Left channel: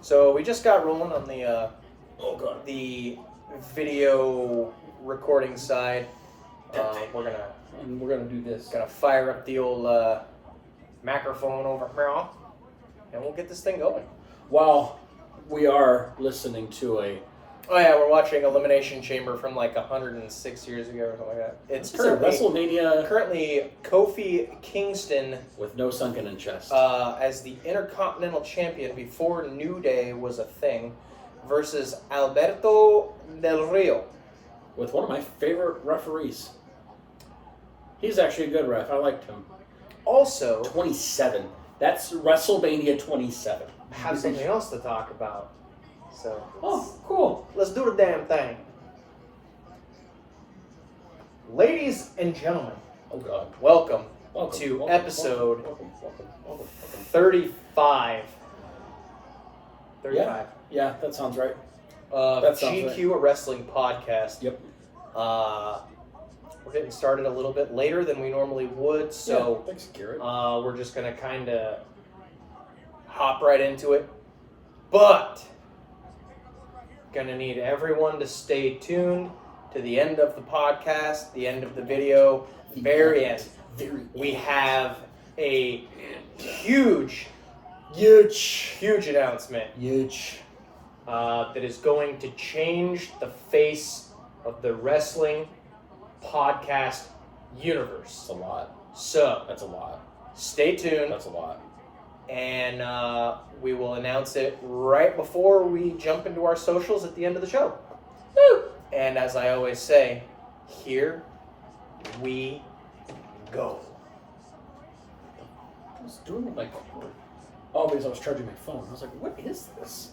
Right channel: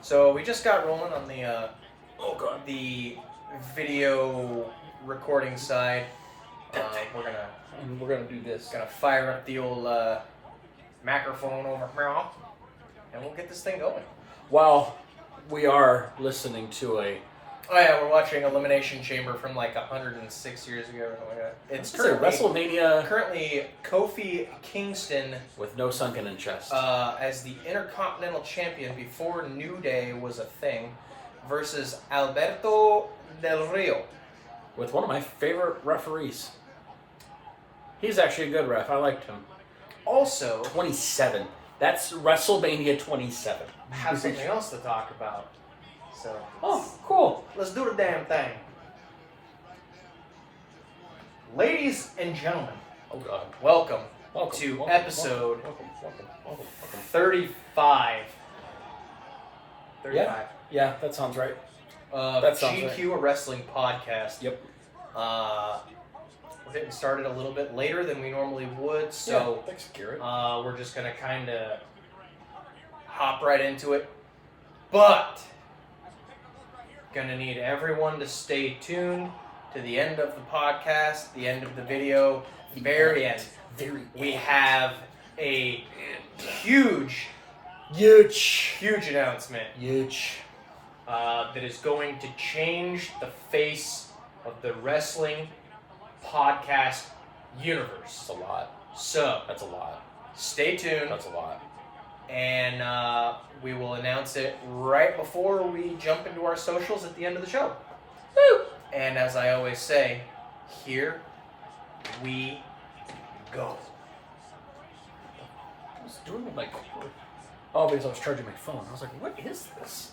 So we just got rolling on the the video recording side. We're gonna do this. gonna fire up the old microphone over here, and we'll get this thing going. While we are listening to Oh yeah, we're watching Elimination Chamber from like 106 years ago or something like that. It's WrestleMania currently Kofi Kingston with no sunken in chest. as the Intercontinental Champion before New Day was a thing, versus Alberto Del Rio. With one of my favorite referees. He's actually a good ref. I liked him. Also, 27. That's WrestleMania 27. have something else to talk about. So, cool. Let's do the damn thing. Ladies and gentlemen, welcome to episode 35. 35. Yeah, that sounds right. That GQ, a wrestling podcast. Yep. We're getting started a little bit later than we normally would, so thanks, Garrett. we're just going to kind of hop right into it. But gonna need everyone to stay tuned to the end of the podcast, the end of the video, the very end. We have a huge announcement. That is going to change the face of the wrestling podcast universe. That's a lot. So That's a lot. stay tuned. That's a lot. And we will announce it right before we jump into our socials at the end of the show. Woo! And as I always say, here we go. I was doing with my cord. Oh, because I was charging my phone. I was like, what is this?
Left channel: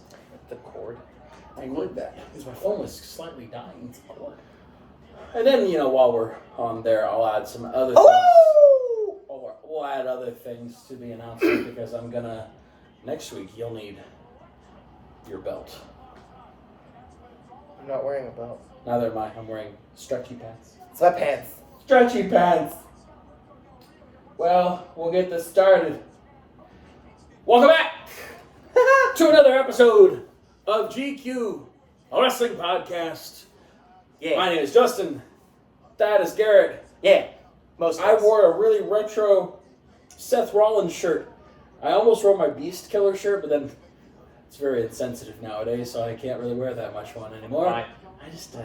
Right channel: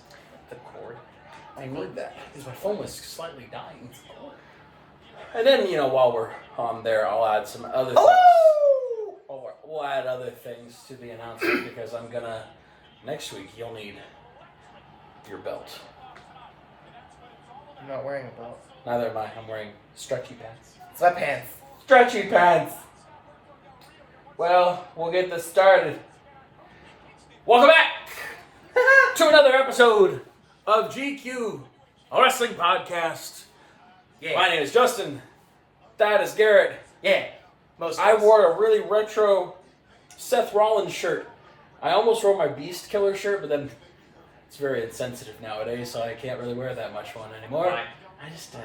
The cord. I heard that. Because my phone was slightly dying. It's a cord. And then, while we're on there, I'll add some other things. We'll add other things to the announcement because I'm gonna, next week, you'll need your belt. I'm not wearing a belt. Neither am I. I'm wearing stretchy pants. Sweatpants. Stretchy pants! Well, we'll get this started. Welcome back to another episode of GQ, a wrestling podcast. Yeah. My name is Justin. That is Garrett. Yeah. I wore a really retro Seth Rollins shirt. I almost wore my Beast Killer shirt, but then it's very insensitive nowadays, so I can't really wear that much one anymore. Why? I just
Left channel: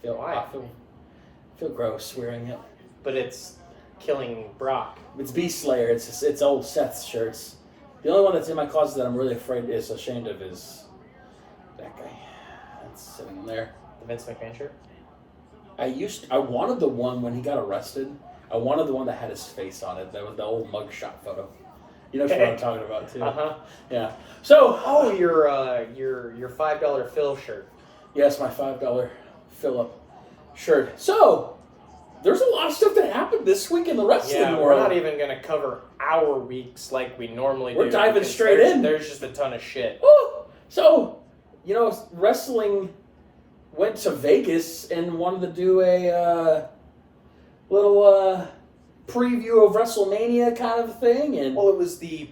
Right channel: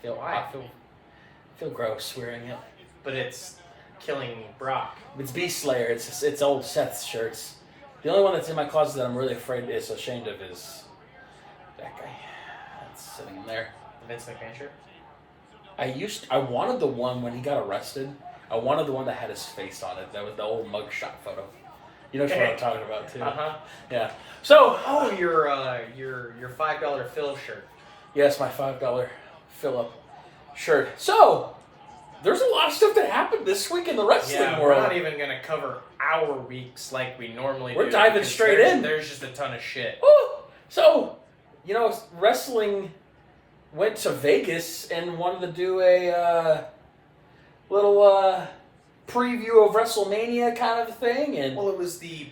feel gross wearing it. But it's killing Brock. It's Beast Slayer. It's old Seth's shirts. The only one that's in my closet that I'm really ashamed of is that guy. That's sitting in there. The Vince McMahon shirt? I wanted the one when he got arrested. I wanted the one that had his face on it. That was the old mugshot photo. You know what I'm talking about too. Yeah. So. Oh, your $5 Phil shirt. Yes, my $5 Philip shirt. So, there's a lot of stuff that happened this week in the wrestling world. We're not even gonna cover our weeks like we normally do. We're diving straight in. There's just a ton of shit. Ooh. So, wrestling went to Vegas and wanted to do a little preview of WrestleMania kind of thing, and well, it was the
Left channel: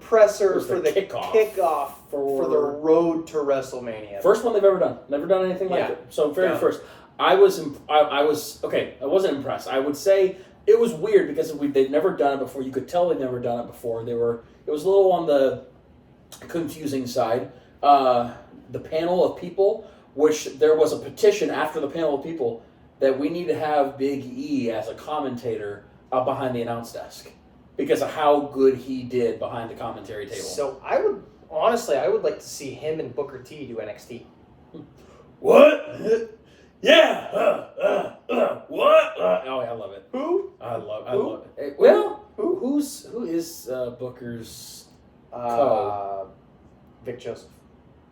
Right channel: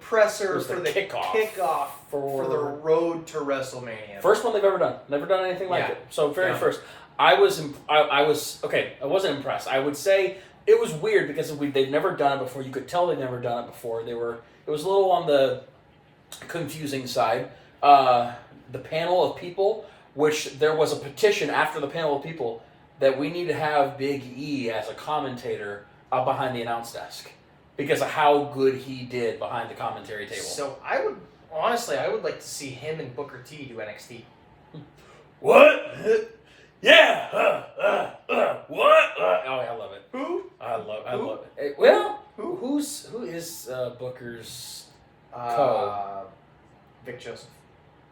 presser for the kickoff for the road to WrestleMania. First one they've ever done. Never done anything like it. So first, I was okay. I wasn't impressed. I would say it was weird because they'd never done it before. You could tell they'd never done it before. It was a little on the confusing side. The panel of people, which there was a petition after the panel of people that we need to have Big E as a commentator up behind the announce desk because of how good he did behind the commentary table. So I would like to see him and Booker T do NXT. What? Yeah. What? Oh, I love it. Who? I love it. Well, who is Booker's Vic Joseph.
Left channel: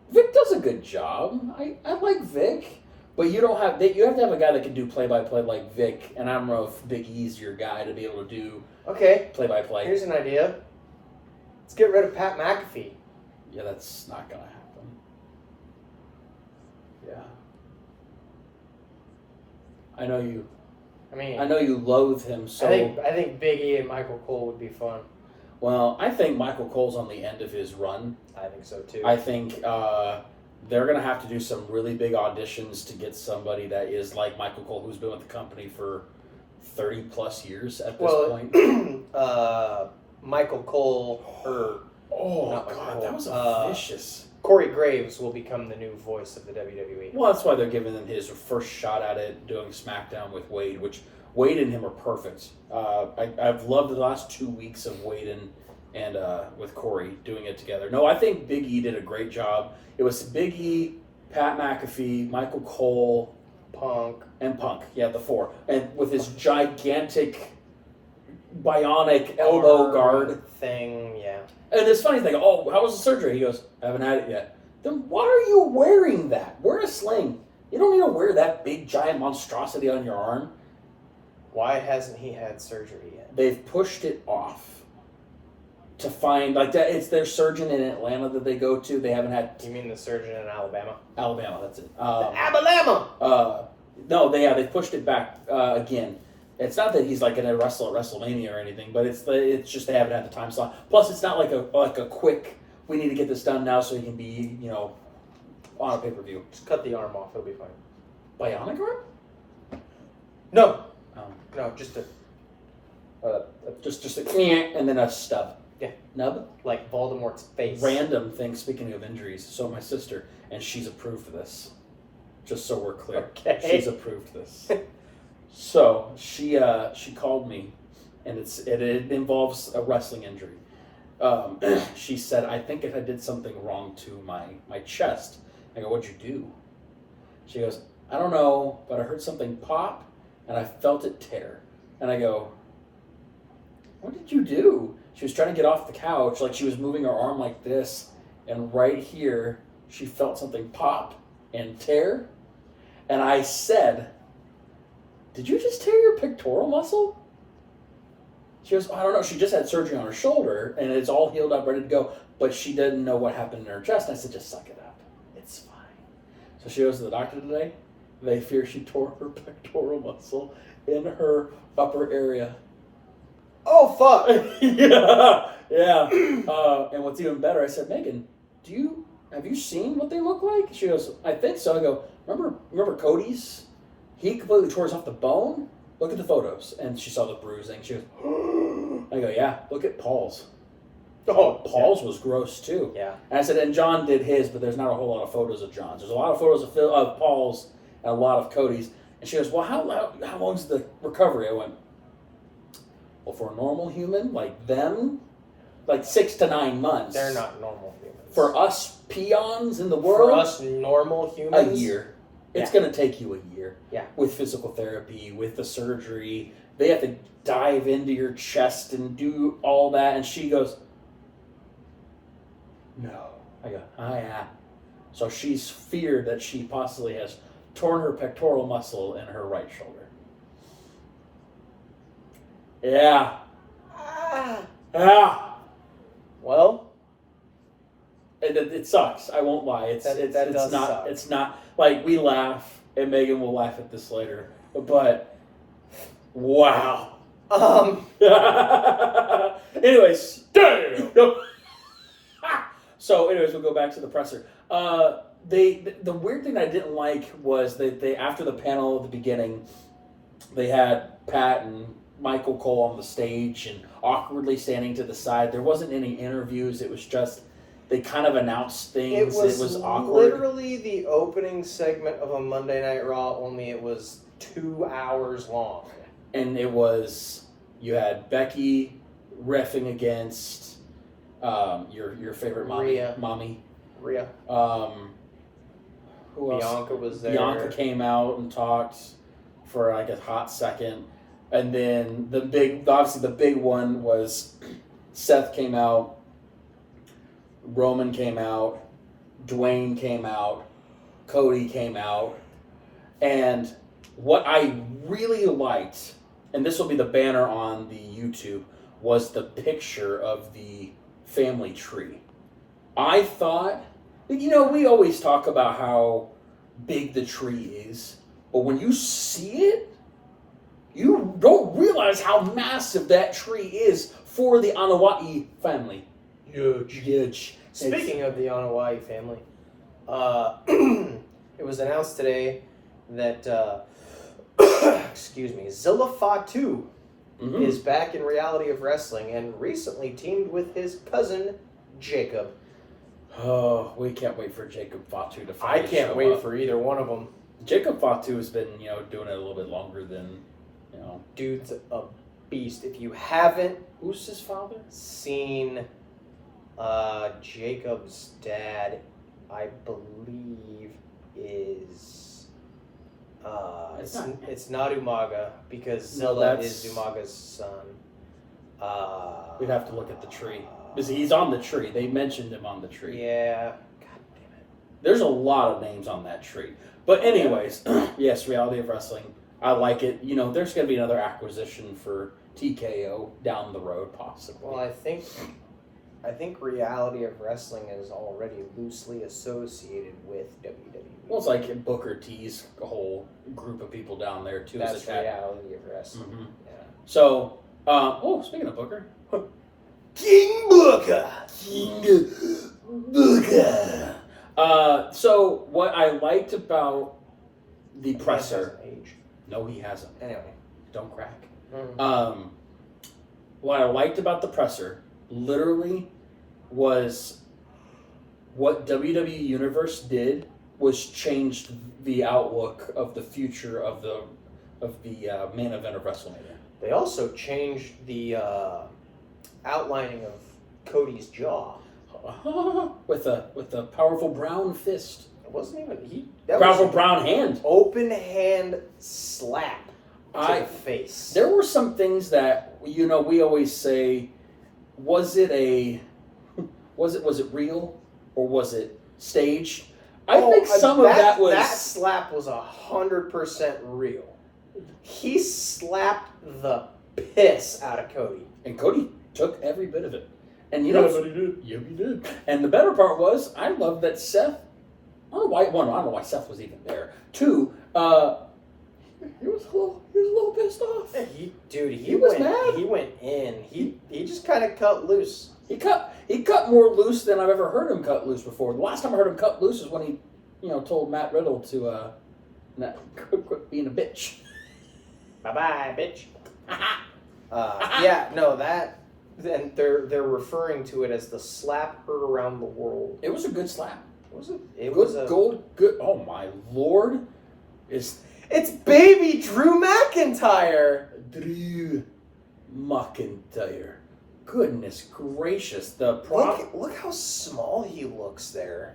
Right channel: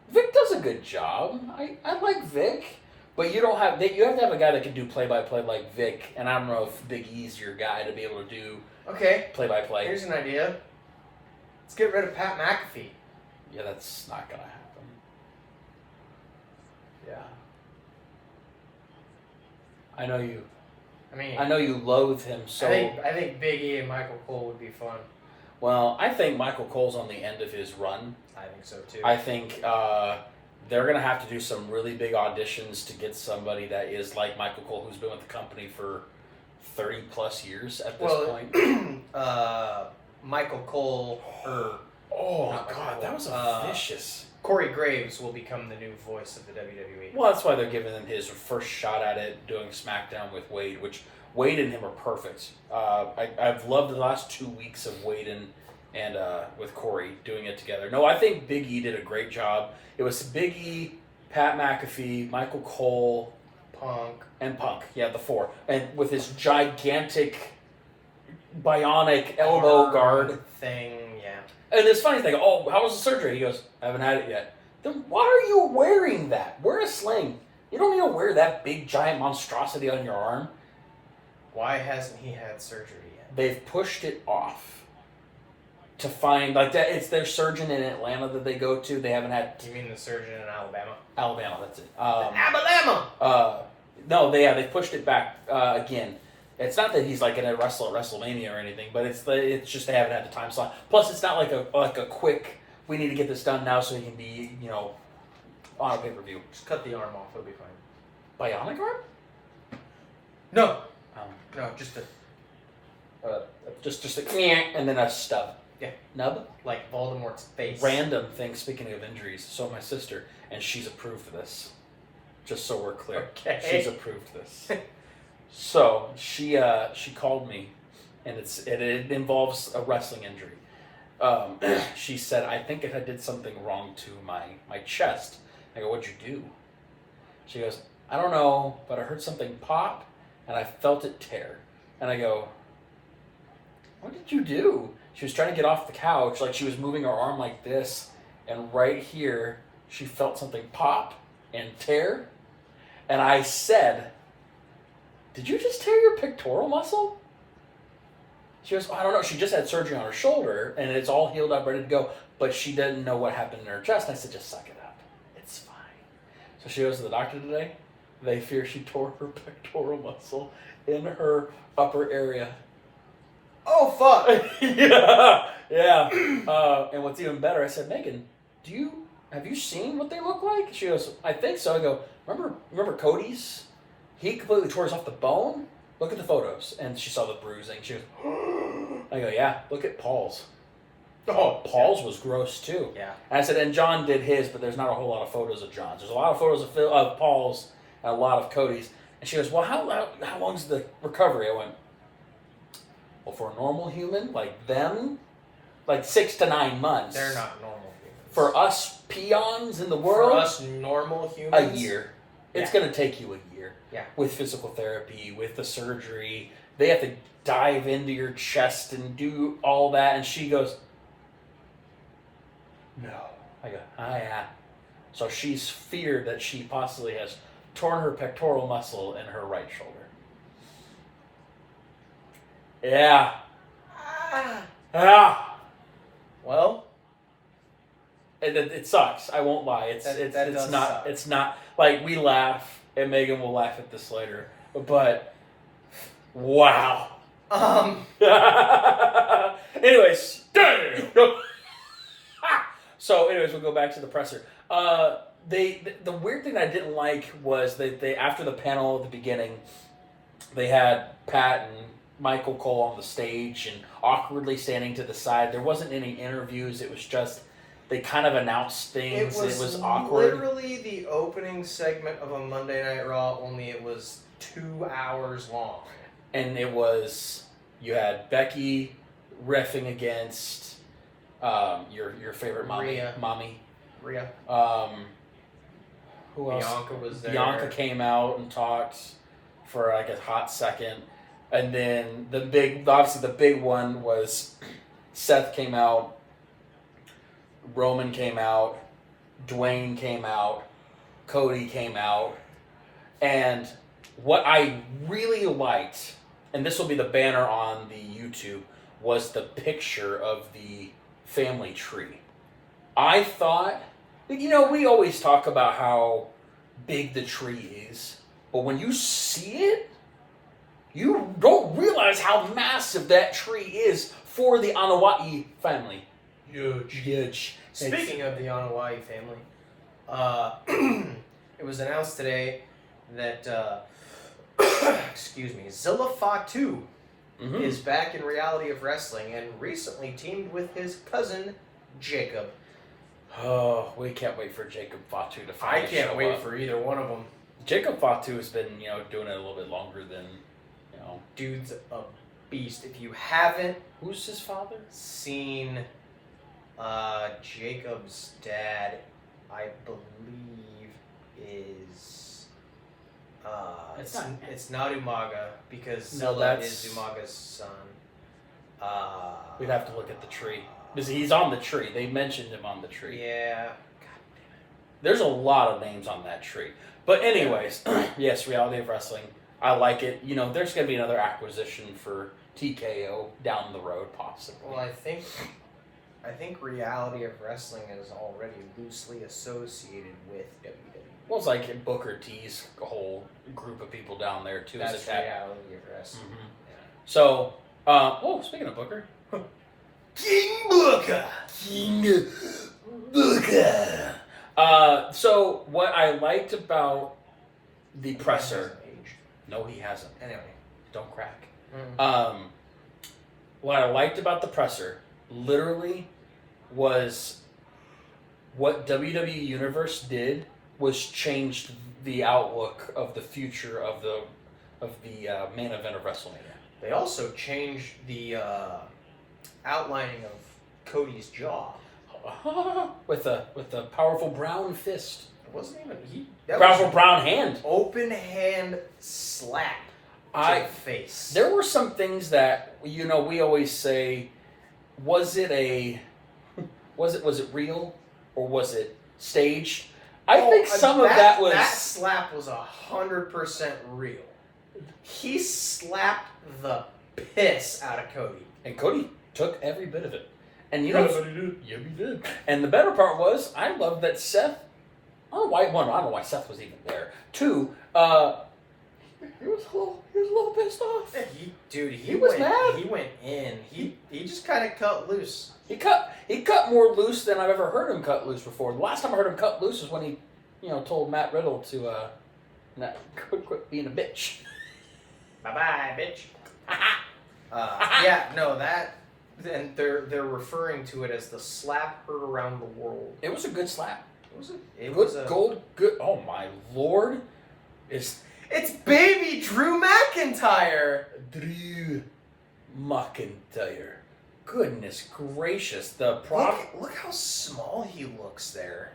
Vic does a good job. I like Vic. But you have to have a guy that can do play-by-play like Vic, and I don't know if Big E's your guy to be able to do play-by-play. Here's an idea. Let's get rid of Pat McAfee. Yeah, that's not going to happen. Yeah. I know you loathe him so... I think Big E and Michael Cole would be fun. Well, I think Michael Cole's on the end of his run. I think so too. I think they're going to have to do some really big auditions to get somebody that is like Michael Cole, who's been with the company for 30 plus years at this point. Michael Cole, That was vicious. Corey Graves will become the new voice of the WWE. Well, that's why they're giving him his first shot at it, doing SmackDown with Wade, which Wade and him are perfect. I've loved the last 2 weeks of Wade and with Corey doing it together. No, I think Big E did a great job. It was Big E, Pat McAfee, Michael Cole, Punk. Yeah, the four. And with his gigantic bionic elbow guard thing, yeah. And this funny thing, how was the surgery? He goes, I haven't had it yet. Then why are you wearing that? Wear a sling. You don't need to wear that big giant monstrosity on your arm. Why hasn't he had surgery yet? They've pushed it off to find, like, that. It's their surgeon in Atlanta that they go to. They haven't had... You mean the surgeon in Alabama? Alabama, that's it. Alabama! No, they pushed it back again. It's not that he's like in a WrestleMania or anything, but it's just they haven't had the time slot. Plus, it's not like a quick, we need to get this done now so he can be, on a pay-per-view. Just cut the arm off, it'll be fine. Bionic arm? No. No, just and then a stub. Yeah. Nub? Like Voldemort's face. Random thing, speaking of injuries. So my sister, and she's approved this. Just so we're clear. Okay. She's approved this. So she called me, and it involves a wrestling injury. She said, I think I did something wrong to my chest. I go, what'd you do? She goes, I don't know, but I heard something pop, and I felt it tear. And I go, what did you do? She was trying to get off the couch, like she was moving her arm like this, and right here, she felt something pop and tear. And I said, did you just tear your pectoral muscle? She goes, I don't know. She just had surgery on her shoulder, and it's all healed up, ready to go. But she didn't know what happened in her chest. And I said, just suck it up. It's fine. So she goes to the doctor today. They fear she tore her pectoral muscle in her upper area. Oh, fuck. Yeah. And what's even better, I said, Megan, have you seen what they look like? She goes, I think so. I go, remember Cody's? He completely tore us off the bone. Look at the photos. And she saw the bruising. She goes, I go, yeah, look at Paul's. Oh, Paul's was gross too. Yeah. And I said, and John did his, but there's not a whole lot of photos of John's. There's a lot of photos of Paul's and a lot of Cody's. And she goes, well, how long's the recovery? I went, well, for a normal human, like them, like 6 to 9 months. They're not normal humans. For us peons in the world, for us normal humans, a year. It's going to take you a year. Yeah. With physical therapy, with the surgery. They have to dive into your chest and do all that. And she goes, no. I go, yeah. So she's feared that she possibly has torn her pectoral muscle in her right shoulder. Yeah. Well, it sucks. I won't lie. It's not like we laugh, and Megan will laugh at this later. But wow. Anyways, damn. So, we'll go back to the presser. The weird thing I didn't like was they after the panel at the beginning, they had Pat and Michael Cole on the stage and awkwardly standing to the side. There wasn't any interviews. It was just they kind of announced things. It was awkward. Literally the opening segment of a Monday Night Raw, only it was 2 hours long. And it was, you had Becky reffing against your favorite mommy. Rhea. Who else? Bianca was there. Bianca came out and talked for like a hot second. And then the big one was Seth came out, Roman came out, Dwayne came out, Cody came out. And what I really liked, and this will be the banner on the YouTube, was the picture of the family tree. I thought, we always talk about how big the tree is, but when you see it, you don't realize how massive that tree is for the Anoa'i family. Huge. Speaking of the Anoa'i family, it was announced today that excuse me, Zilla Fatu is back in Reality of Wrestling and recently teamed with his cousin Jacob. Oh, we can't wait for Jacob Fatu to I can't wait for either one of them. Jacob Fatu has been, doing it a little bit longer than, Dude's a beast. If you haven't Who's his father? seen Jacob's dad, I believe is it's not Umaga because Zilla is Umaga's son. We'd have to look at the tree. Because he's on the tree. They mentioned him on the tree. Yeah. God damn it. There's a lot of names on that tree. But anyways, yes, Reality of Wrestling. I like it. There's going to be another acquisition for TKO down the road, possibly. Well, I think Reality of Wrestling is already loosely associated with WWE. Well, it's like Booker T's whole group of people down there, too. That's Reality of Wrestling. Mm-hmm. Yeah. So, speaking of Booker. King Booker! King Booker! So, what I liked about the presser... No, he hasn't. Anyway. Don't crack. Mm-hmm. What I liked about the presser, literally, was what WWE Universe did was changed the outlook of the future of the main event of WrestleMania. They also changed the outlining of Cody's jaw with a powerful brown fist. It wasn't even powerful brown hand. Open hand slap to the face. There were some things that we always say, was it real or was it staged? I think some of that was... That slap was 100% real. He slapped the piss out of Cody. And Cody took every bit of it. And he did. Yeah, he did. And the better part was, I love that Seth... I don't know why Seth was even there. 2, he was a little pissed off. He was mad. He went in. He just kind of cut loose. He cut more loose than I've ever heard him cut loose before. The last time I heard him cut loose was when he, told Matt Riddle to quit being a bitch. Bye-bye, bitch. And they're referring to it as the slap heard around the world. It was a good slap. It was good. Oh my Lord! It's baby Drew McIntyre. Drew McIntyre. Goodness gracious! Look how small he looks there.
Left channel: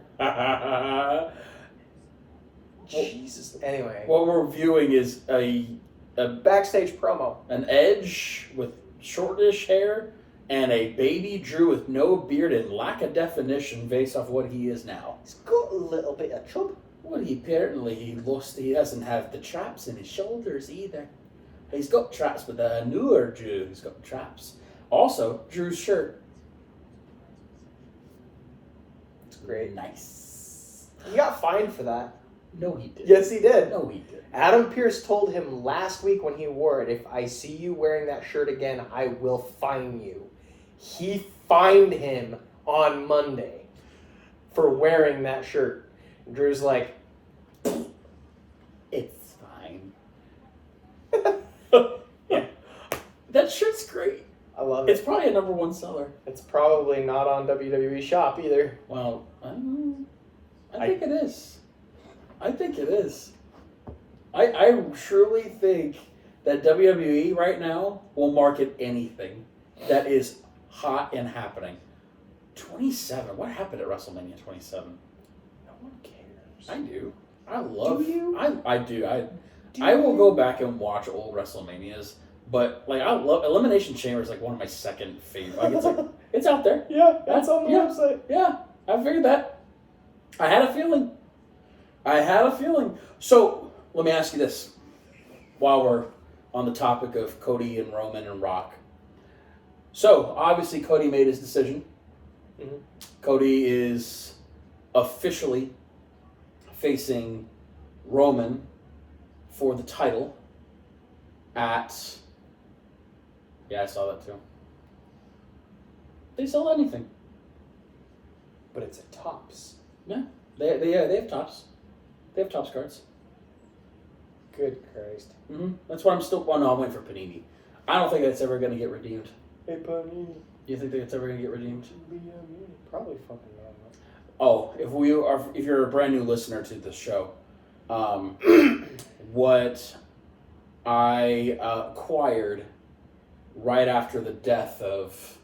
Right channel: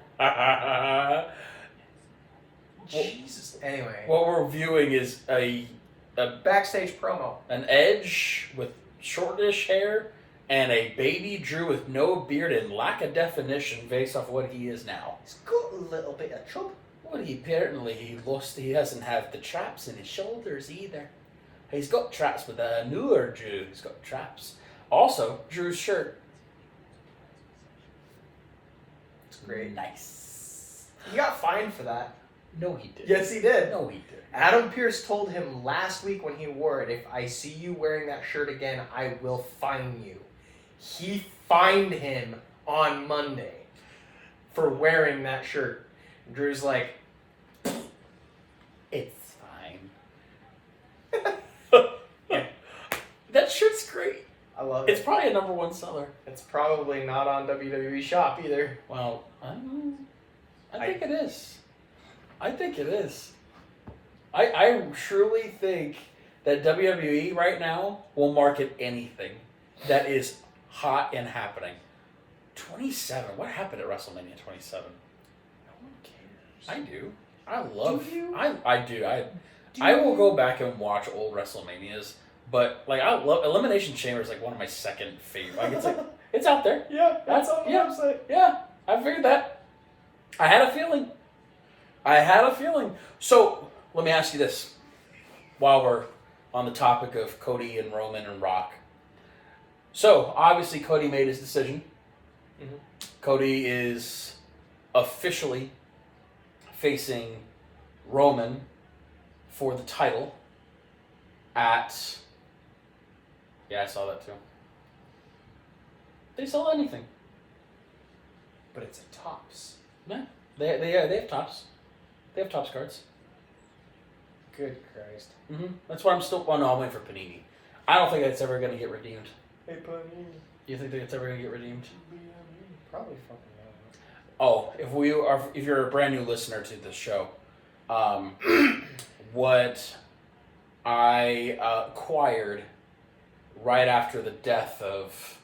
Jesus. Anyway, what we're viewing is a backstage promo. An Edge with shortish hair. And a baby Drew with no beard and lack of definition based off what he is now. He's got a little bit of chub. Well, he doesn't have the traps in his shoulders either. He's got traps with a newer Drew. He's got traps. Also, Drew's shirt. It's great. Nice. He got fined for that. No, he did. Yes, he did. No, he did. Adam Pearce told him last week when he wore it, if I see you wearing that shirt again, I will fine you. He fined him on Monday for wearing that shirt. Drew's like, it's fine. That shirt's great. I love it. It's probably a number 1 seller. It's probably not on WWE Shop either. Well, I think it is. I think it is. I truly think that WWE right now will market anything that is hot and happening. 27. What happened at WrestleMania 27? No one cares. I do. I love. Do you? I do. I will go back and watch old WrestleManias, but I love Elimination Chamber is one of my second favorite. It's out there. Yeah, that's on the website. Yeah, I figured that. I had a feeling. So let me ask you this, while we're on the topic of Cody and Roman and Rock. So obviously Cody made his decision. Mm-hmm. Cody is officially facing Roman for the title at... Yeah, I saw that too. They sell anything. But it's a Topps. Yeah, they have Topps. They have Topps cards. Good Christ. Mm-hmm. That's why I'm still. Well, no, I'm waiting for Panini. I don't think it's ever going to get redeemed. Hey, Panini. You think that it's ever going to get redeemed? Probably fucking not. Oh, if you're a brand new listener to this show, what I acquired right after the death of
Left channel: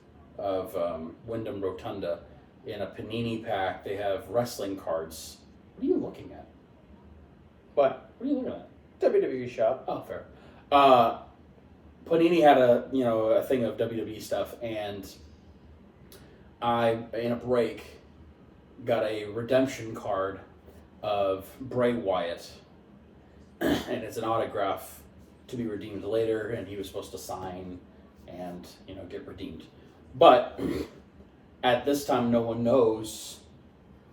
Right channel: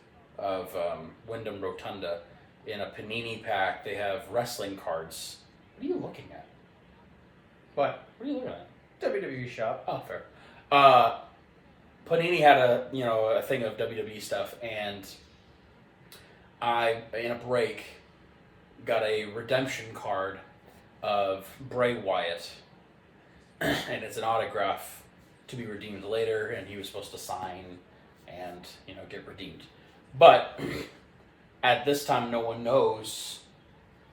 Wyndham Rotunda in a Panini pack, they have wrestling cards. What are you looking at? What? What are you looking at? WWE shop. Oh, fair. Panini had a thing of WWE stuff, and I, in a break, got a redemption card of Bray Wyatt, and it's an autograph to be redeemed later, and he was supposed to sign and get redeemed. But at this time, no one knows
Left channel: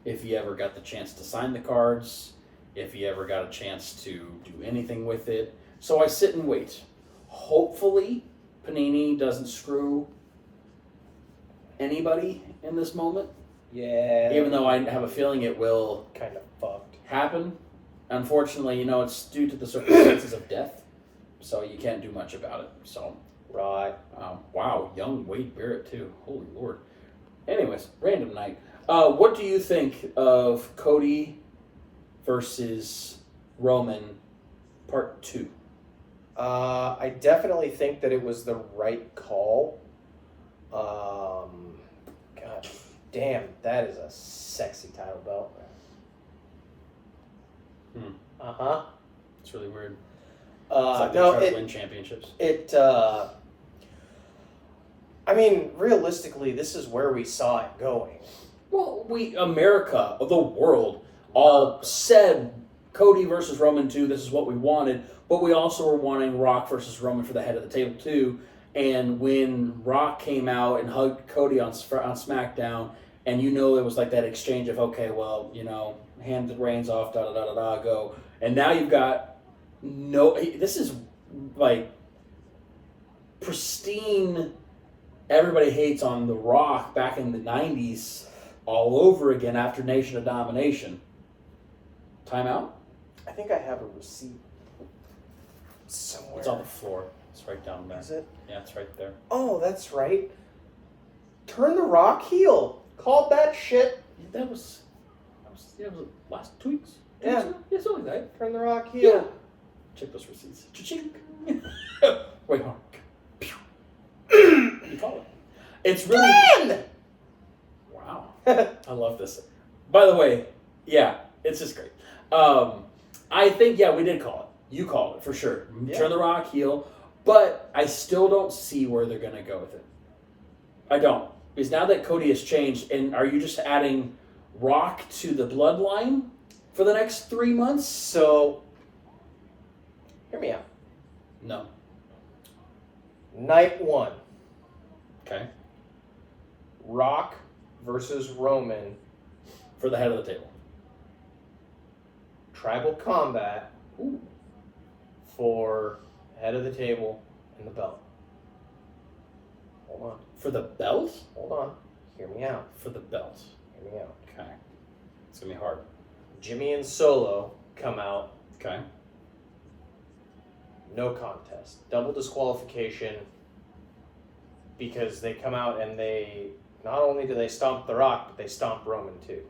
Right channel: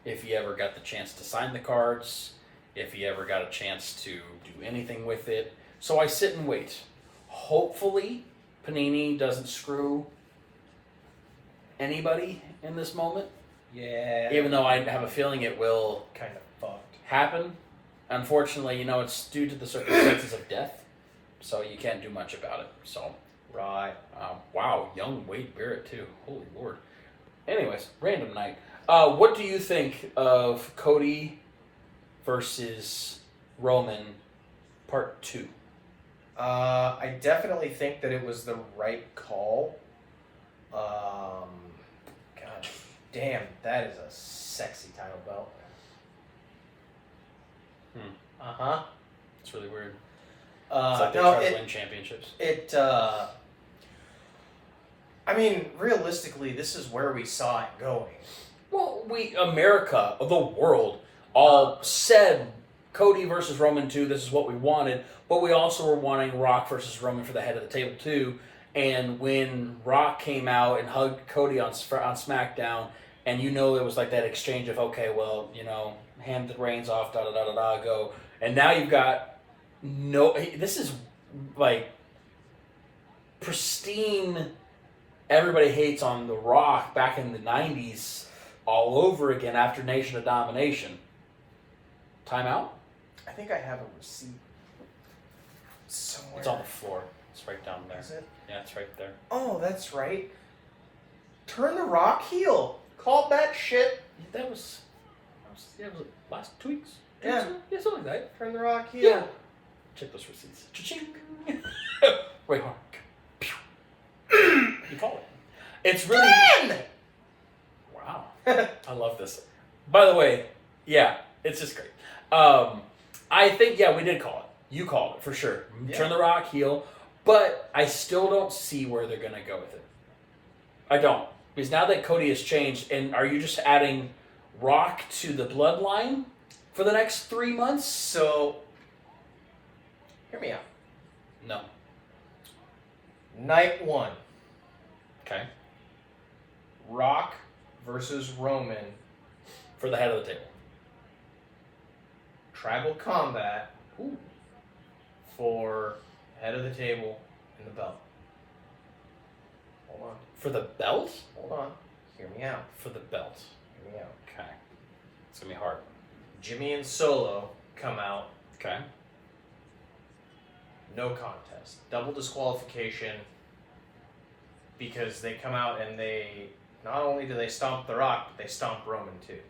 if he ever got the chance to sign the cards, if he ever got a chance to do anything with it. So I sit and wait. Hopefully, Panini doesn't screw anybody in this moment. Yeah. Even though I have a feeling it will kind of fucked happen. Unfortunately, it's due to the circumstances of death, so you can't do much about it. So, right. Wow, young Wade Barrett too. Holy Lord. Anyways, random night. What do you think of Cody versus Roman Part 2? I definitely think that it was the right call. God damn, that is a sexy title belt. Uh-huh. It's really weird. It's like they try to win championships. I mean, realistically, this is where we saw it going. Well, America, the world, all said Cody versus Roman 2, this is what we wanted, but we also were wanting Rock versus Roman for the head of the table too. And when Rock came out and hugged Cody on SmackDown, and it was like that exchange of, okay, well, hand the reins off, da-da-da-da-da, go. And now you've got this is like pristine, everybody hates on The Rock back in the 90s all over again after Nation of Domination. Timeout? I think I have a receipt somewhere. It's on the floor. It's right down there. Is it? Yeah, it's right there. Oh, that's right. Turn the Rock heel. Called that shit. That was last 2 weeks. Yeah. Yeah, something like that. Turn the Rock heel. Yeah. Check those receipts. Cha-chink. Wait, hold on. You call it. It's really... Dan! Wow. I love this. By the way, yeah, it's just great. I think, we did call it. You called it, for sure. Yeah. Turn the Rock heel. But I still don't see where they're going to go with it. I don't. Because now that Cody has changed, and are you just adding Rock to the bloodline for the next 3 months? So, hear me out. No. Night 1. Okay. Rock versus Roman. For the head of the table. Tribal combat. Ooh. For head of the table and the belt. Hold on. For the belt? Hold on. Hear me out. For the belt. Hear me out. Okay. It's going to be hard. Jimmy and Solo come out. Okay. No contest. Double disqualification. Because they come out and they... Not only do they stomp The Rock, but they stomp Roman too.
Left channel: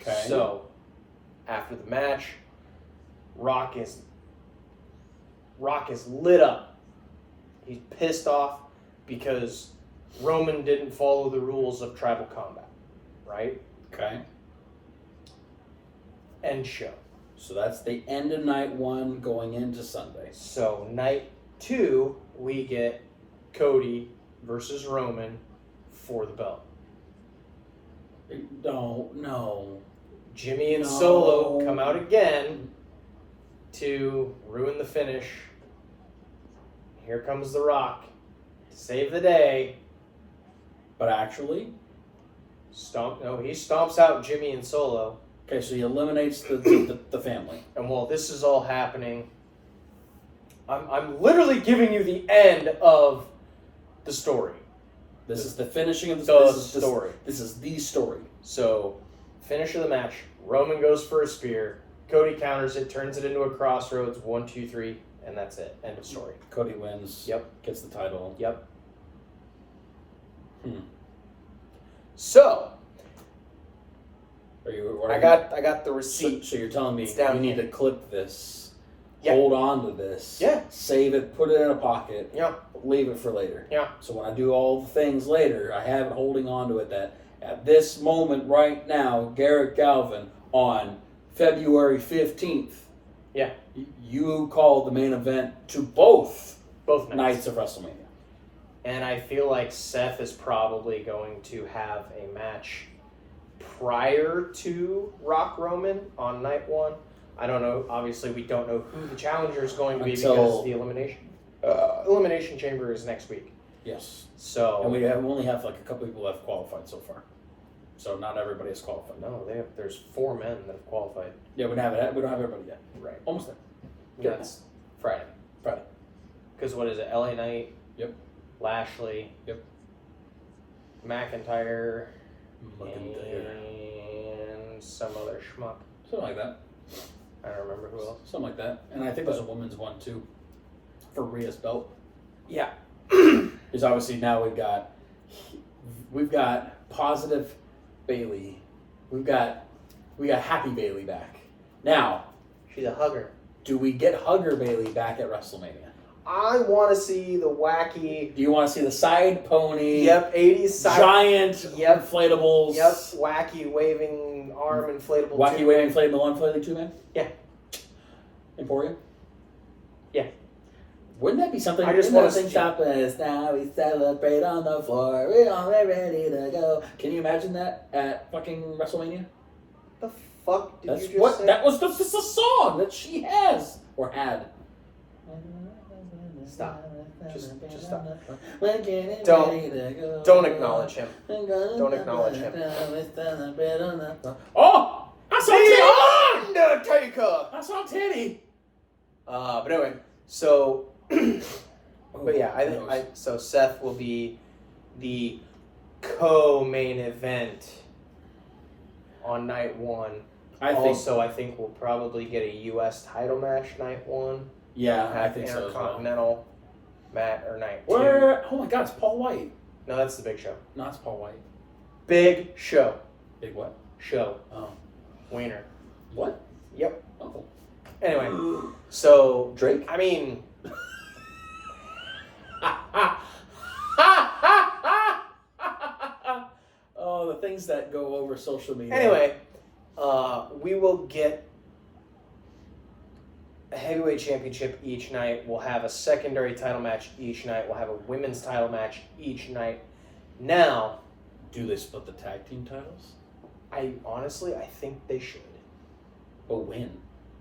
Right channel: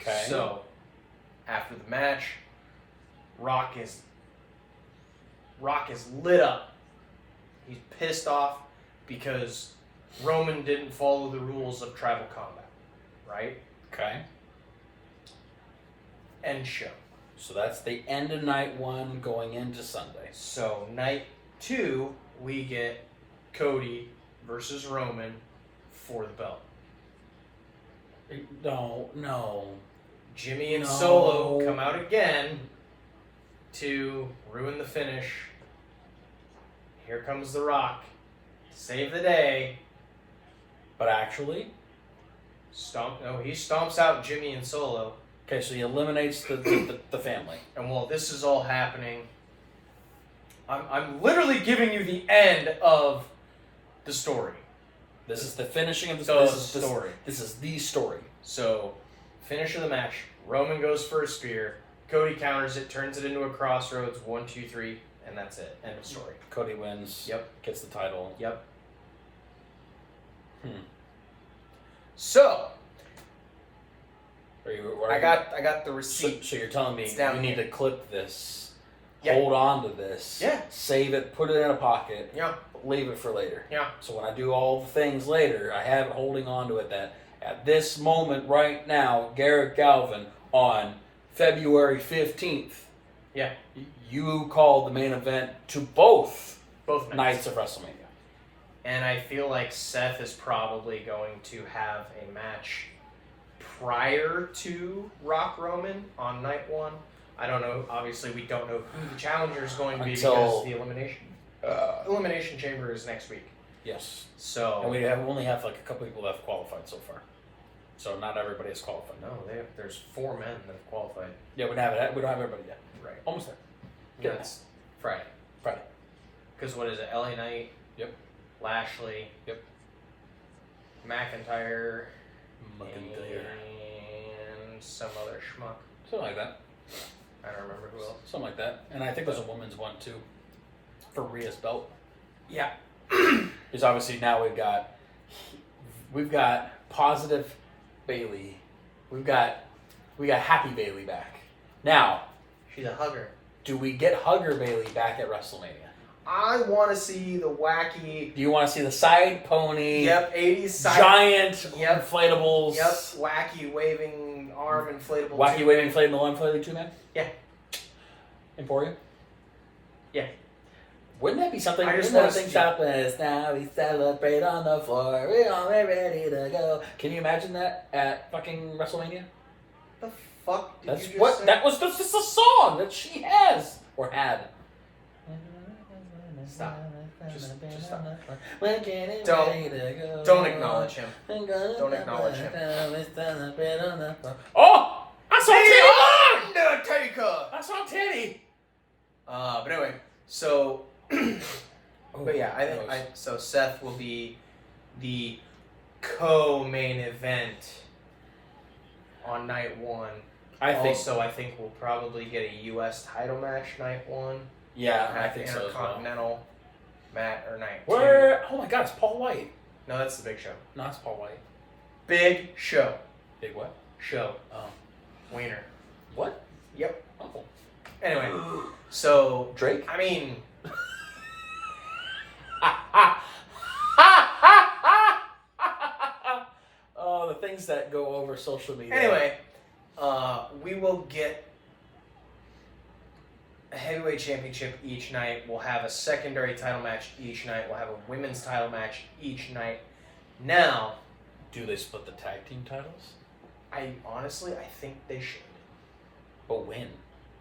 Okay. So, after the match, Rock is lit up. He's pissed off because Roman didn't follow the rules of tribal combat, right? Okay. End show. So that's the end of night 1 going into Sunday. So night 2, we get Cody versus Roman for the belt. No. Jimmy and Solo come out again to ruin the finish. Here comes The Rock to save the day. But actually? He stomps out Jimmy and Solo. Okay, so he eliminates the family. And while this is all happening, I'm literally giving you the end of the story. This is the finishing of the story. This is the story. So, finish of the match. Roman goes for a spear. Cody counters it, turns it into a crossroads. 1, 2, 3, and that's it. End of story. Cody wins. Yep. Gets the title. Yep. So, I got the receipt. So you're telling me you need to clip this, hold on to this, save it, put it in a pocket, leave it for later. Yeah. So when I do all the things later, I have it holding on to it that at this moment right now, Garrett Galvin on February 15th, you called the main event to both nights of WrestleMania. And I feel like Seth is probably going to have a match prior to Rock Roman on night 1. I don't know. Obviously, we don't know who the challenger is going to be because the elimination chamber is next week. Yes. So and we only have like a couple people that have qualified so far. So not everybody has qualified. No, there's 4 men that have qualified. Yeah, we don't have everybody yet. Right. Almost there. That's Friday. Because what is it? LA Knight. Yep. Lashley. Yep. McIntyre. And some other schmuck. Something like that. I don't remember who else. Something like that. And I think there's a women's one too. For Rhea's belt. Yeah. Because obviously now we've got positive Bailey. We got happy Bailey back. Now, she's a hugger. Do we get hugger Bailey back at WrestleMania? I want to see the wacky. Do you want to see the side pony? Yep, 80s side. Giant inflatables. Yep, wacky waving arm inflatable. Wacky waving inflatable 2-man? Yeah. Emporium? Yeah. Wouldn't that be something? I just want to think happens now. We celebrate on the floor. We're all ready to go. Can you imagine that at fucking WrestleMania? The fuck did That's you just what say? That was just a song that she has or had. Stop. Just stop. Don't acknowledge him. Don't acknowledge him. Oh! I saw Teddy! Undertaker! I saw Teddy! But anyway, so... but yeah, so Seth will be the co-main event on night 1. I think we'll probably get a U.S. title match night 1. Yeah, I think so. Intercontinental match or night 2. Oh my God, it's Paul White. No, that's the Big Show. No, it's Paul White. Big Show. Big what? Show. Oh. Wiener. What? Yep. Oh. Anyway, so Drake. I mean. Oh, the things that go over social media. Anyway, we will get a heavyweight championship each night. We'll have a secondary title match each night. We'll have a women's title match each night. Now, do they split the tag team titles? I think they should. But when?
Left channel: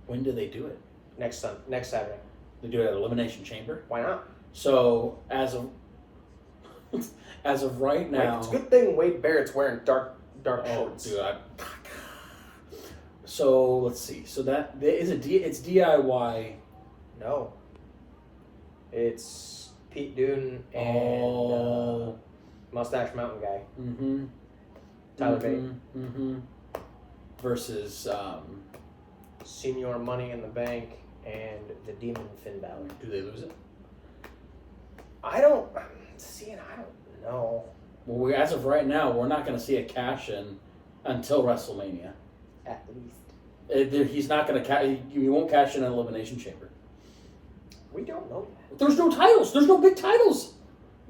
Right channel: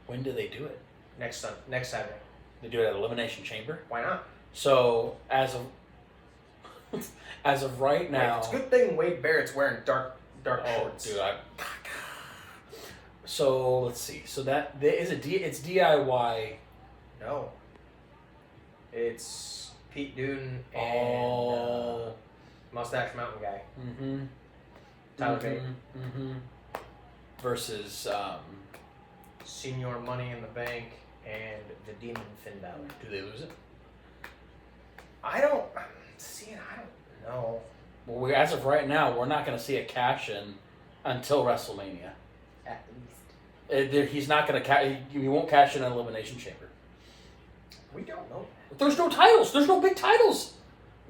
When do they do it? Next Saturday. They do it at Elimination Chamber? Why not? So, as of right now... It's a good thing Wade Barrett's wearing dark shorts. Dude, So, let's see. So it's DIY. No. It's Pete Dunne and Mustache Mountain guy. Mm-hmm. Tyler Bate. Mm-hmm. Versus... Senior Money in the Bank and the Demon Finn Balor. Do they lose it? I don't know. Well, as of right now, we're not going to see a cash-in until WrestleMania. At least. He's not going to he won't cash in an Elimination Chamber. We don't know that. There's no titles. There's no big titles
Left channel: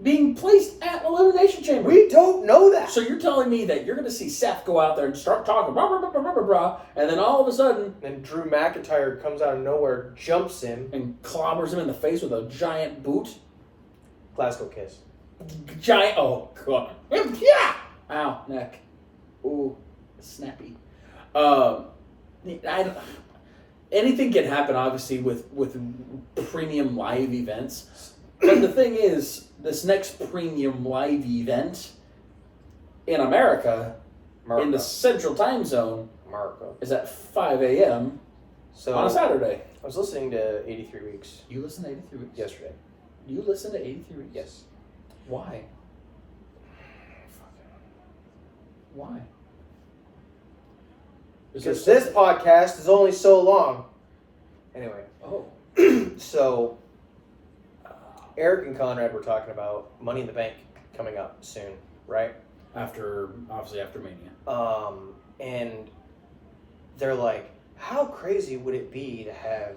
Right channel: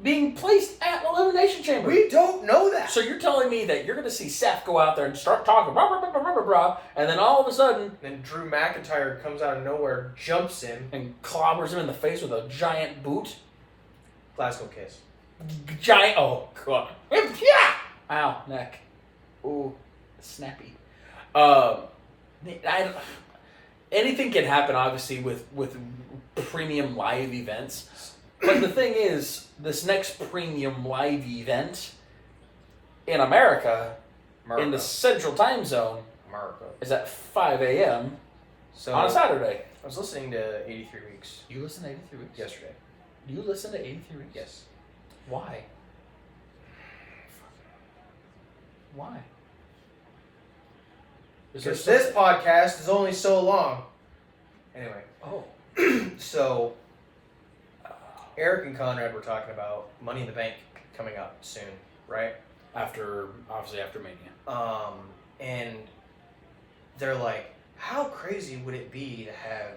being placed at Elimination Chamber. We don't know that. So you're telling me that you're going to see Seth go out there and start talking, blah, blah, blah, blah, blah, blah, and then all of a sudden... Then Drew McIntyre comes out of nowhere, jumps him. And clobbers him in the face with a giant boot. Glasgow Kiss. Giant... Oh, God. Yeah! Ow, neck. Ooh, snappy. Anything can happen, obviously, with premium live events. But the thing is, this next premium live event in America, in the Central Time Zone, is at 5 a.m. on a Saturday. I was listening to 83 Weeks. You listened to 83 Weeks? Yesterday. You listened to 83 Weeks? Yes. Why? Why? Because this podcast is only so long. Anyway. Oh. So, Eric and Conrad were talking about Money in the Bank coming up soon, right? Obviously after Mania. And they're like, how crazy would it be to have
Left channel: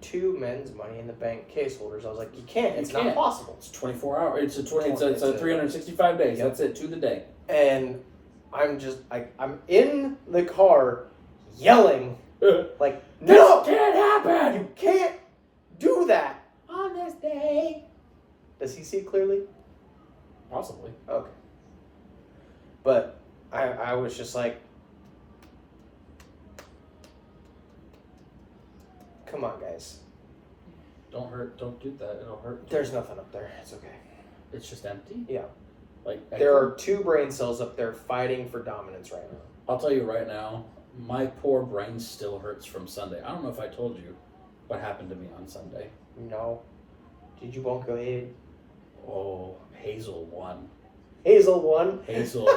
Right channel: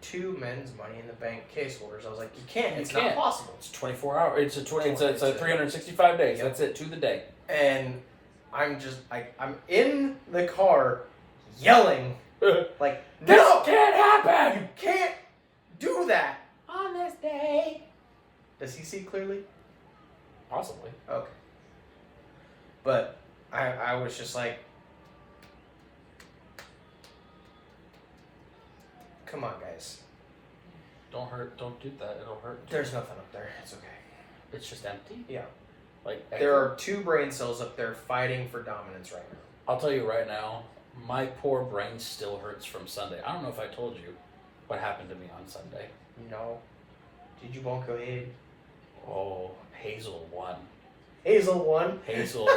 2 men's Money in the Bank case holders? I was like, you can't. It's not possible. It's 24 hours. It's 365 days. Yep. That's it, to the day. And I'm in the car yelling, like, no! This can't happen! You can't do that! On this day. Does he see clearly? Possibly. Okay. But I was just like, come on, guys. Don't do that. It'll hurt. There's nothing up there. It's okay. It's just empty? Yeah. Like there are 2 brain cells up there fighting for dominance right now. I'll tell you right now, my poor brain still hurts from Sunday. I don't know if I told you what happened to me on Sunday. No. Did you bump your head? Oh, Hazel won. Hazel won? Hazel.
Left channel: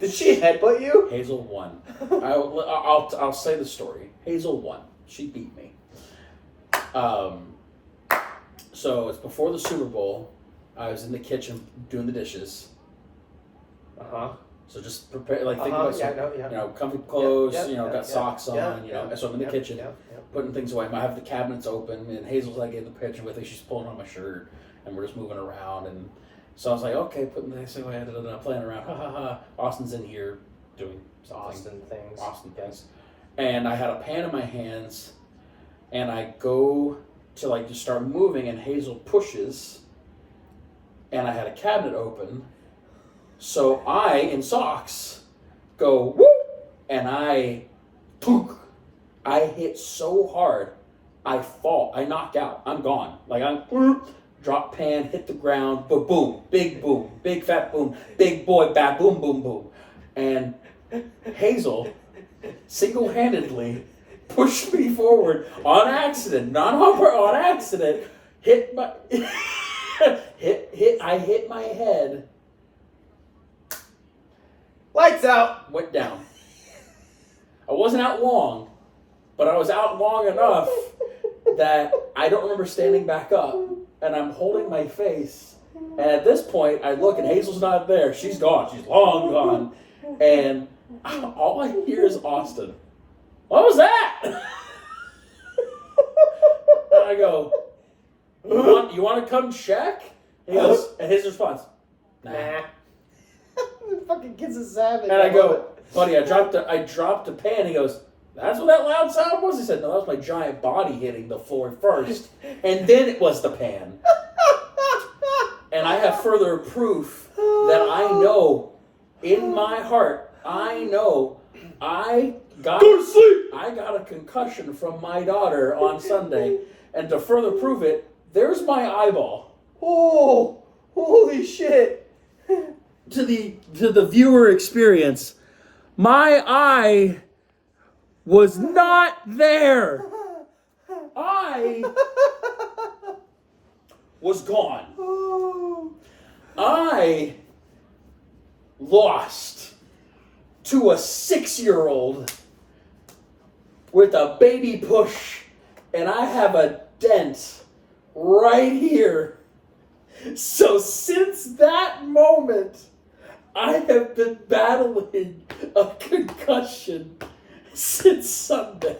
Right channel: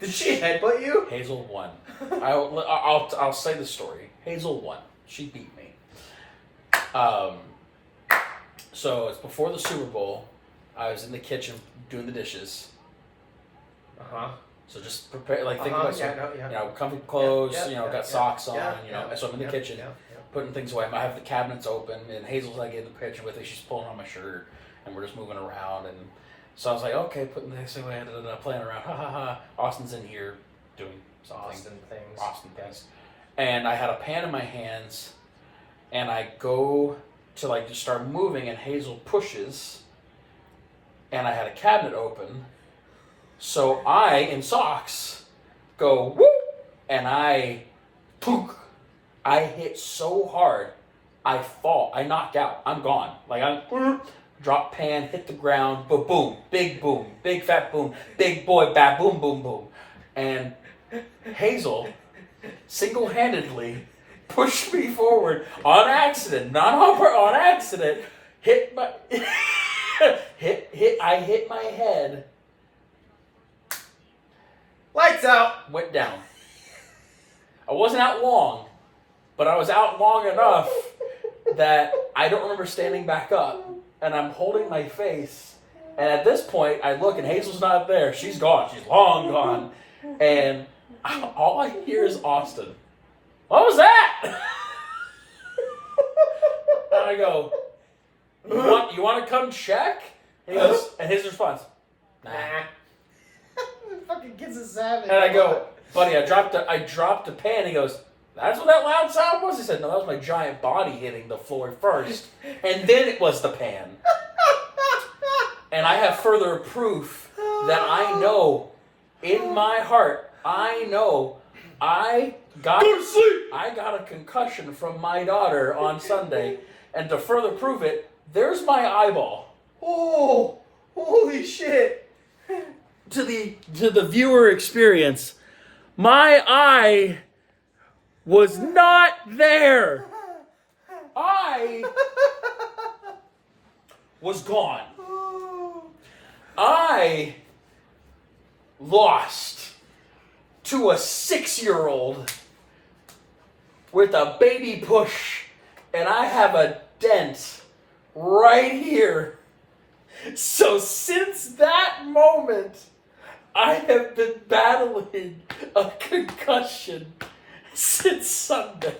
Did she headbutt you? Hazel won. I'll say the story. Hazel won. She beat me. So it's before the Super Bowl. I was in the kitchen doing the dishes. So just prepare, think about comfy clothes. Got socks on. So I'm in the kitchen, putting things away. I have the cabinets open, and Hazel's like in the kitchen with me. She's pulling on my shirt, and we're just moving around. And so I was like, okay, putting this away, playing around. Ha ha ha. Austin's in here doing something. Austin things. And I had a pan in my hands, and I go to just start moving, and Hazel pushes. And I had a cabinet open, so I, in socks, go whoop, and I hit so hard, I fall, I knock out, I'm gone. Drop pan, hit the ground, boom, big fat boom, big boy, bad boom, boom, boom. And Hazel single-handedly pushed me forward on accident, not on accident, hit my... I hit my head. Lights out. Went down. I wasn't out long, but I was out long enough that I don't remember standing back up, and I'm holding my face. And at this point, I look, and Hazel's not there. She's gone. She's long gone. And all I hear is Austin. What was that? And I go, You want to come check? And he goes, and his response, nah. The fucking kid's a savage. And I go, buddy, I dropped a pan. He goes, that's what that loud sound was? He said, no, that was my giant body hitting the floor first. And then it was the pan. And I have further proof that I know in my heart, I got a concussion from my daughter on Sunday. And to further prove it, there's my eyeball. Oh, holy shit. To the viewer experience, my eye was not there. I was gone. I lost to a 6-year-old with a baby push, and I have a dent right here. So since that moment, I have been battling a concussion since Sunday.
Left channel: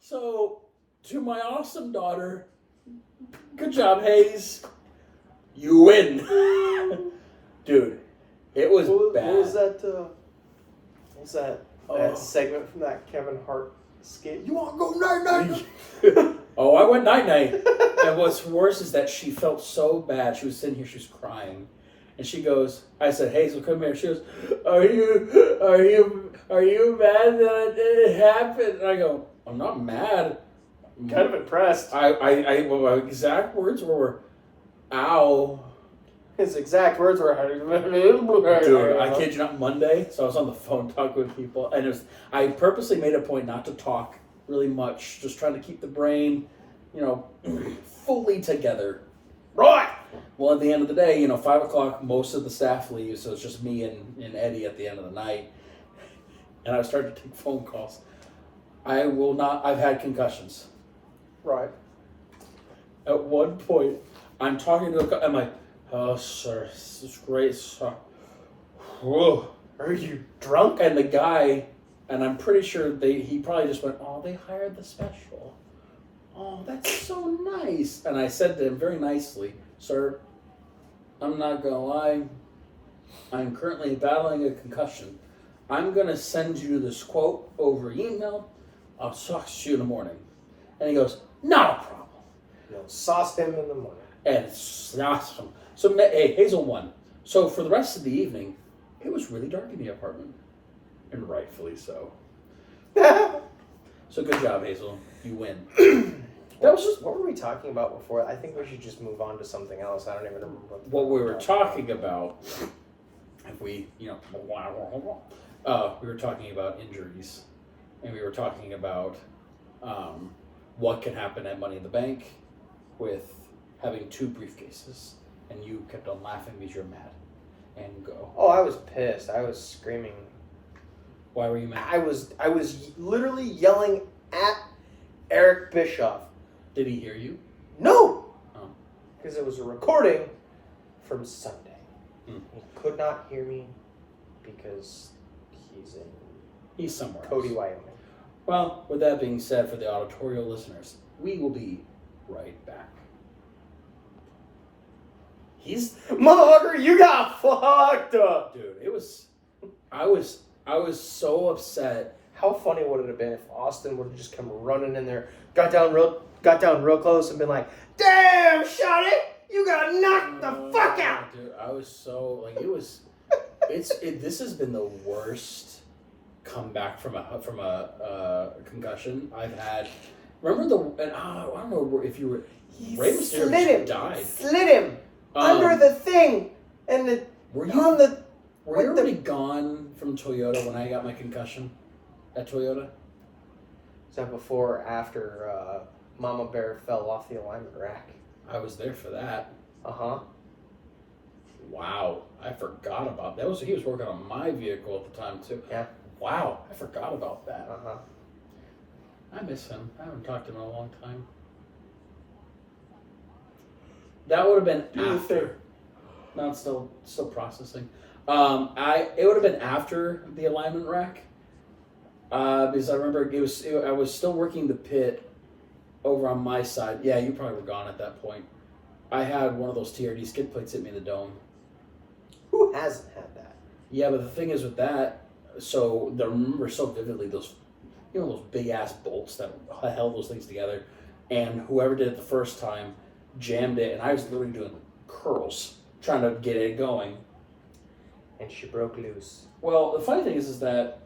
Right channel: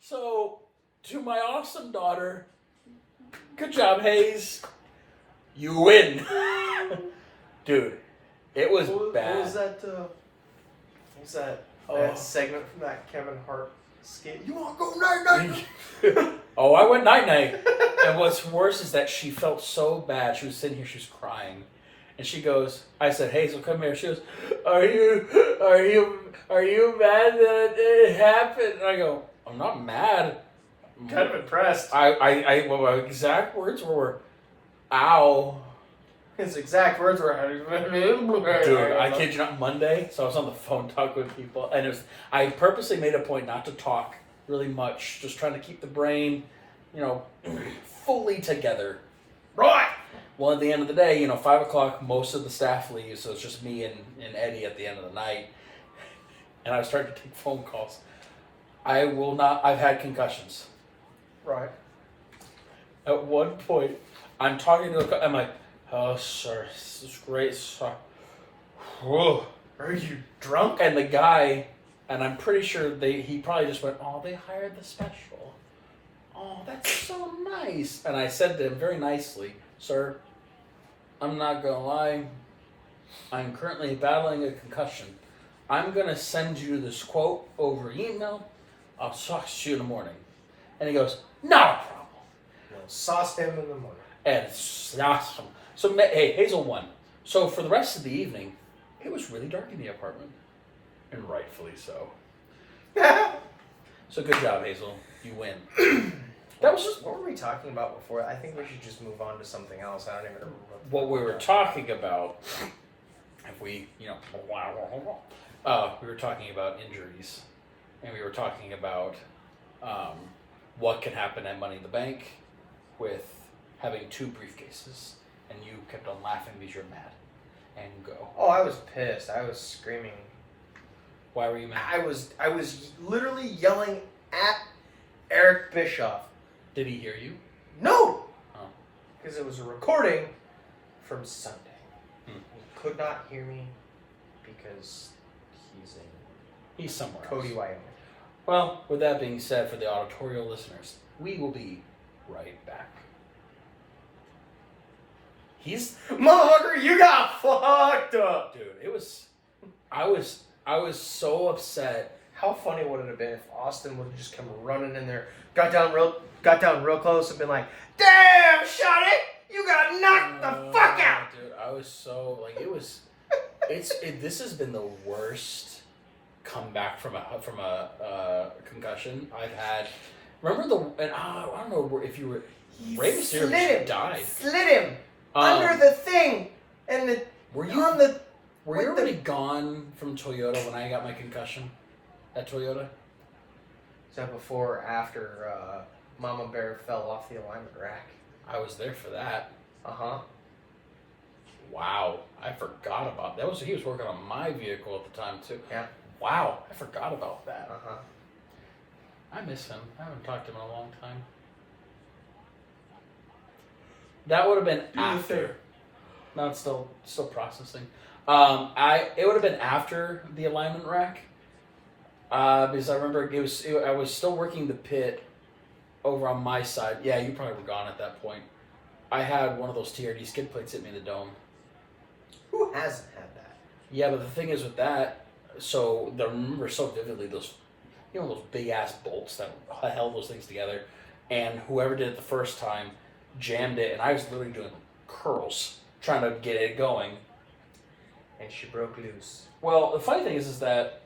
So, to my awesome daughter, good job, Hayes. You win. Dude, it was bad. What was that? That segment from that Kevin Hart skit? You want to go night-night? Oh, I went night-night. And what's worse is that she felt so bad. She was sitting here, she was crying. And she goes, I said, Hazel, come here. She goes, are you mad that it happened? And I go, I'm not mad. I'm kind of impressed. My exact words were, ow. His exact words were, dude, I kid you not, Monday, so I was on the phone talking with people, and I purposely made a point not to talk really much, just trying to keep the brain, fully together. Right. Well, at the end of the day, 5 o'clock, most of the staff leaves, so it's just me and Eddie at the end of the night. And I started to take phone calls. I've had concussions. Right. At one point, I'm talking to I'm like, oh, sir, this is great, sir. Whoa. Are you drunk? And the guy, and I'm pretty sure he probably just went, oh, they hired the special. Oh, that's so nice. And I said to him very nicely, sir, I'm not going to lie. I'm currently battling a concussion. I'm going to send you this quote over email. I'll talk to you in the morning. And he goes, not a problem. You'll sauce him in the morning. And it's awesome. So, hey, Hazel won. So for the rest of the evening, it was really dark in the apartment. And rightfully so. So good job, Hazel. You win. That was just... What were we talking about before? I think we should just move on to something else. I don't even remember what we were talking about. If we, we were talking about injuries. And we were talking about what can happen at Money in the Bank with having 2 briefcases. And you kept on laughing because you're mad. And go. Oh, I was pissed. I was screaming. Why were you mad? I was literally yelling at Eric Bischoff. Did he hear you? No! Oh. Because it was a recording from Sunday. Hmm. He could not hear me because he's somewhere Cody, else. Wyoming. Well, with that being said, for the auditorial listeners, we will be right back. Motherfucker, you got fucked up! Dude, I was so upset. How funny would it have been if Austin would have just come running in there, got down real close and been like, damn, Shotty, you got knocked the fuck out! Dude, I was so, this has been the worst comeback from a concussion I've had. Remember I don't know if you were, Rey Mysterio died. Slid him! Under the thing! And were you already gone from Toyota when I got my concussion at Toyota? Is that before or after Mama Bear fell off the alignment rack? I was there for that. Uh-huh. Wow. I forgot about that. He was working on my vehicle at the time, too. Yeah. Wow. I forgot about that. Uh-huh. I miss him. I haven't talked to him in a long time. That would have been after. No, it's still processing. It would have been after the alignment rack. Because I remember I was still working the pit over on my side. Yeah, you probably were gone at that point. I had one of those TRD skid plates hit me in the dome. Who hasn't had that? Yeah, but the thing is with that, so I remember so vividly those big ass bolts that held those things together, and whoever did it the first time jammed it, and I was literally doing curls trying to get it going. And she broke loose. Well, the funny thing is that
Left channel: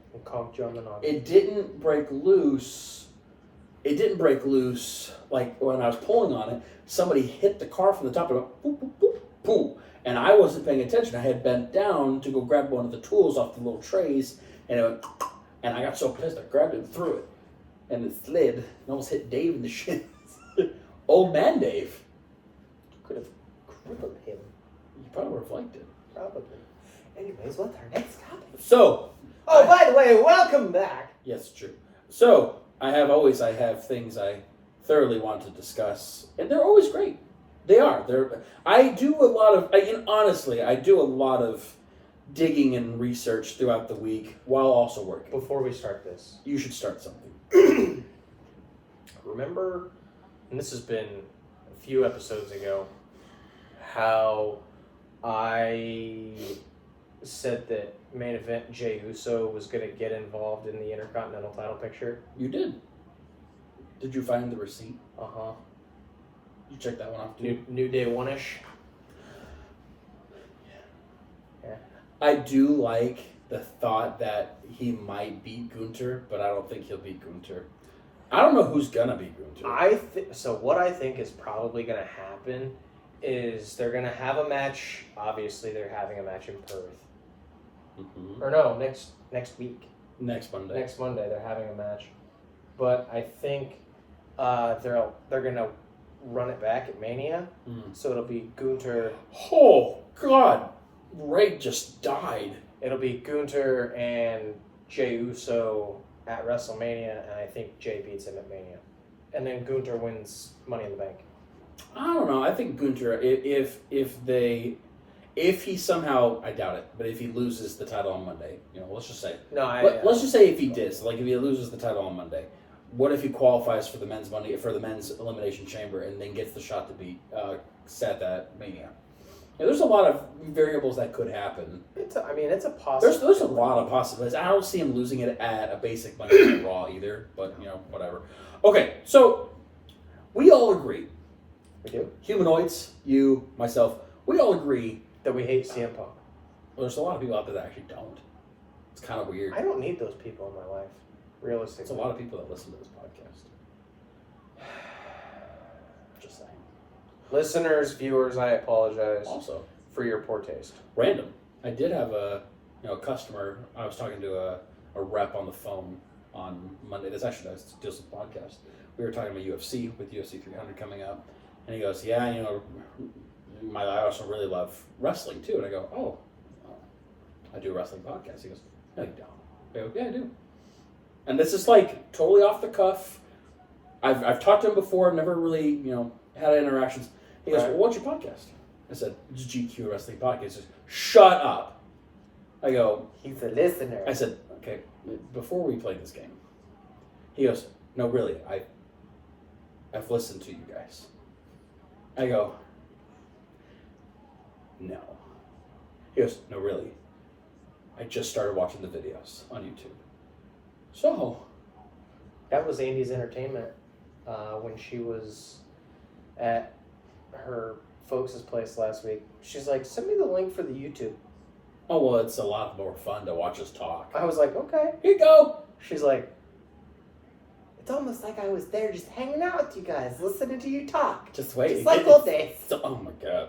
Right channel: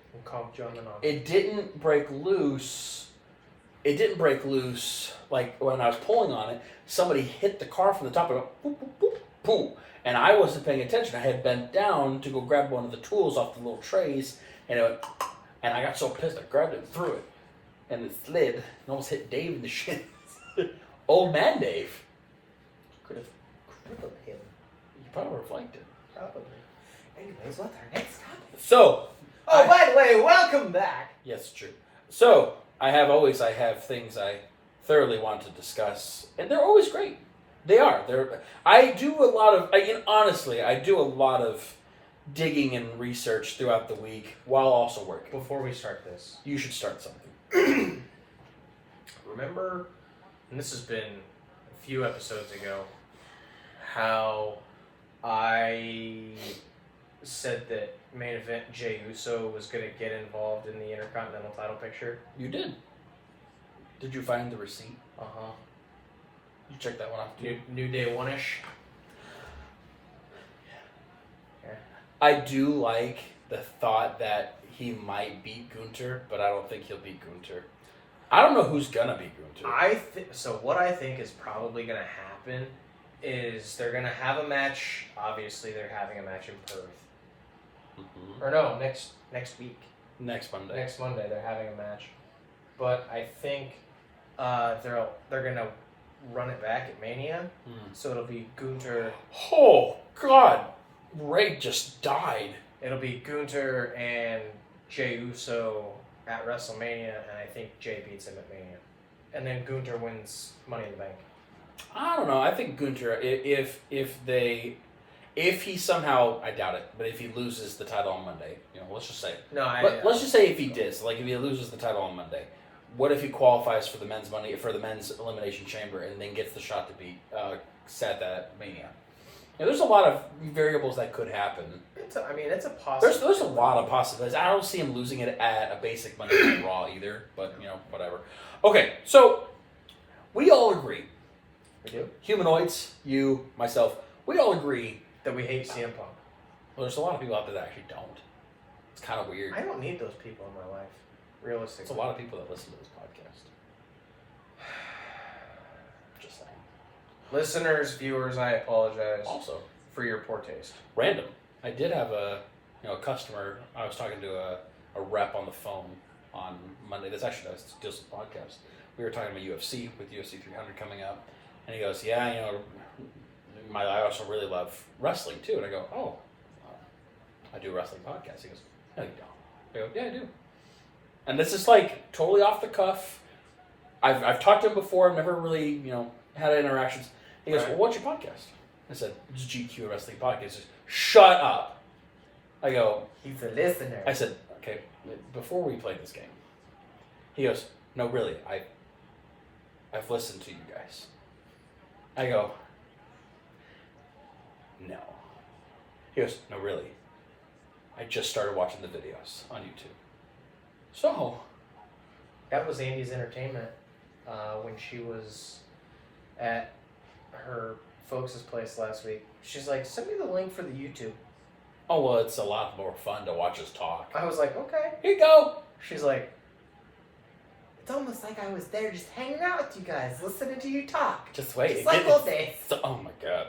it didn't break loose. It didn't break loose like when I was pulling on it. Somebody hit the car from the top and it went, boop, boop, boop, boop. And I wasn't paying attention. I had bent down to go grab one of the tools off the little trays, and it went, and I got so pissed I grabbed it and threw it, and it slid and almost hit Dave in the shins. Old man Dave. Could have crippled him. You probably would have liked it. Probably. Anyways, what's our next topic? So. By the way, welcome back. Yes, true. So, I have things I thoroughly want to discuss, and they're always great. They are. I do a lot of digging and research throughout the week while also working. Before we start this, you should start something. Remember, and this has been a few episodes ago, how I said that main event Jey Uso was going to get involved in the Intercontinental title picture? You did. Did you find the receipt? Uh-huh. You check that one off, New Day 1-ish? Yeah. I do like the thought that he might beat Gunther, but I don't think he'll beat Gunther. I don't know who's gonna beat Gunther. So what I think is probably going to happen is they're going to have a match. Obviously, they're having a match in Perth. Mm-hmm. Or no, next week. Next Monday. Next Monday, they're having a match. But I think they're going to run it back at Mania. So it'll be Gunther. Oh, God. Ray just died. It'll be Gunther and Jey Uso at WrestleMania, and I think Jey beats him at Mania. And then Gunther wins Money in the Bank. I don't know. I think Gunther, if he somehow, I doubt it, but if he loses the title on Monday, let's just say. Let's just say if he did. So, if he loses the title on Monday, what if he qualifies for the men's elimination chamber and then gets the shot to beat Seth at Mania? There's a lot of variables that could happen. It's a possibility. There's a lot of possibilities. I don't see him losing it at a basic Monday Night Raw either, but, whatever. Okay, so we all agree. We do? Humanoids, you, myself, we all agree that we hate CM Punk. Well, there's a lot of people out there that actually don't. It's kind of weird. I don't need those people in my life, realistically. There's a lot of people that listen to this podcast. Just saying. Listeners, viewers, I apologize also for your poor taste. Random. I did have a customer. I was talking to a rep on the phone on Monday. This actually does the podcast. We were talking about UFC with UFC 300 coming up, and he goes, "Yeah, I also really love wrestling too." And I go, "Oh, I do a wrestling podcast." He goes, "No, you don't." I go, "Yeah, I do." And this is totally off the cuff. I've talked to him before. I've never really had interactions. He goes, "Well, what's your podcast?" I said, "It's GQ Wrestling Podcast." He says, "Shut up." I go, "He's a listener." I said, "Okay, before we play this game." He goes, "No, really, I've listened to you guys." I go, "No." He goes, "No, really. I just started watching the videos on YouTube." So, that was Andy's entertainment when she was at her folks' place last week. She's like, "Send me the link for the YouTube." Oh, well, it's a lot more fun to watch us talk. I was like, "Okay. Here you go." She's like, "It's almost like I was there just hanging out with you guys, listening to you talk. Just wait. Just like old days." Oh, my God.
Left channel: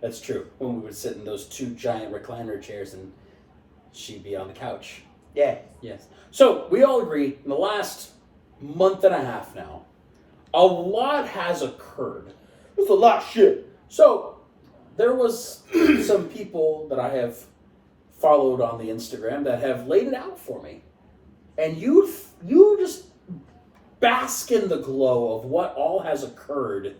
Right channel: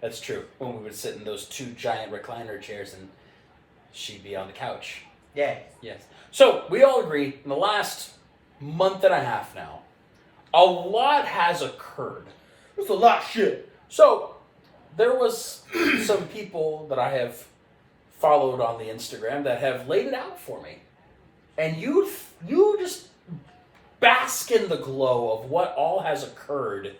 That's true. When we would sit in those two giant recliner chairs and she'd be on the couch. Yeah. Yes. So, we all agree, in the last month and a half now, a lot has occurred. There's a lot of shit. So, there was some people that I have followed on the Instagram that have laid it out for me. And you just bask in the glow of what all has occurred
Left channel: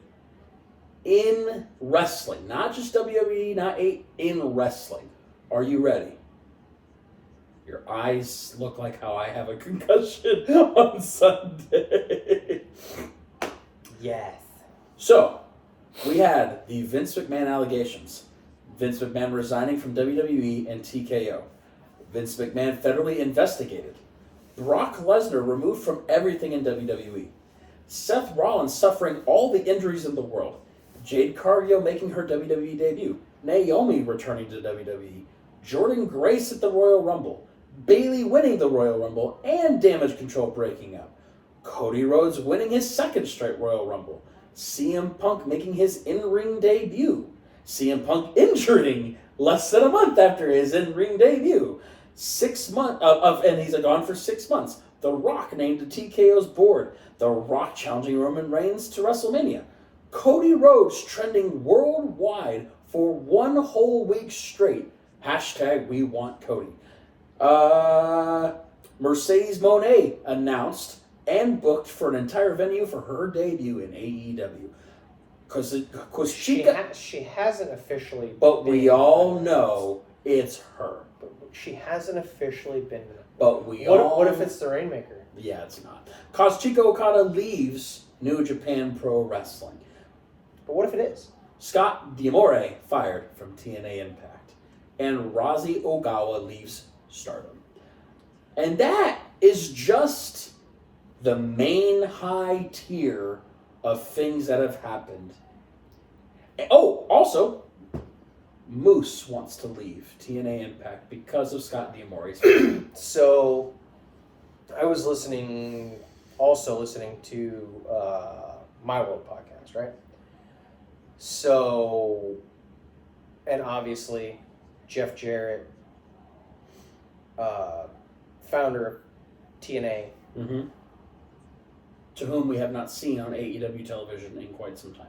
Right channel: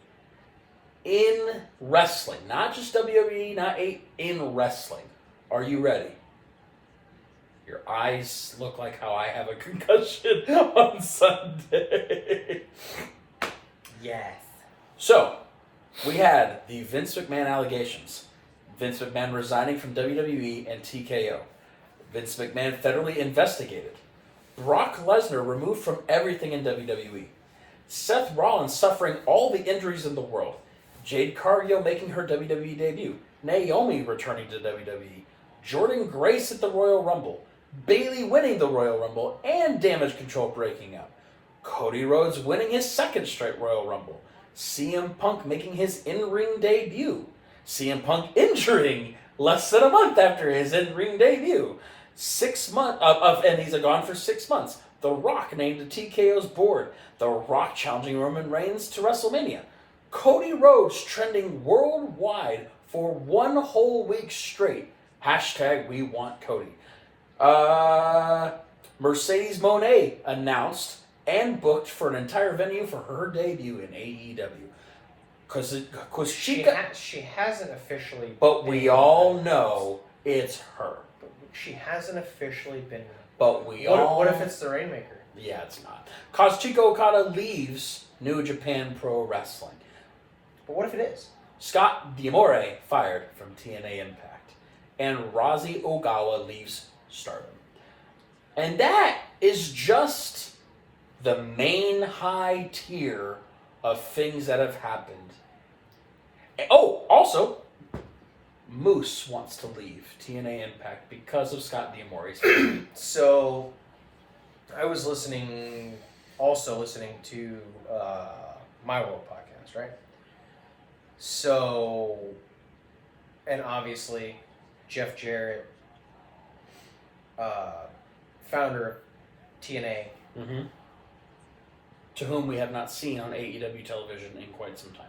in wrestling. Not just WWE, in wrestling. Are you ready? Your eyes look like how I have a concussion on Sunday. Yes. So, we had the Vince McMahon allegations. Vince McMahon resigning from WWE and TKO. Vince McMahon federally investigated. Brock Lesnar removed from everything in WWE. Seth Rollins suffering all the injuries in the world. Jade Cargill making her WWE debut. Naomi returning to WWE. Jordynne Grace at the Royal Rumble. Bayley winning the Royal Rumble and Damage Control breaking up. Cody Rhodes winning his second straight Royal Rumble. CM Punk making his in-ring debut. CM Punk injuring less than a month after his in-ring debut. 6 months and he's gone for 6 months. The Rock named to TKO's board. The Rock challenging Roman Reigns to WrestleMania. Cody Rhodes trending worldwide for 1 whole week straight. Hashtag we want Cody. Mercedes Moné announced and booked for an entire venue for her debut in AEW. Because she hasn't officially. But we all know it's her. But she hasn't officially been. But what if it's the Rainmaker? Yeah, it's not. Kazuchika Okada leaves New Japan Pro Wrestling. But what if it is? Scott D'Amore fired from TNA Impact. And Rosie Ogawa leaves Stardom. And that is just the main high tier of things that have happened. Oh, also, Moose wants to leave TNA Impact because of Scott D'Amore's. So, I was listening to My World podcast, right? So, and obviously, Jeff Jarrett, founder of TNA, to whom we have not seen on AEW television in quite some time.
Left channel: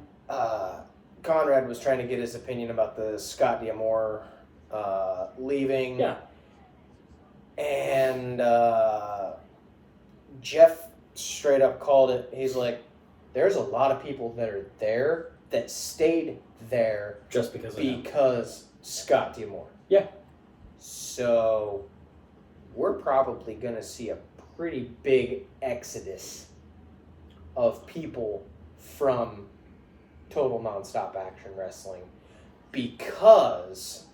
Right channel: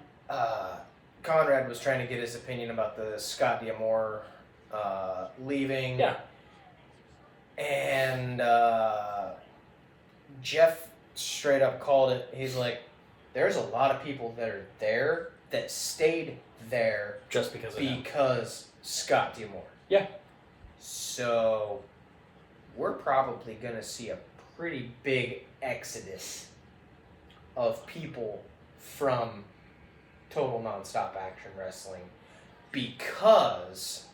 Conrad was trying to get his opinion about the Scott D'Amore leaving. Yeah. And Jeff straight up called it. He's like, there's a lot of people that are there that stayed there just because Scott D'Amore. Yeah. So we're probably going to see a pretty big exodus of people from Total Nonstop Action Wrestling because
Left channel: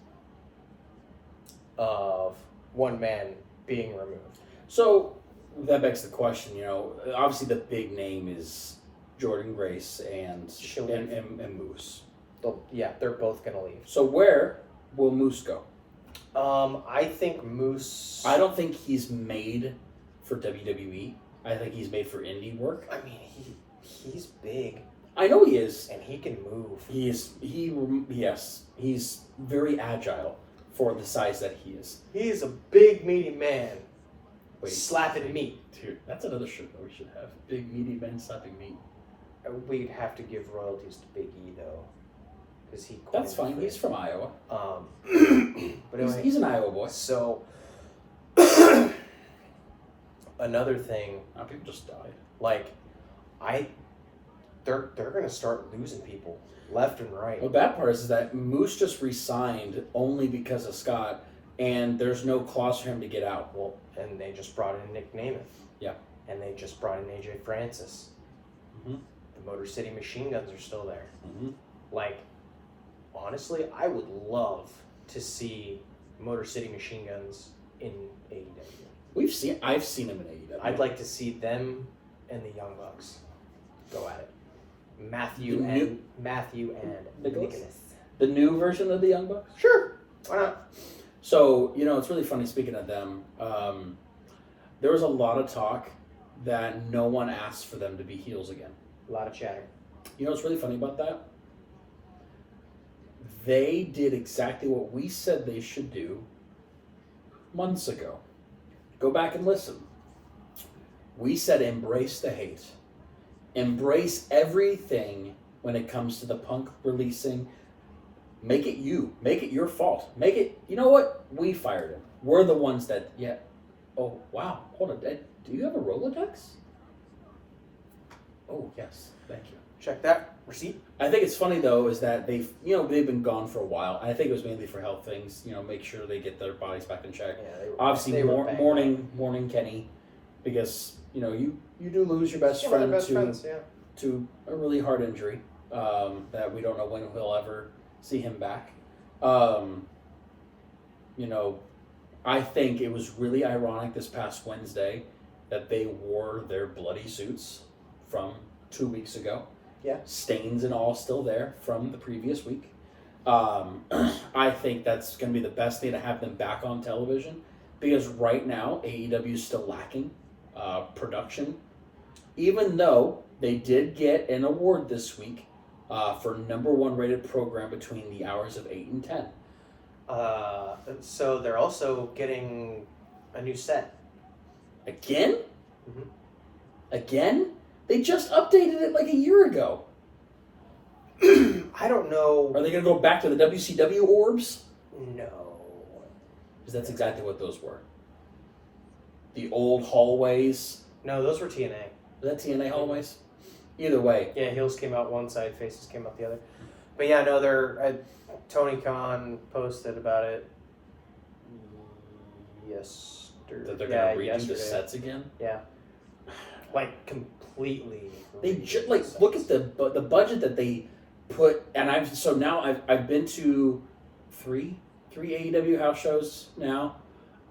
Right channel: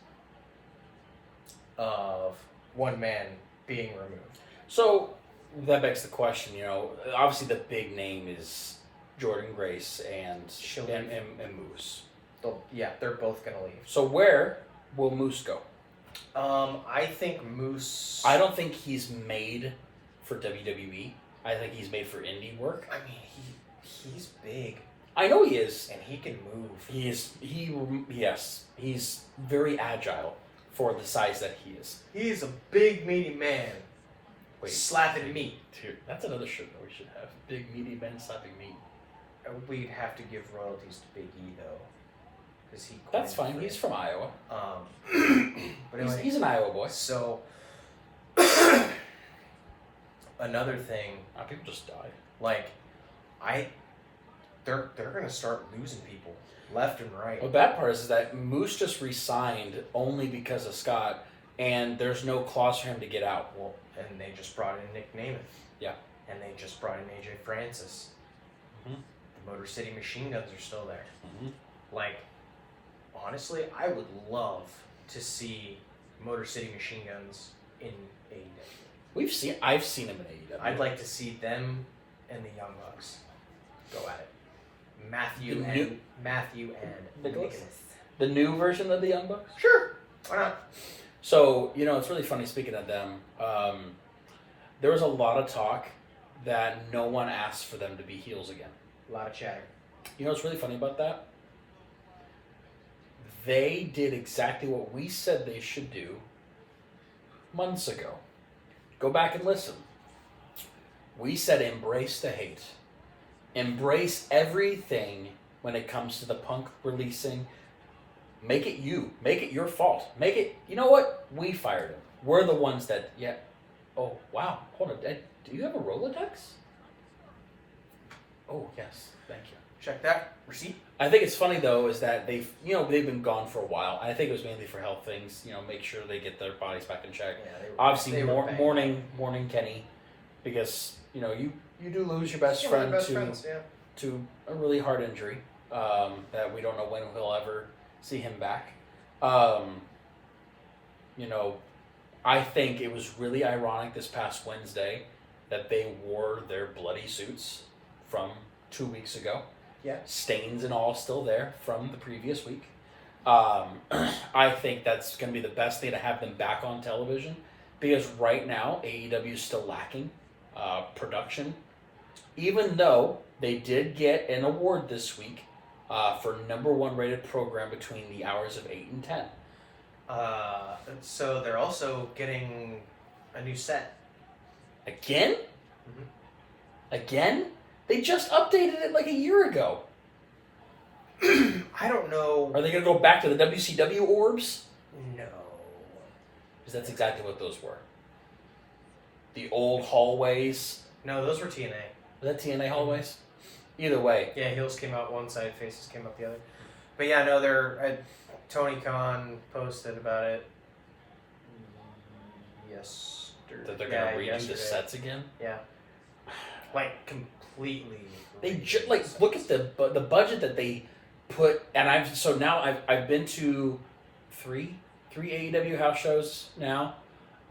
of one man being removed. So that begs the question, obviously the big name is Jordan Grace and Moose. They're both going to leave. So where will Moose go? I think Moose... I don't think he's made for WWE. I think he's made for indie work. I mean, he's big. I know he is. And he can move. Yes. He's very agile for the size that he is. He is a big, meaty man. Wait, slapping meat. Dude, that's another shirt that we should have. Big, meaty men slapping meat. We'd have to give royalties to Big E, though. That's fine. He's from Iowa. But anyway, he's an Iowa boy. So, another thing. People just die. Like, they're gonna start losing people left and right. Well, the bad part is that Moose just re-signed only because of Scott, and there's no clause for him to get out. Well, and they just brought in Nick Namath. Yeah. And they just brought in AJ Francis. Mm-hmm. The Motor City Machine Guns are still there. Mm-hmm. Like, honestly, I would love to see Motor City Machine Guns in AEW. I've seen him in AEW. I'd like to see them and the Young Bucks go at it. Matthew and Nicholas. The new version of the Young Bucks? Sure. Why not? So, it's really funny speaking of them. There was a lot of talk that no one asked for them to be heels again. A lot of chatter. You know what's really funny about that? They did exactly what we said they should do months ago. Go back and listen. We said embrace the hate. Embrace everything when it comes to the Punk releasing. Make it you. Make it your fault. Make it, you know what? We fired him. We're the ones that, Oh, wow. Hold on. Do you have a Rolodex? Oh, yes. Thank you. Check that. Receipt. I think it's funny, though, is that they've been gone for a while. I think it was mainly for health things. Make sure they get their bodies back in check. Yeah, obviously, mourning Kenny, because, you do lose your best friend to a really hard injury that we don't know when he'll ever see him back. I think it was really ironic this past Wednesday that they wore their bloody suits from 2 weeks ago. Yeah. Stains and all still there from the previous week. I think that's going to be the best thing to have them back on television, because right now AEW is still lacking production, even though they did get an award this week for #1 rated program between the hours of 8 and 10. So they're also getting a new set. Again? Mm-hmm. Again? They just updated it like a year ago. I don't know. Are they going to go back to the WCW orbs? No. Because that's exactly what those were. The old hallways. No, those were TNA. Was that TNA hallways? Either way. Yeah, heels came out one side, faces came out the other. But yeah, no, Tony Khan posted about it yesterday. That they're going to redo the sets again? Yeah. Like, completely. They look at the budget that they put, and I've been to three AEW house shows now.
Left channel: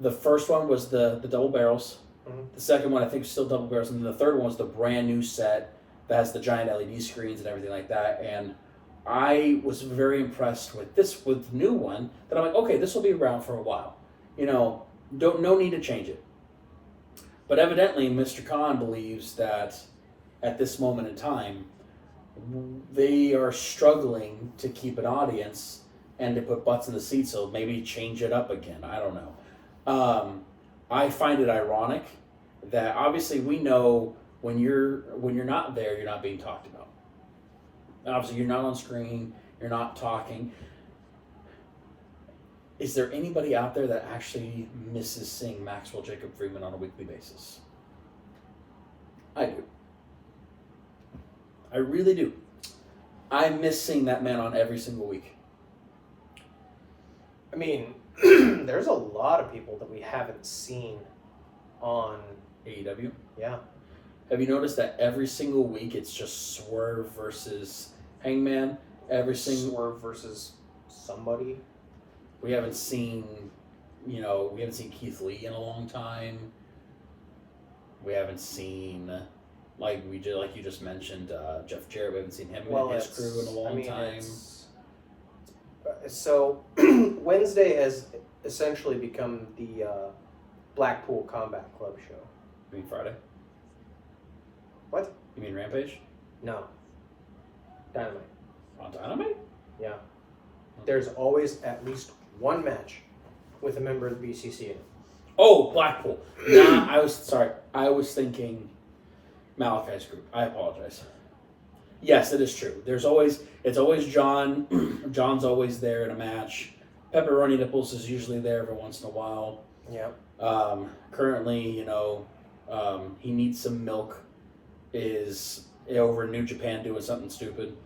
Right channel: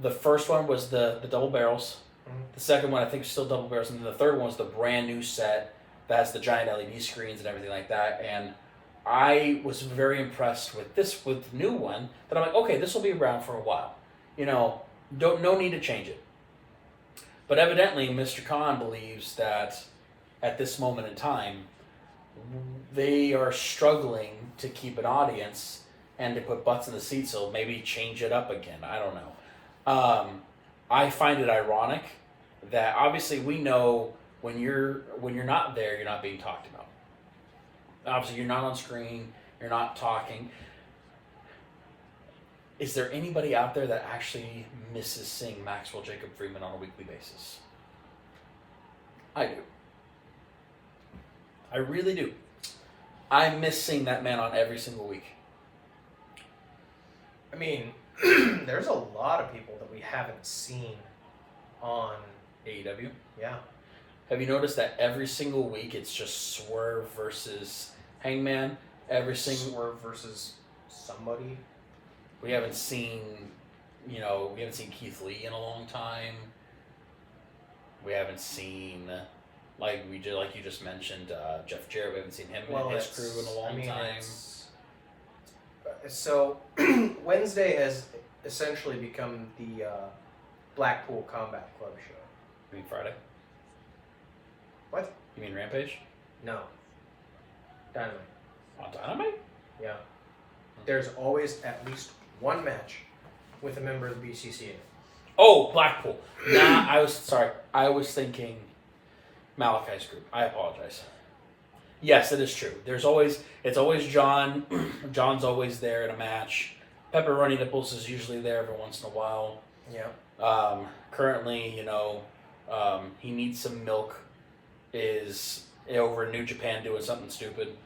The first one was the double barrels. Mm-hmm. The second one I think is still double barrels, and then the third one was the brand new set that has the giant LED screens and everything like that. And I was very impressed with the new one. That I'm like, okay, this will be around for a while. No need to change it. But evidently, Mr. Khan believes that at this moment in time, they are struggling to keep an audience and to put butts in the seats, so maybe change it up again. I don't know. I find it ironic that obviously we know when you're not there, you're not being talked about. Obviously, you're not on screen. You're not talking. Is there anybody out there that actually misses seeing Maxwell Jacob Freeman on a weekly basis? I do. I really do. I miss seeing that man on every single week. I mean, there's a lot of people that we haven't seen on AEW. Yeah. Have you noticed that every single week it's just Swerve versus Hangman? Every single Swerve versus somebody. We haven't seen Keith Lee in a long time. We haven't seen, like you just mentioned, Jeff Jarrett. We haven't seen him and his crew in a long time. So Wednesday has essentially become the Blackpool Combat Club show. You mean Friday? What? You mean Rampage? No. Dynamite. On Dynamite? Yeah. There's always at least one match with a member of the BCC in it. Oh, Blackpool. Nah, I was thinking Malachi's group. I apologize. Yes, it is true. It's always John. John's always there in a match. Pepperoni Nipples is usually there every once in a while. Yeah. Currently, he needs some milk. Is over in New Japan doing something stupid.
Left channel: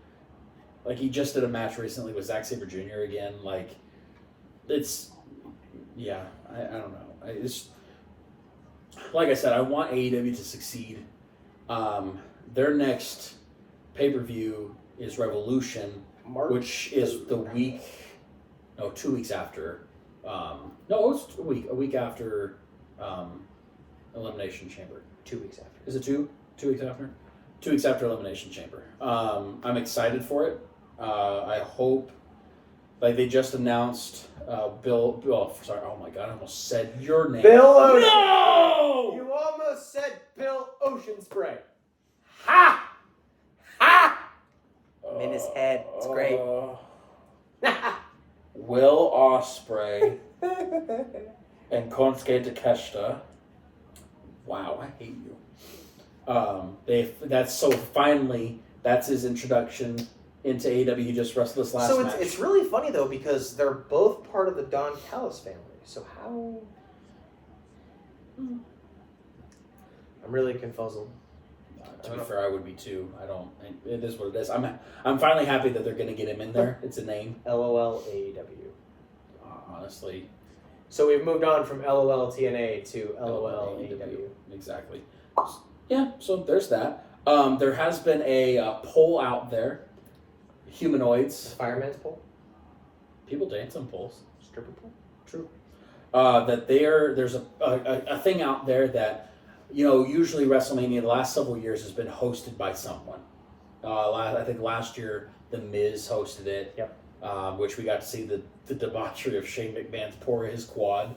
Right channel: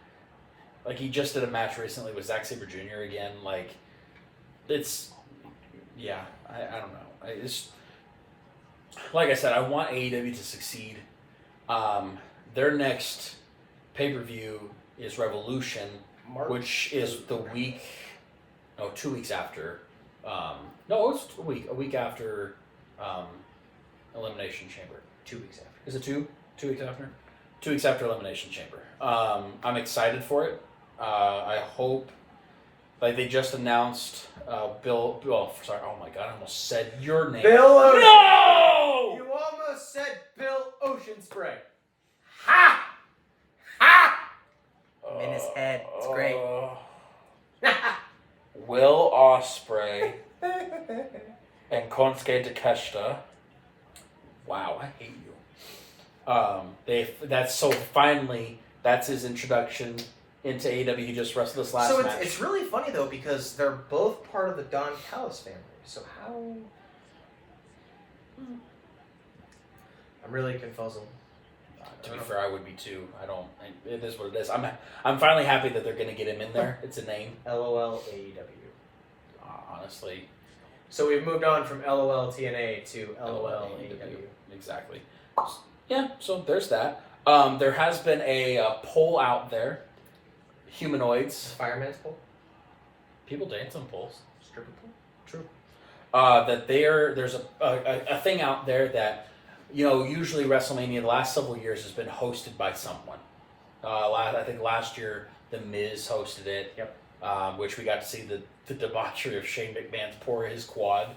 Like, he just did a match recently with Zack Sabre Jr. again. Like, it's... Yeah, I don't know. It's... Like I said, I want AEW to succeed. Their next pay-per-view is Revolution, which is the week... No, 2 weeks after... no, it's a week after Elimination Chamber. 2 weeks after. Is it 2? 2 weeks after? 2 weeks after Elimination Chamber. I'm excited for it. I hope, like, they just announced Bill. Oh my God! I almost said your name. Bill Ocean. No! You almost said Bill Ocean Spray. Ha! Ha! I'm in his head. It's great. Will Ospreay and Konosuke Takeshita. Wow, I hate you. Finally, that's his introduction into AEW. He just wrestled this last match. So it's really funny though, because they're both part of the Don Callis family. So how? I'm really confuzzled. To be fair, I would be too. It is what it is. I'm finally happy that they're going to get him in there. It's a name. LOL AEW. Honestly. So we've moved on from LOL TNA to LOL AEW. Exactly. Yeah, so there's that. There has been a poll out there. Humanoids. Fireman's pole? People dance on poles. Stripper pole? True. That there's a thing out there that, usually WrestleMania the last several years has been hosted by someone. I think last year The Miz hosted it. Yep. Which we got to see the debauchery of Shane McMahon's pour his quad.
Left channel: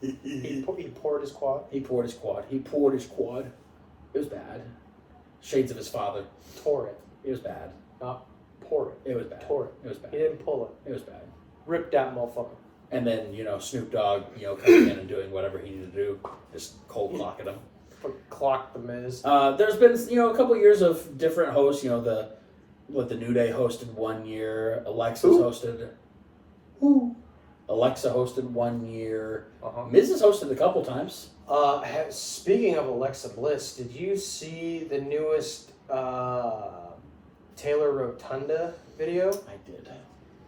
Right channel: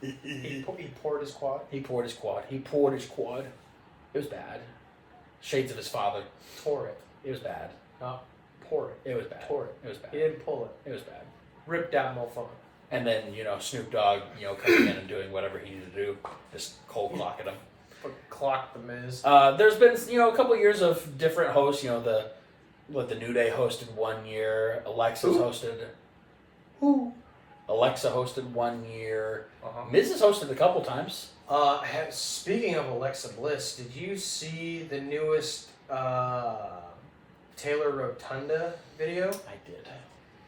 He poured his quad? He poured his quad. It was bad. Shades of his father. Tore it. It was bad. Not poured it. It was bad. Tore it. It was bad. He didn't pull it. It was bad. Ripped that motherfucker. And then, Snoop Dogg, coming in and doing whatever he needed to do. Just cold clocking him. Clock the Miz. There's been, a couple of years of different hosts. The New Day hosted 1 year. Alexa hosted 1 year. Uh-huh. Miz has hosted a couple times. Speaking of Alexa Bliss, did you see the newest Taylor Rotunda video? I did.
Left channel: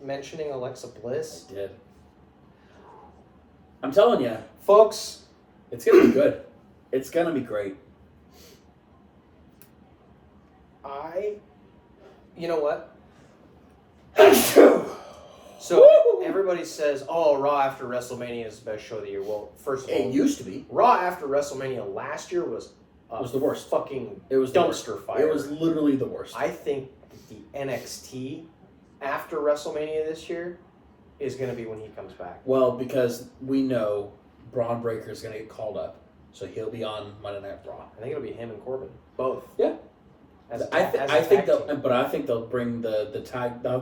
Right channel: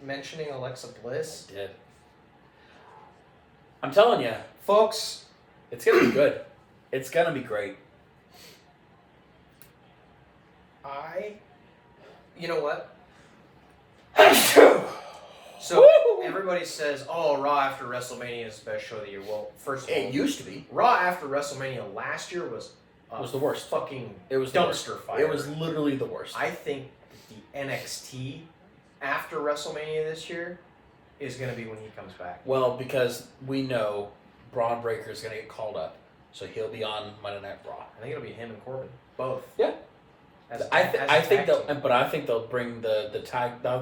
Mentioning Alexa Bliss? I did. I'm telling you, folks, it's going to be good. It's going to be great. You know what? So everybody says, "Oh, Raw after WrestleMania is the best show of the year." Well, first of all, it used to be. Raw after WrestleMania last year was the worst. It was dumpster fire. It was literally the worst. I think the NXT after WrestleMania this year is going to be when he comes back. Well, because we know Braun Breaker is going to get called up, so he'll be on Monday Night Raw. I think it'll be him and Corbin, both. Yeah. I think they'll bring the tag. I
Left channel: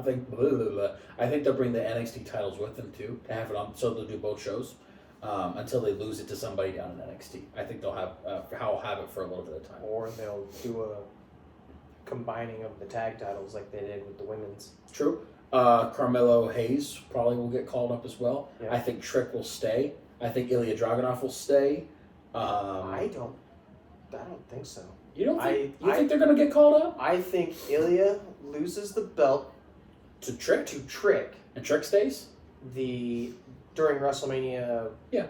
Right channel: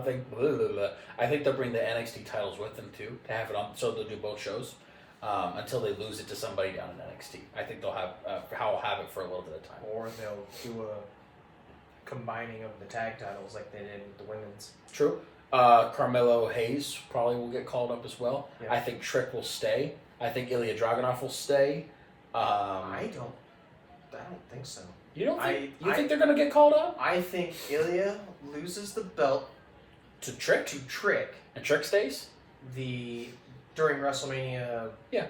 think they'll bring the NXT titles with them too to have it on, so they'll do both shows. until they lose it to somebody down in NXT. I think they'll have it for a little bit of time. Or they'll do a combining of the tag titles like they did with the women's. True. Carmelo Hayes probably will get called up as well. Yeah. I think Trick will stay. I think Ilya Dragunov will stay. I don't think so. You don't think? You think they're going to get called up? I think Ilya loses the belt to Trick. And Trick stays during WrestleMania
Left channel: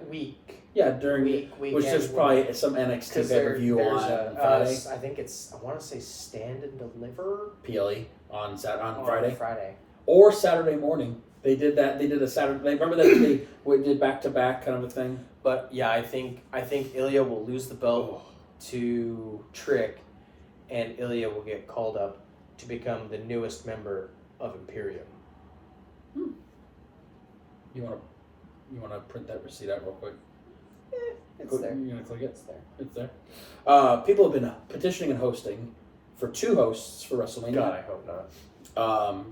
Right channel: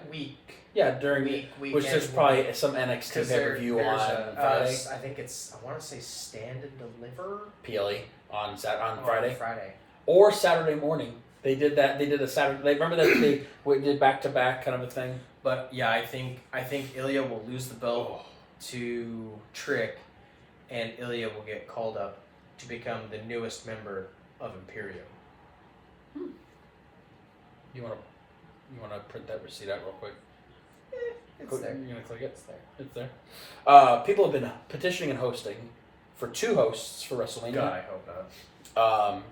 week. Yeah, during which there's probably some NXT pay-per-view on Friday. I think I want to say Stand and Deliver. PLE on Friday. Friday. Or Saturday morning. They did that. They did a Saturday. Remember that they did back-to-back kind of a thing? But yeah, I think Ilya will lose the belt to Trick, and Ilya will get called up to become the newest member of Imperium. You want to print that receipt out real quick? It's there. You gonna click it? It's there. It's there. People have been petitioning and hosting for 2 hosts for WrestleMania. God, I hope not.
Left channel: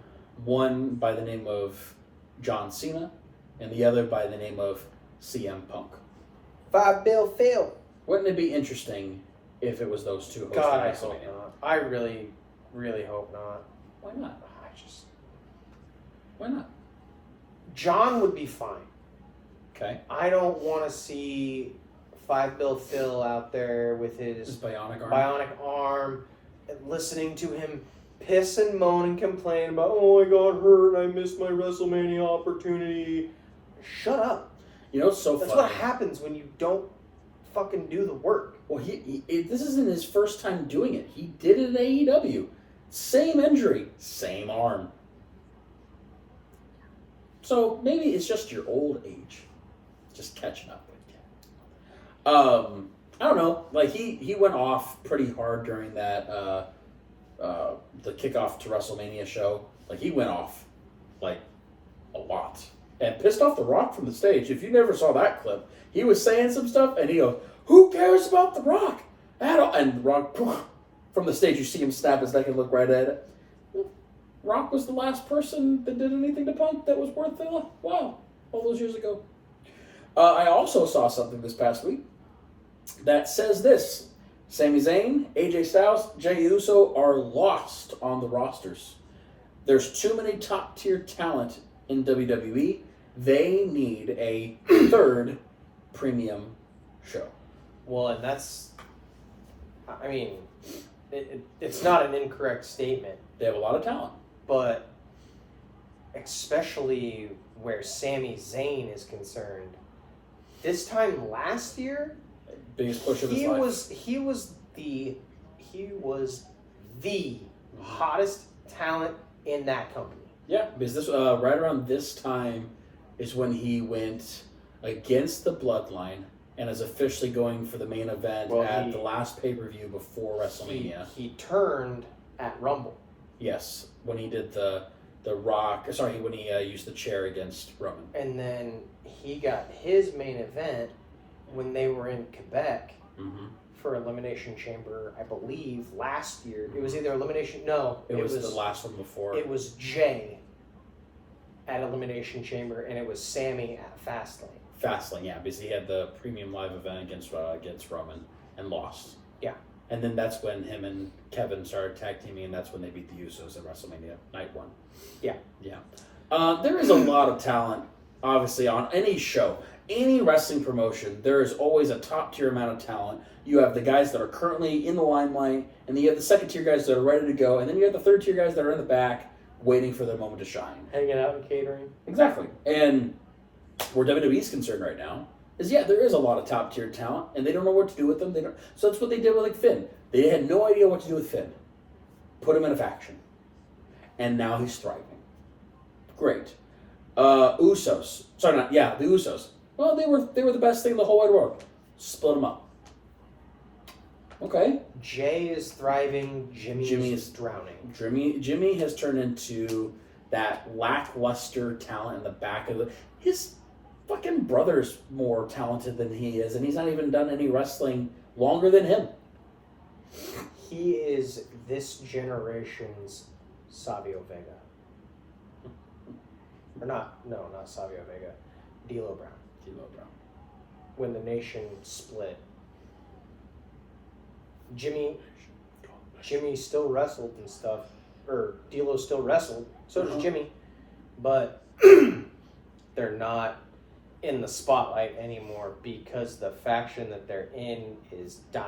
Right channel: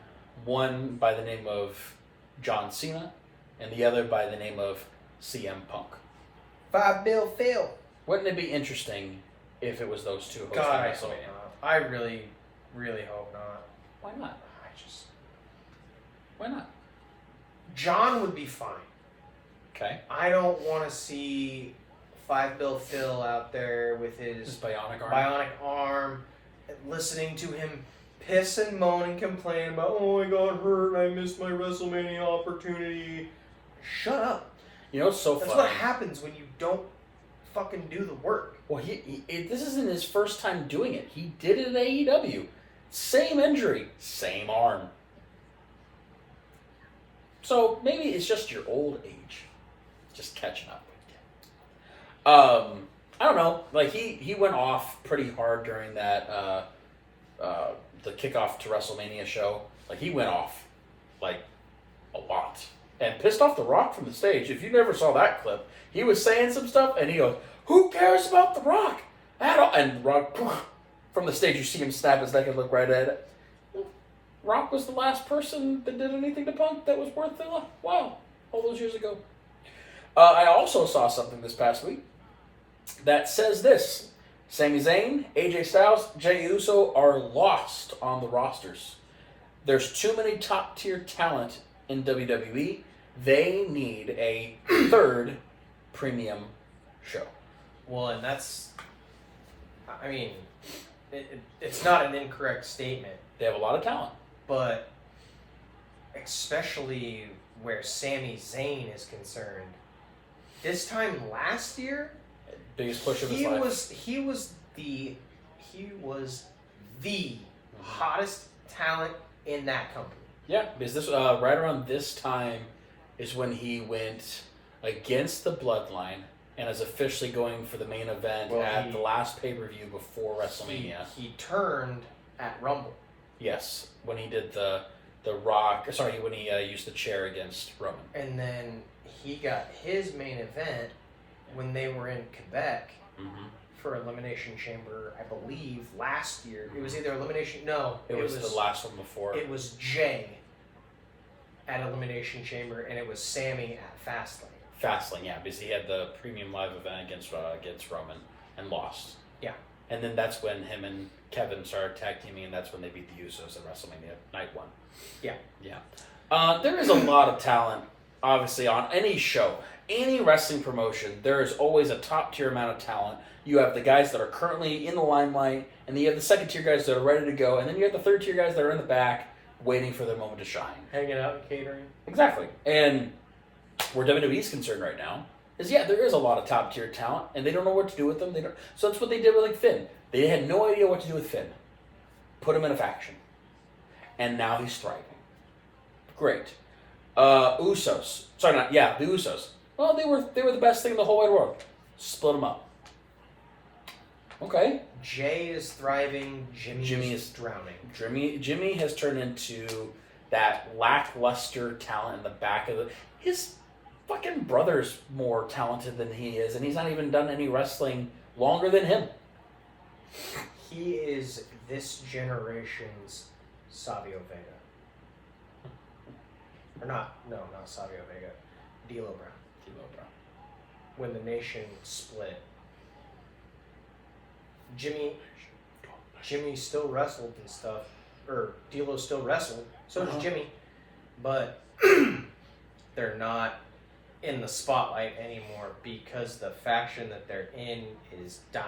One by the name of John Cena, and the other by the name of CM Punk. 5 Bill Phil. Wouldn't it be interesting if it was those 2 hosting God, I WrestleMania? hope not. I really, really hope not. Why not? Why not? John would be fine. Okay. I don't want to see 5 Bill Phil out there with his bionic arm and listening to him piss and moan and complain about, oh, I got hurt, I missed my WrestleMania opportunity. Shut up. You know what's so funny? That's what happens when you don't fucking do the work. Well, this isn't his first time doing it. He did it in AEW. Same injury, same arm. So maybe it's just your old age, just catching up. I don't know. Like he went off pretty hard during that the kickoff to WrestleMania show. Like he went off like a lot and pissed off The Rock from the stage. If you never saw that clip, he was saying some stuff and he goes, "Who cares about The Rock?" And The Rock from the stage, you see him snap his neck and look right at it. Rock was the last person that did anything to Punk that was worth the wow, all those years ago. I also saw something this past week that says this: Sami Zayn, AJ Styles, Jey Uso are lost on the rosters. There's too many top-tier talent in WWE. They need a 3rd premium show. Well, and that's, I mean, it's not an incorrect statement. They have a lot of talent. But especially where Sami Zayn is concerned, this time last year, biggest push of his life. He was the hottest talent in that company. Yeah, because this right around this time is when he went against the Bloodline and is officially going for the main event at the last pay-per-view before WrestleMania. He turned at Rumble. Yes, when he did the Rock. Sorry, when he used the chair against Roman. And then he got his main event when they were in Quebec for Elimination Chamber, I believe, last year. It was either Elimination... No. It was the last one before. It was Jay at Elimination Chamber, and it was Sammy at Fastlane. Fastlane, yeah, because he had the premium live event against Roman and lost. Yeah. And then that's when him and Kevin started tag teaming, and that's when they beat the Usos at WrestleMania Night 1. Yeah. Yeah. There is a lot of talent, obviously, on any show. Any wrestling promotion, there is always a top-tier amount of talent. You have the guys that are currently in the limelight, and then you have the second-tier guys that are ready to go, and then you have the third-tier guys that are in the back waiting for their moment to shine. Hanging out and catering. Exactly. And where WWE's concerned right now is, there is a lot of top-tier talent, and they don't know what to do with them. So that's what they did with Finn. They had no idea what to do with Finn. Put him in a faction. And now he's thriving. Great. Usos. Sorry, the Usos. Well, they were the best thing in the whole wide world. Split them up. Okay. Jay is thriving. Jimmy is drowning. Jimmy has turned into that lackluster talent in the back of the... His fucking brother's more talented than he is, and he's not even done any wrestling longer than him. He is this generation's Savio Vega. Or not Savio Vega. D'Lo Brown. when the nation split, Jimmy still wrestled and stuff, or D'Lo still wrestled. So does Jimmy, but they're not in the spotlight anymore because the faction that they're in is dying.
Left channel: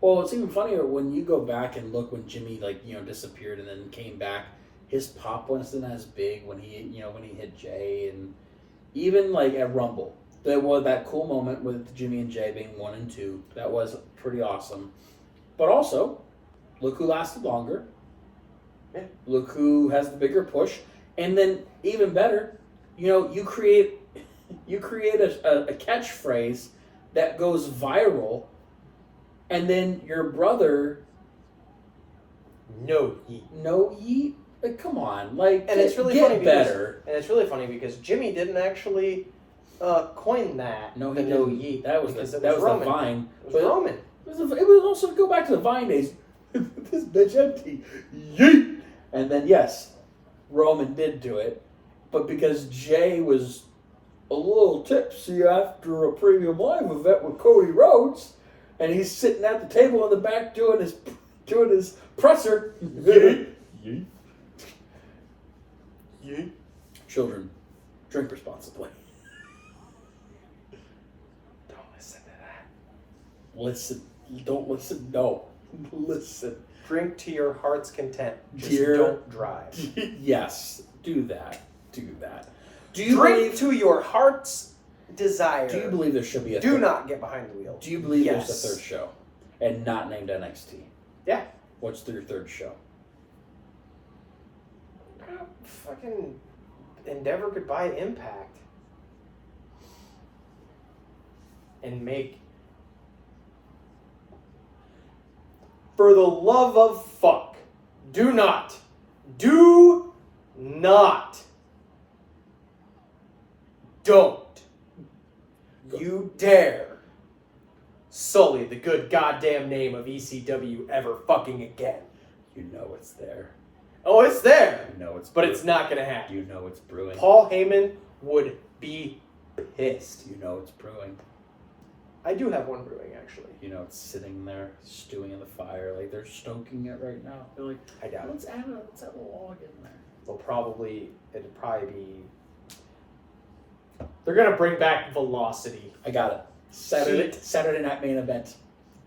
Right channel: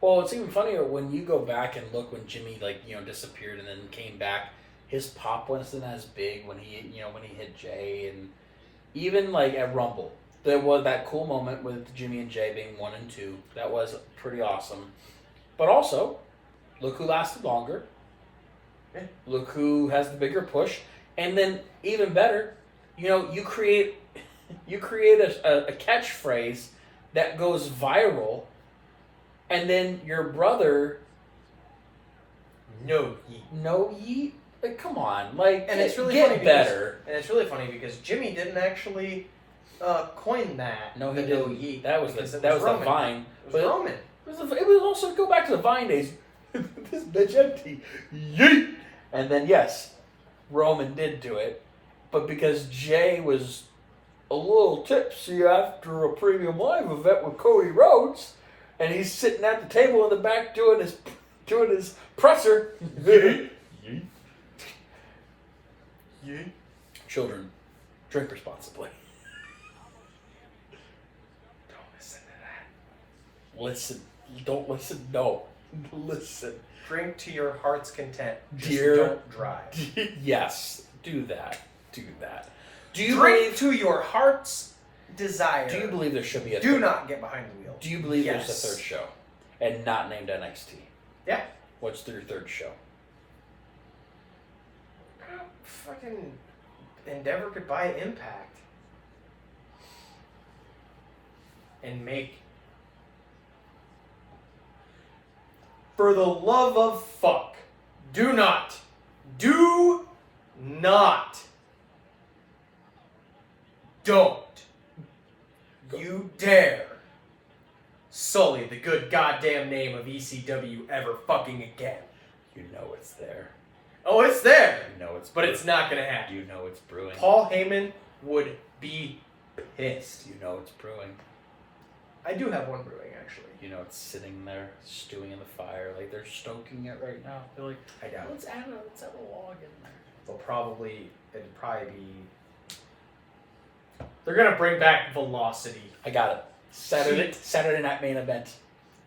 Well, it's even funnier when you go back and look when Jimmy disappeared and then came back. His pop wasn't as big when he hit Jay, and even like at Rumble, there was that cool moment with Jimmy and Jay being 1 and 2. That was pretty awesome. But also, look who lasted longer. Yeah. Look who has the bigger push, and then even better, you create a catchphrase that goes viral, and then your brother. No yeet. Like, come on, and it's really get funny better. And it's really funny because Jimmy didn't actually coin that. No, he the didn't. no yeet. That was the Vine. It was Roman. It was also go back to the Vine days. This bitch empty. Yeet. And then yes, Roman did do it, but because Jay was a little tipsy after a premium live event with Cody Rhodes, and he's sitting at the table in the back doing his presser. Yeet. Yeet. Yeet. Children, drink responsibly. Don't listen to that. Listen. Don't listen. No. Listen. Drink to your heart's content. Just don't drive. Yes. Do that. Do that. Do you Drink to your heart's desire. Do you believe there should be a Do not get behind the wheel. Do you believe there's a third show? And not named NXT? Yeah. What's your third show? Fucking Endeavor could buy Impact. And make... For the love of fuck. Do not don't you dare sully the good goddamn name of ECW ever fucking again. You know it's there. Oh, it's there. You know it's but it's not gonna happen. You know it's brewing. Paul Heyman would be pissed. You know it's brewing. I do have one brewing, actually. You know it's sitting there, stewing in the fire, like they're stoking it right now. They're like, I doubt let's add a log in there. It'll probably be... They're gonna bring back Velocity. I got it. Saturday night main event.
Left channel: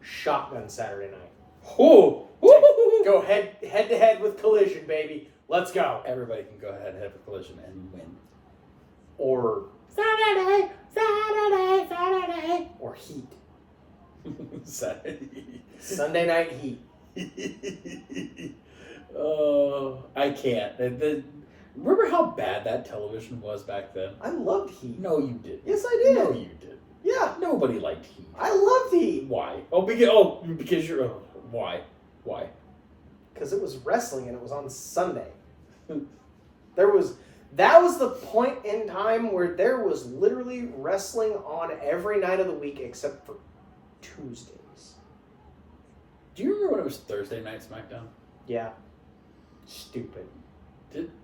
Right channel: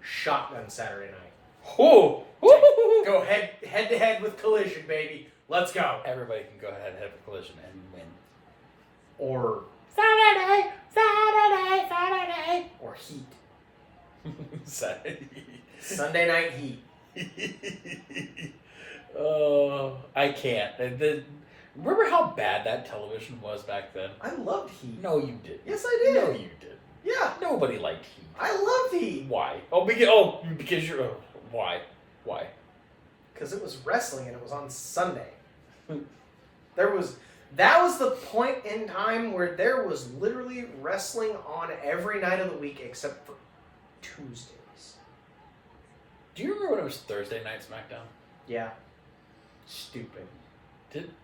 Shotgun Saturday night. Oh! Go head to head with Collision, baby. Let's go. Everybody can go ahead and have a Collision and win. Or Saturday. Or Heat. Saturday. Sunday Night Heat. Oh, I can't. Remember how bad that television was back then? I loved Heat. No, you didn't. Yes, I did. No, you did. Yeah. Nobody liked Heat. I loved Heat. Why? Because you're... why? Why? Because it was wrestling and it was on Sunday. That was the point in time where there was literally wrestling on every night of the week except for Tuesdays. Do you remember when it was Thursday night SmackDown? Yeah. Stupid.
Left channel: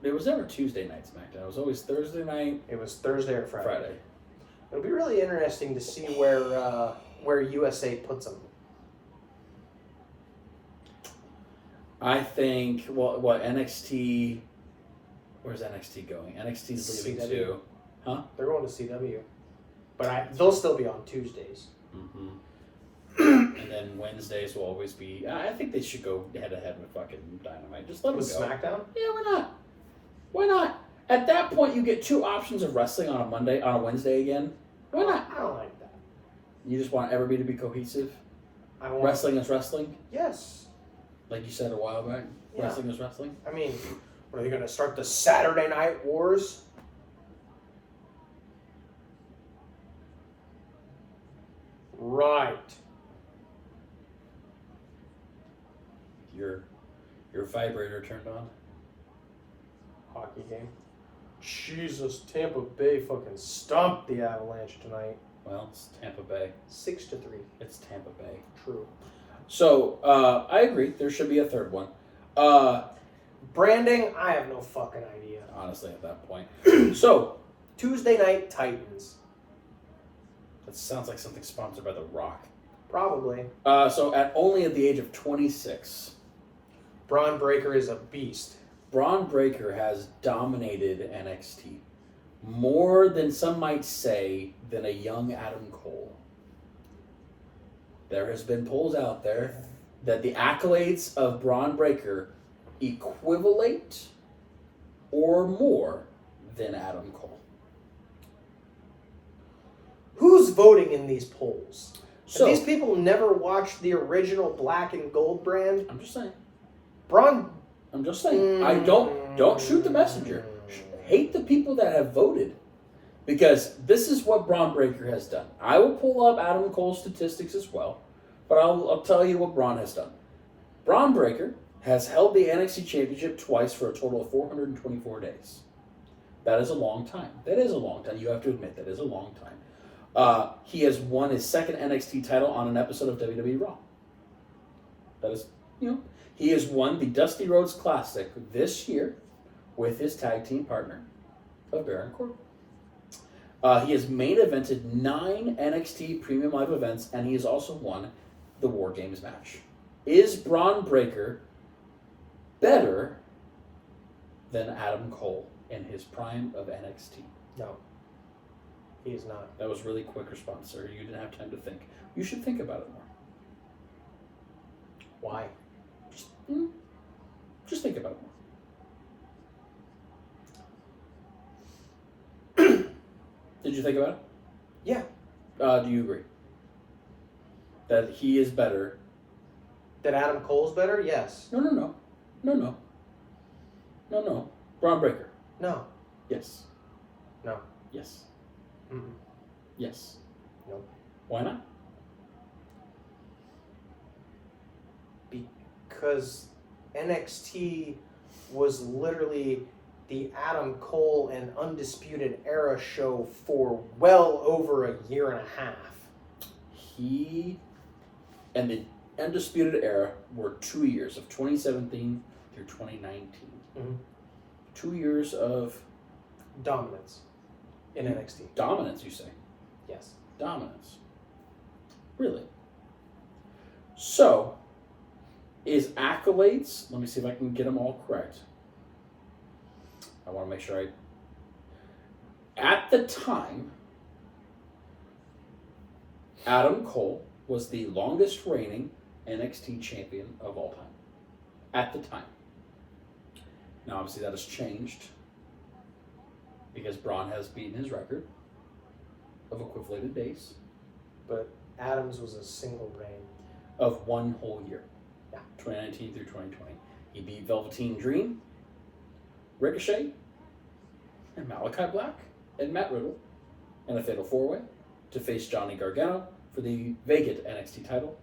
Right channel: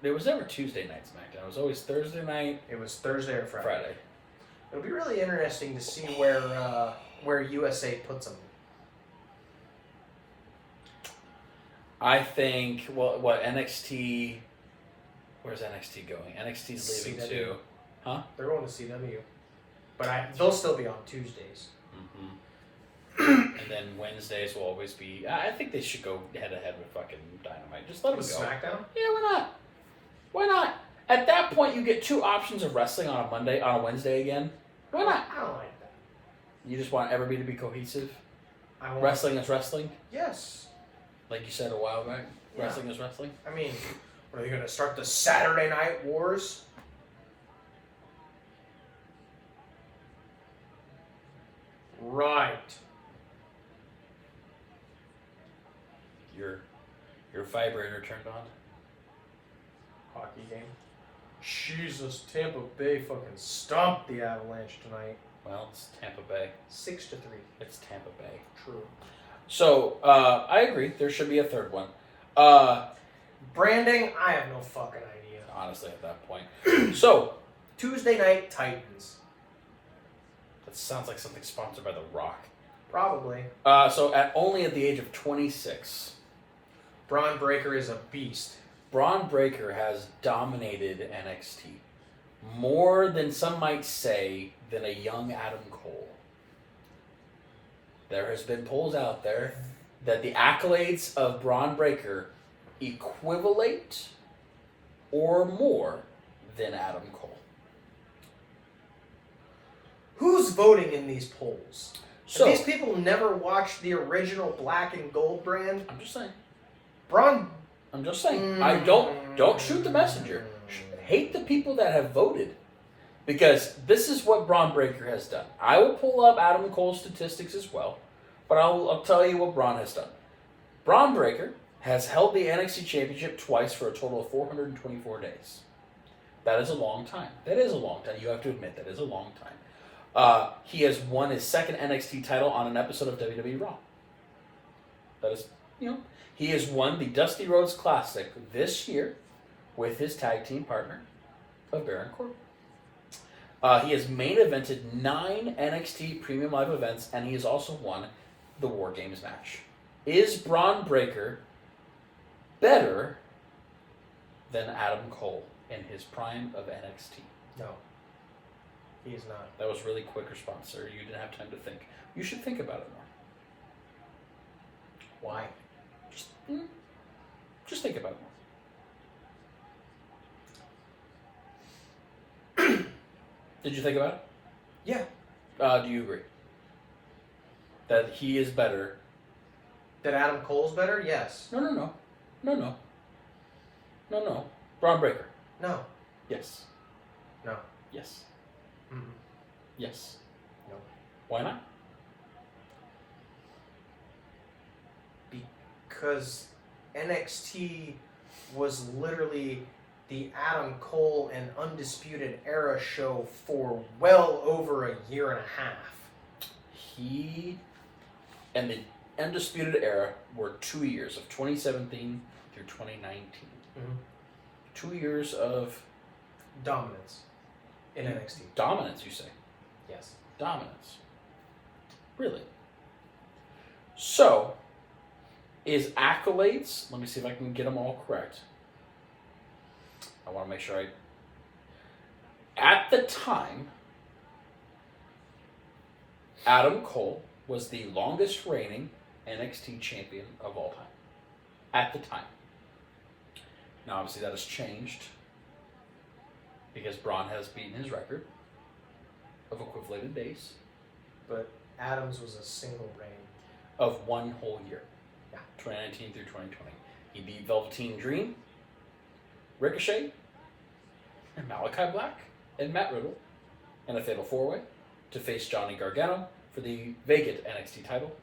There was never Tuesday night SmackDown. It was always Thursday night. It was Thursday or Friday. It'll be really interesting to see where USA puts them. I think, what NXT... Where's NXT going? NXT's leaving CW. too. Huh? They're going to CW. But they'll still be on Tuesdays. Mm-hmm. And then Wednesdays will always be... I think they should go head-to-head with fucking Dynamite. Just let them go. SmackDown? Yeah, why not? Why not? At that point, you get two options of wrestling on a Wednesday again. Why not? I don't like that. You just want everybody to be cohesive? I Wrestling is wrestling? Yes. Like you said a while back? Yeah. Wrestling is wrestling? I mean, what, are they going to start the Saturday Night Wars? Right. Your vibrator turned on? Hockey game. Jesus, Tampa Bay fucking stomped the Avalanche tonight. Well, it's Tampa Bay. 6-3. It's Tampa Bay. True. So, I agree. There should be a third one. Branding, I have no fucking idea. Honestly, at that point. So, Tuesday Night Titans. That sounds like something sponsored by The Rock. Probably. So at the age of 26, Braun Breaker is a beast. Braun Breaker has dominated NXT more than some might say than a young Adam Cole. There has been polls out there that the accolades of Braun Breaker equivalent or more than Adam Cole. Who's voting in these polls? So Have these people never watched the original black and gold brand? I'm just saying. Braun. I'm just saying. I don't shoot the messenger. Hate the people that have voted. Because this is what Braun Breaker has done. I will pull up Adam Cole's statistics as well, but I'll tell you what Braun has done. Braun Breaker has held the NXT Championship twice for a total of 424 days. That is a long time. That is a long time. You have to admit that is a long time. He has won his second NXT title on an episode of WWE Raw. That is, he has won the Dusty Rhodes Classic this year with his tag team partner of Baron Corbin. He has main evented 9 NXT Premium Live events, and he has also won the War Games match. Is Braun Breaker better than Adam Cole in his prime of NXT? No. He is not. That was a really quick response, sir. You didn't have time to think. You should think about it more. Why? Just think about it more. Did you think about it? Yeah. Do you agree that he is better? That Adam Cole's better? Yes. No. Braun Breaker. No. Yes. No. Yes. Mm-mm. Yes. No. Why not? Because NXT was literally the Adam Cole and Undisputed Era show for well over a year and a half. He and the Undisputed Era were 2 years, of 2017 through 2019. Mm-hmm. 2 years of Dominance in NXT. dominance, you say? Yes. Dominance. Really? So, is accolades, let me see if I can get them all correct. I want to make sure at the time, Adam Cole was the longest reigning NXT champion of all time. At the time. Now, obviously, that has changed because Braun has beaten his record of equivalated days But Adams was a single reign. of 1 whole year. Yeah. 2019 through 2020. He beat Velveteen Dream, Ricochet, and Malachi Black, and Matt Riddle in a fatal 4-way to face Johnny Gargano for the vacant NXT title,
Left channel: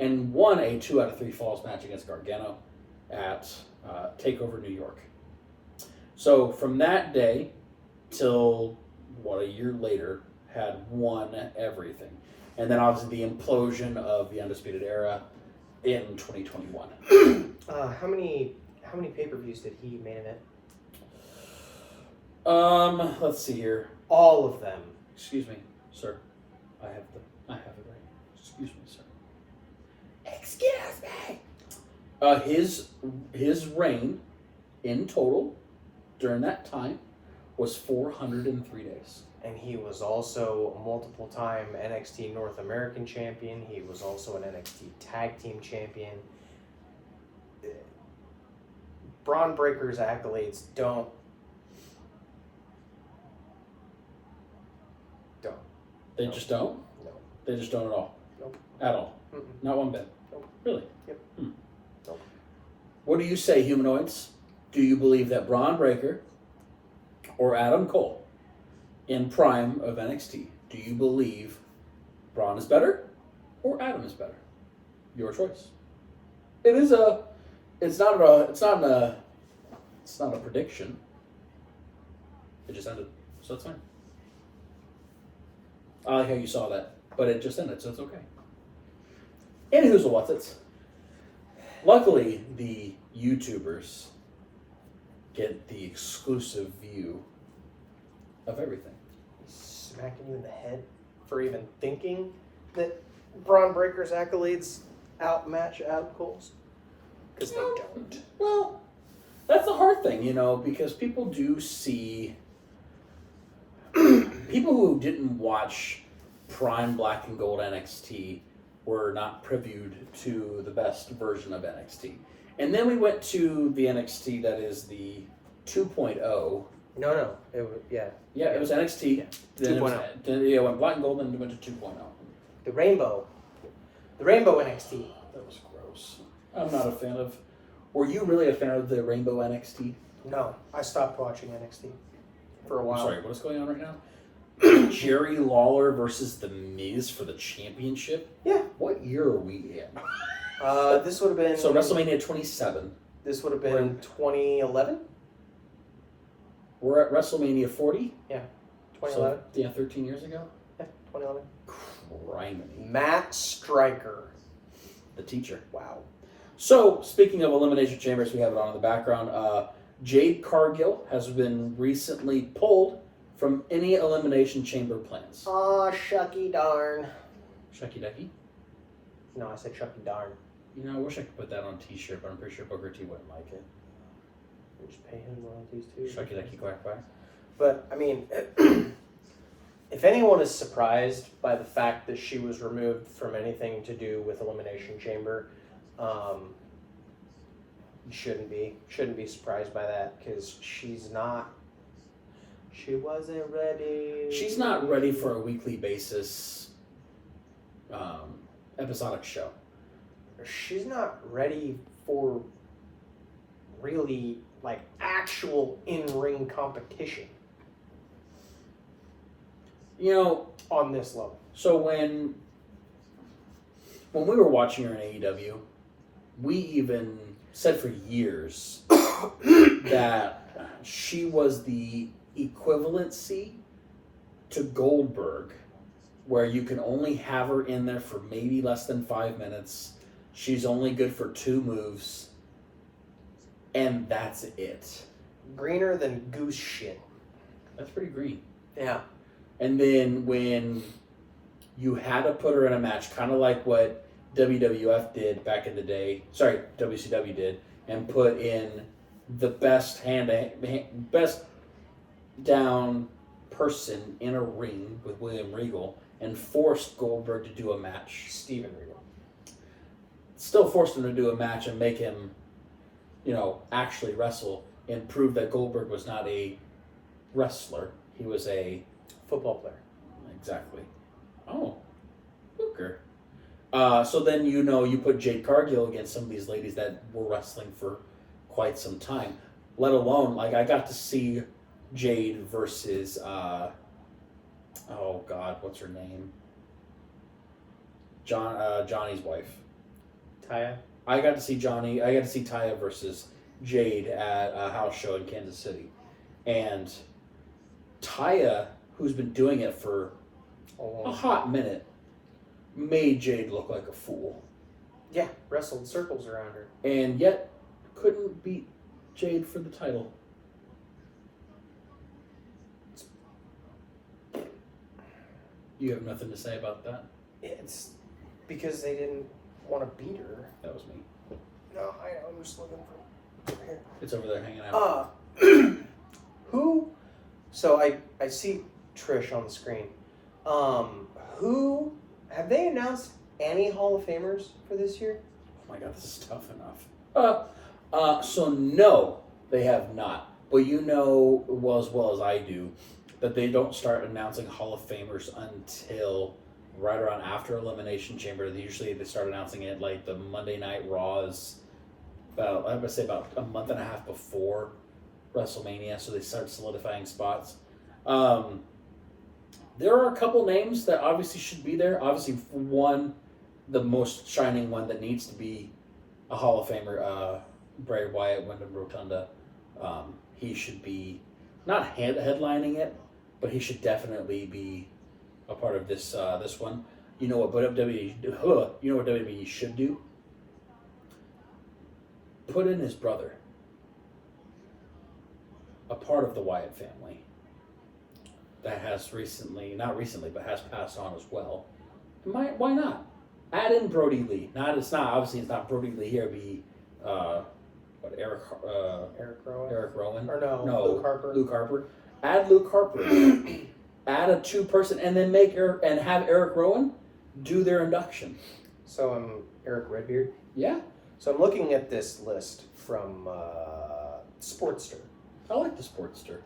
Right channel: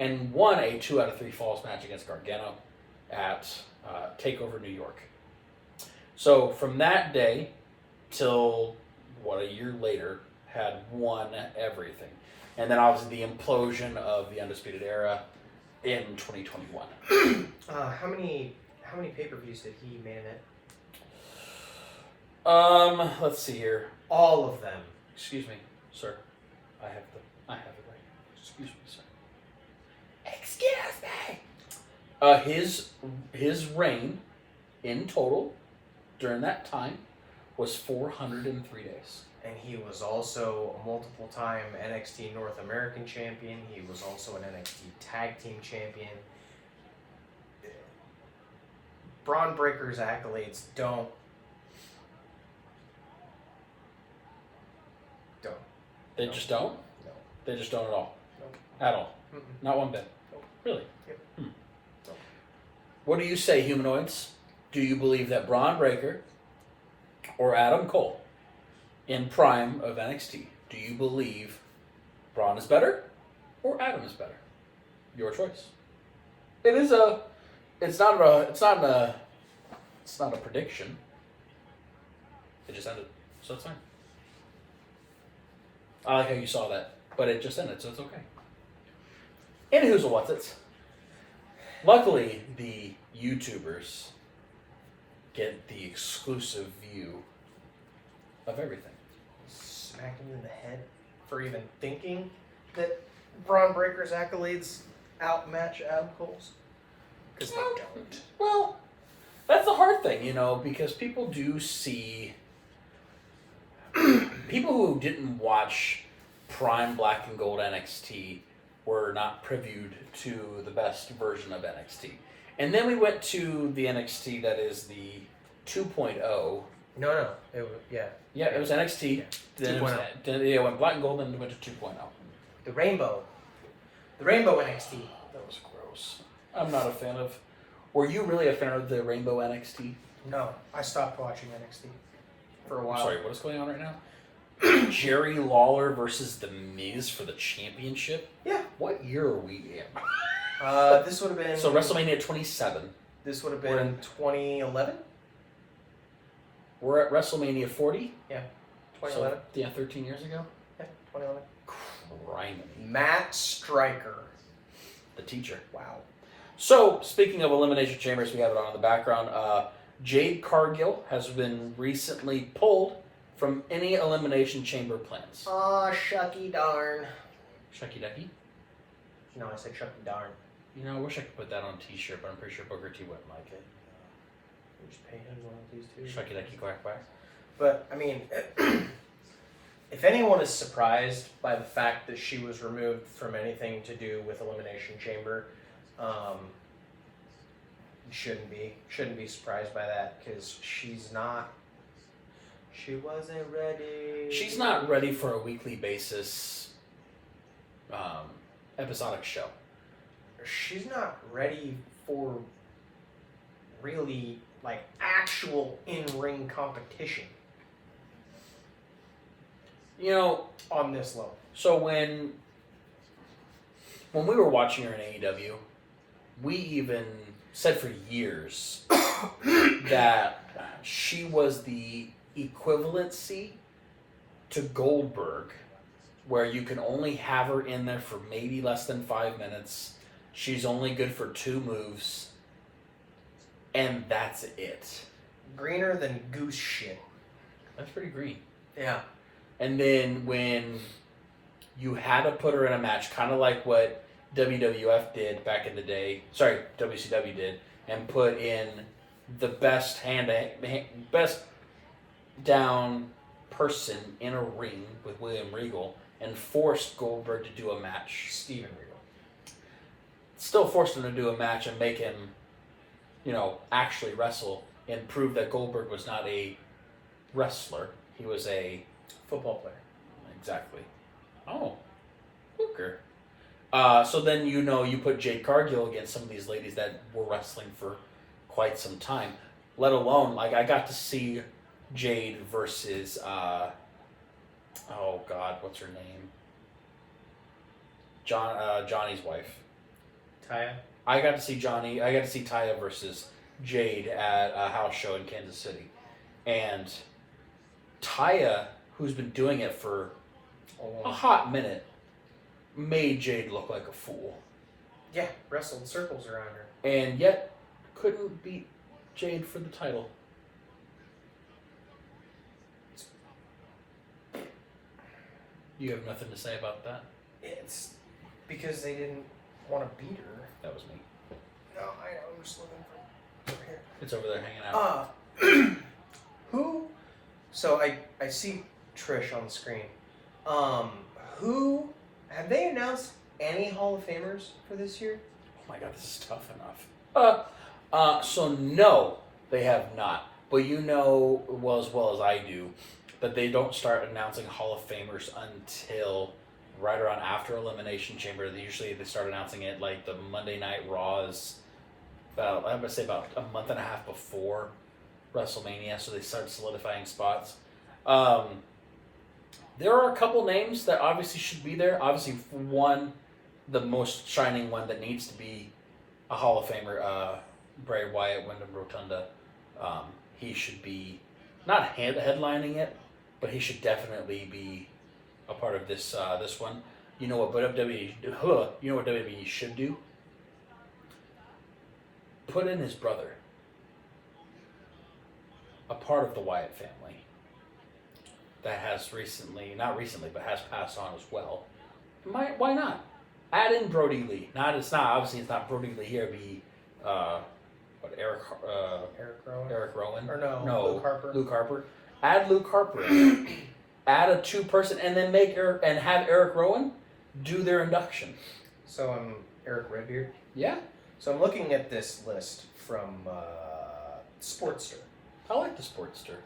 and won a 2 out of 3 falls match against Gargano at TakeOver New York. So from that day till, a year later, had won everything. And then obviously the implosion of the Undisputed Era in 2021. How many pay-per-views did he main event? Let's see here. All of them. Excuse me, sir. I have it right. Excuse me, sir. Excuse me. His reign in total during that time was 403 days. And he was also a multiple-time NXT North American champion. He was also an NXT Tag Team champion. Braun Breaker's accolades don't. They No. just don't? No. They just don't at all? Nope. At all? Mm-mm. Not one bit? Nope. Really? Yep. Nope. What do you say, humanoids? Do you believe that Braun Breaker or Adam Cole in prime of NXT, do you believe Braun is better or Adam is better? Your choice. It's not a prediction. It just ended, so it's fine. I like how you saw that, but it just ended, so it's okay. Anywho's a what's it? Luckily, the YouTubers get the exclusive view of everything. Smacking you in the head. for even thinking that Braun Breaker's accolades outmatch Adam Cole's. Because they don't. Well, that's the hard thing, because people do see... people who didn't watch Prime Black and Gold NXT were not previewed to the best version of NXT. And then we went to the NXT that is the 2.0. No. It was, yeah. Yeah, it was NXT. Yeah. Then 2.0. Then it went Black and Gold, then it went to 2.0. The Rainbow NXT. That was gross. I'm not a fan of... Were you really a fan of the Rainbow NXT? No, I stopped watching NXT for a while. I'm sorry, what is going on right now? Jerry Lawler versus The Miz for the championship? Yeah. What year are we in? This would have been... So WrestleMania 27. This would have been 2011? We're at WrestleMania 40? Yeah, 2011. So, yeah, 13 years ago? Yeah, 2011. Criminy. Matt Stryker. The teacher. Wow. So, speaking of Elimination Chambers, we have it on in the background. Jade Cargill has been recently pulled from any Elimination Chamber plans. Aw, shucky darn. Shucky Ducky? No, I said shucky darn. I wish I could put that on a t-shirt, but I'm pretty sure Booker T wouldn't like it. You just pay him royalties too. Shucky Ducky quack quack. But, I mean, if anyone is surprised by the fact that she was removed from anything to do with Elimination Chamber, shouldn't be surprised by that, because she wasn't ready. She's not ready for a weekly basis episodic show. She's not ready for really, like, actual in-ring competition. On this level. So when we were watching her in AEW, we even said for years that she was the equivalency to Goldberg, where you can only have her in there for maybe less than 5 minutes. She's only good for 2 moves, and that's it. Greener than goose shit. That's pretty green. Yeah. And then when you had to put her in a match, kind of like what WWF did back in the day, WCW did, and put in the best best down person in a ring with William Regal and forced Goldberg to do a match. Steven Regal. Still forced him to do a match and make him, actually wrestle and prove that Goldberg was not a wrestler. He was a football player. Exactly. Oh, Booker. So then you put Jade Cargill against some of these ladies that were wrestling for quite some time. Let alone, I got to see Jade versus, oh God, what's her name? Johnny's wife. Taya? I got to see Taya versus Jade at a house show in Kansas City. And Taya, who's been doing it for a hot minute, made Jade look like a fool. Yeah, wrestled circles around her. And yet, couldn't beat Jade for the title. You have nothing to say about that? It's because they didn't want to beat her. That was me. No, I'm just looking for here. It's over there hanging out. Who? So I see Trish on the screen. Who? Have they announced any Hall of Famers for this year? Oh my God, this is tough enough. So no, they have not. But as well as I do, that they don't start announcing Hall of Famers until right around after Elimination Chamber. They start announcing it like the Monday Night Raws, about a month and a half before WrestleMania, so they start solidifying spots. There are a couple names that obviously should be there. Obviously, one, the most shining one that needs to be a Hall of Famer, Bray Wyatt, Wyndham Rotunda. He should be not headlining it, but he should definitely be a part of this one. You know what WWE should do? Put in his brother, a part of the Wyatt family. that has not recently, but has passed on as well. Why not? Add in Brody Lee. It's not Brody Lee here. It'd be Eric Rowan? Eric Rowan? Or no, Luke Harper. Luke Harper. Add Luke Harper in. Add a 2-person, and then have Eric Rowan do their induction. So I'm Eric Redbeard. Yeah. So I'm looking at this list from Sportster. I like the Sportster.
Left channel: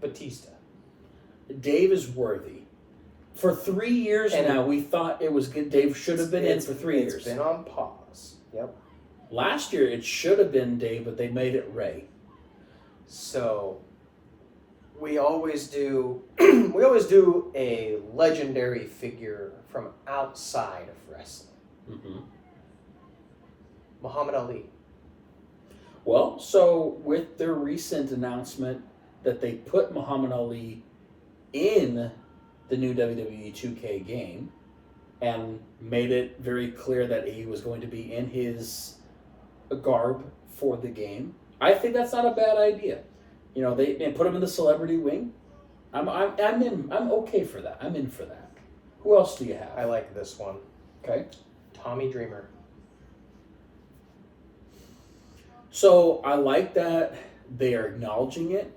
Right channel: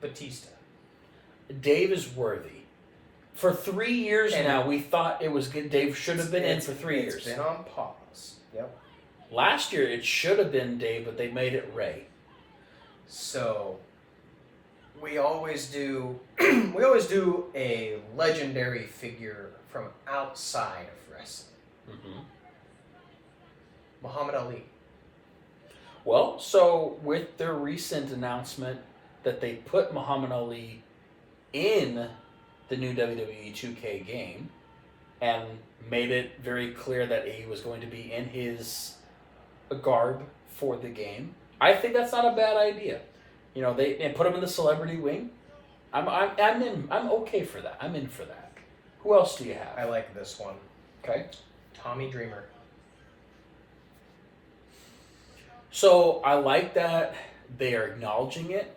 Batista. Dave is worthy. For 3 years now, we thought it was good. Dave should have been in for 3 years. It's been on pause. Yep. Last year, it should have been Dave, but they made it Ray. So we always do a legendary figure from outside of wrestling. Mm-hmm. Muhammad Ali. Well, so with their recent announcement that they put Muhammad Ali in the new WWE 2K game and made it very clear that he was going to be in his garb for the game, I think that's not a bad idea. You know, they put him in the celebrity wing. I'm okay for that. I'm in for that. Who else do you have? I like this one. Okay. Tommy Dreamer. So I like that they are acknowledging it,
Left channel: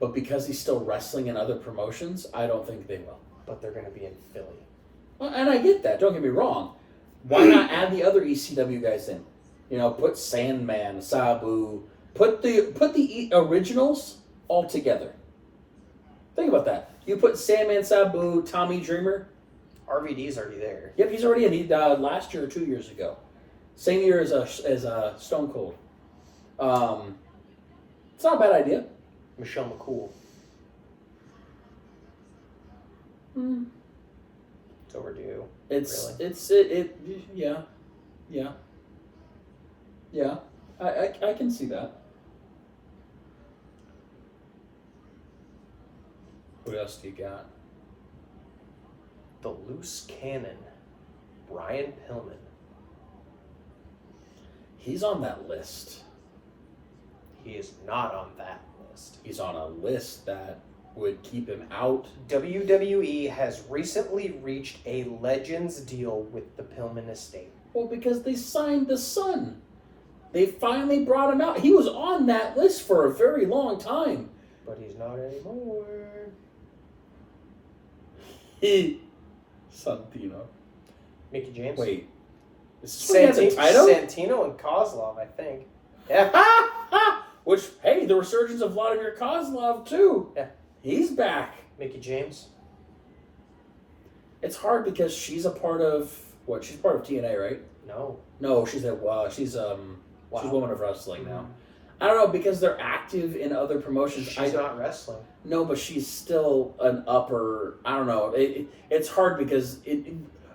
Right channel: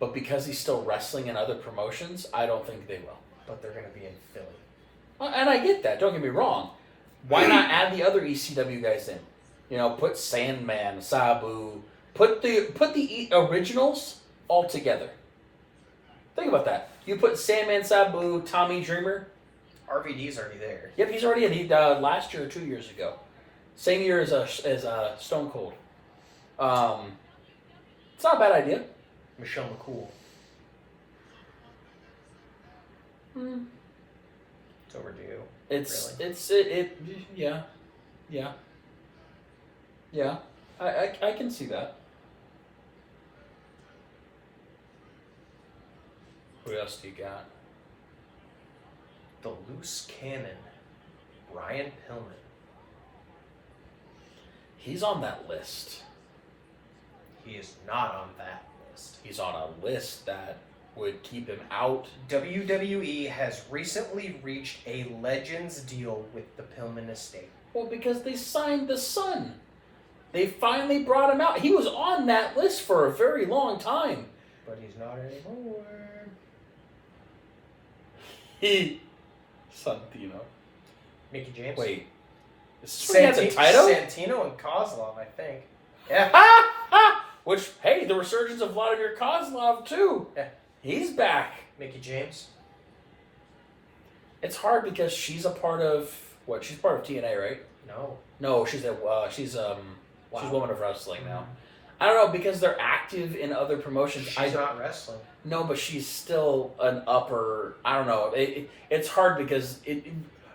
but because he's still wrestling in other promotions, I don't think they will. But they're going to be in Philly. Well, and I get that. Don't get me wrong. Why not add the other ECW guys in? You know, put Sandman, Sabu, put the originals all together. Think about that. You put Sandman, Sabu, Tommy Dreamer. RVD's already there. Yep, he's already in. He last year or 2 years ago, same year as Stone Cold. It's not a bad idea. Michelle McCool. It's overdue. Yeah. I can see that. What else do you got? The loose cannon. Brian Pillman. He's on that list. He is not on that list. He's on a list that would keep him out. WWE has recently reached a Legends deal with the Pillman estate. Well, because they signed the son. They finally brought him out. He was on that list for a very long time. But he's not anymore. Santino. Mickey James? Wait. Is this where he had the title? Santino and Kozlov, I think. Yeah. Which, hey, the resurgence of Vladimir Kozlov, too. Yeah. He's back. Mickey James? It's hard because she's a part of... What? She's part of TNA, right? No, she's a woman of wrestling now. I don't know, because they're active in other promotions. She's not wrestling. No, but she's still an upper... I don't know. It's hard because...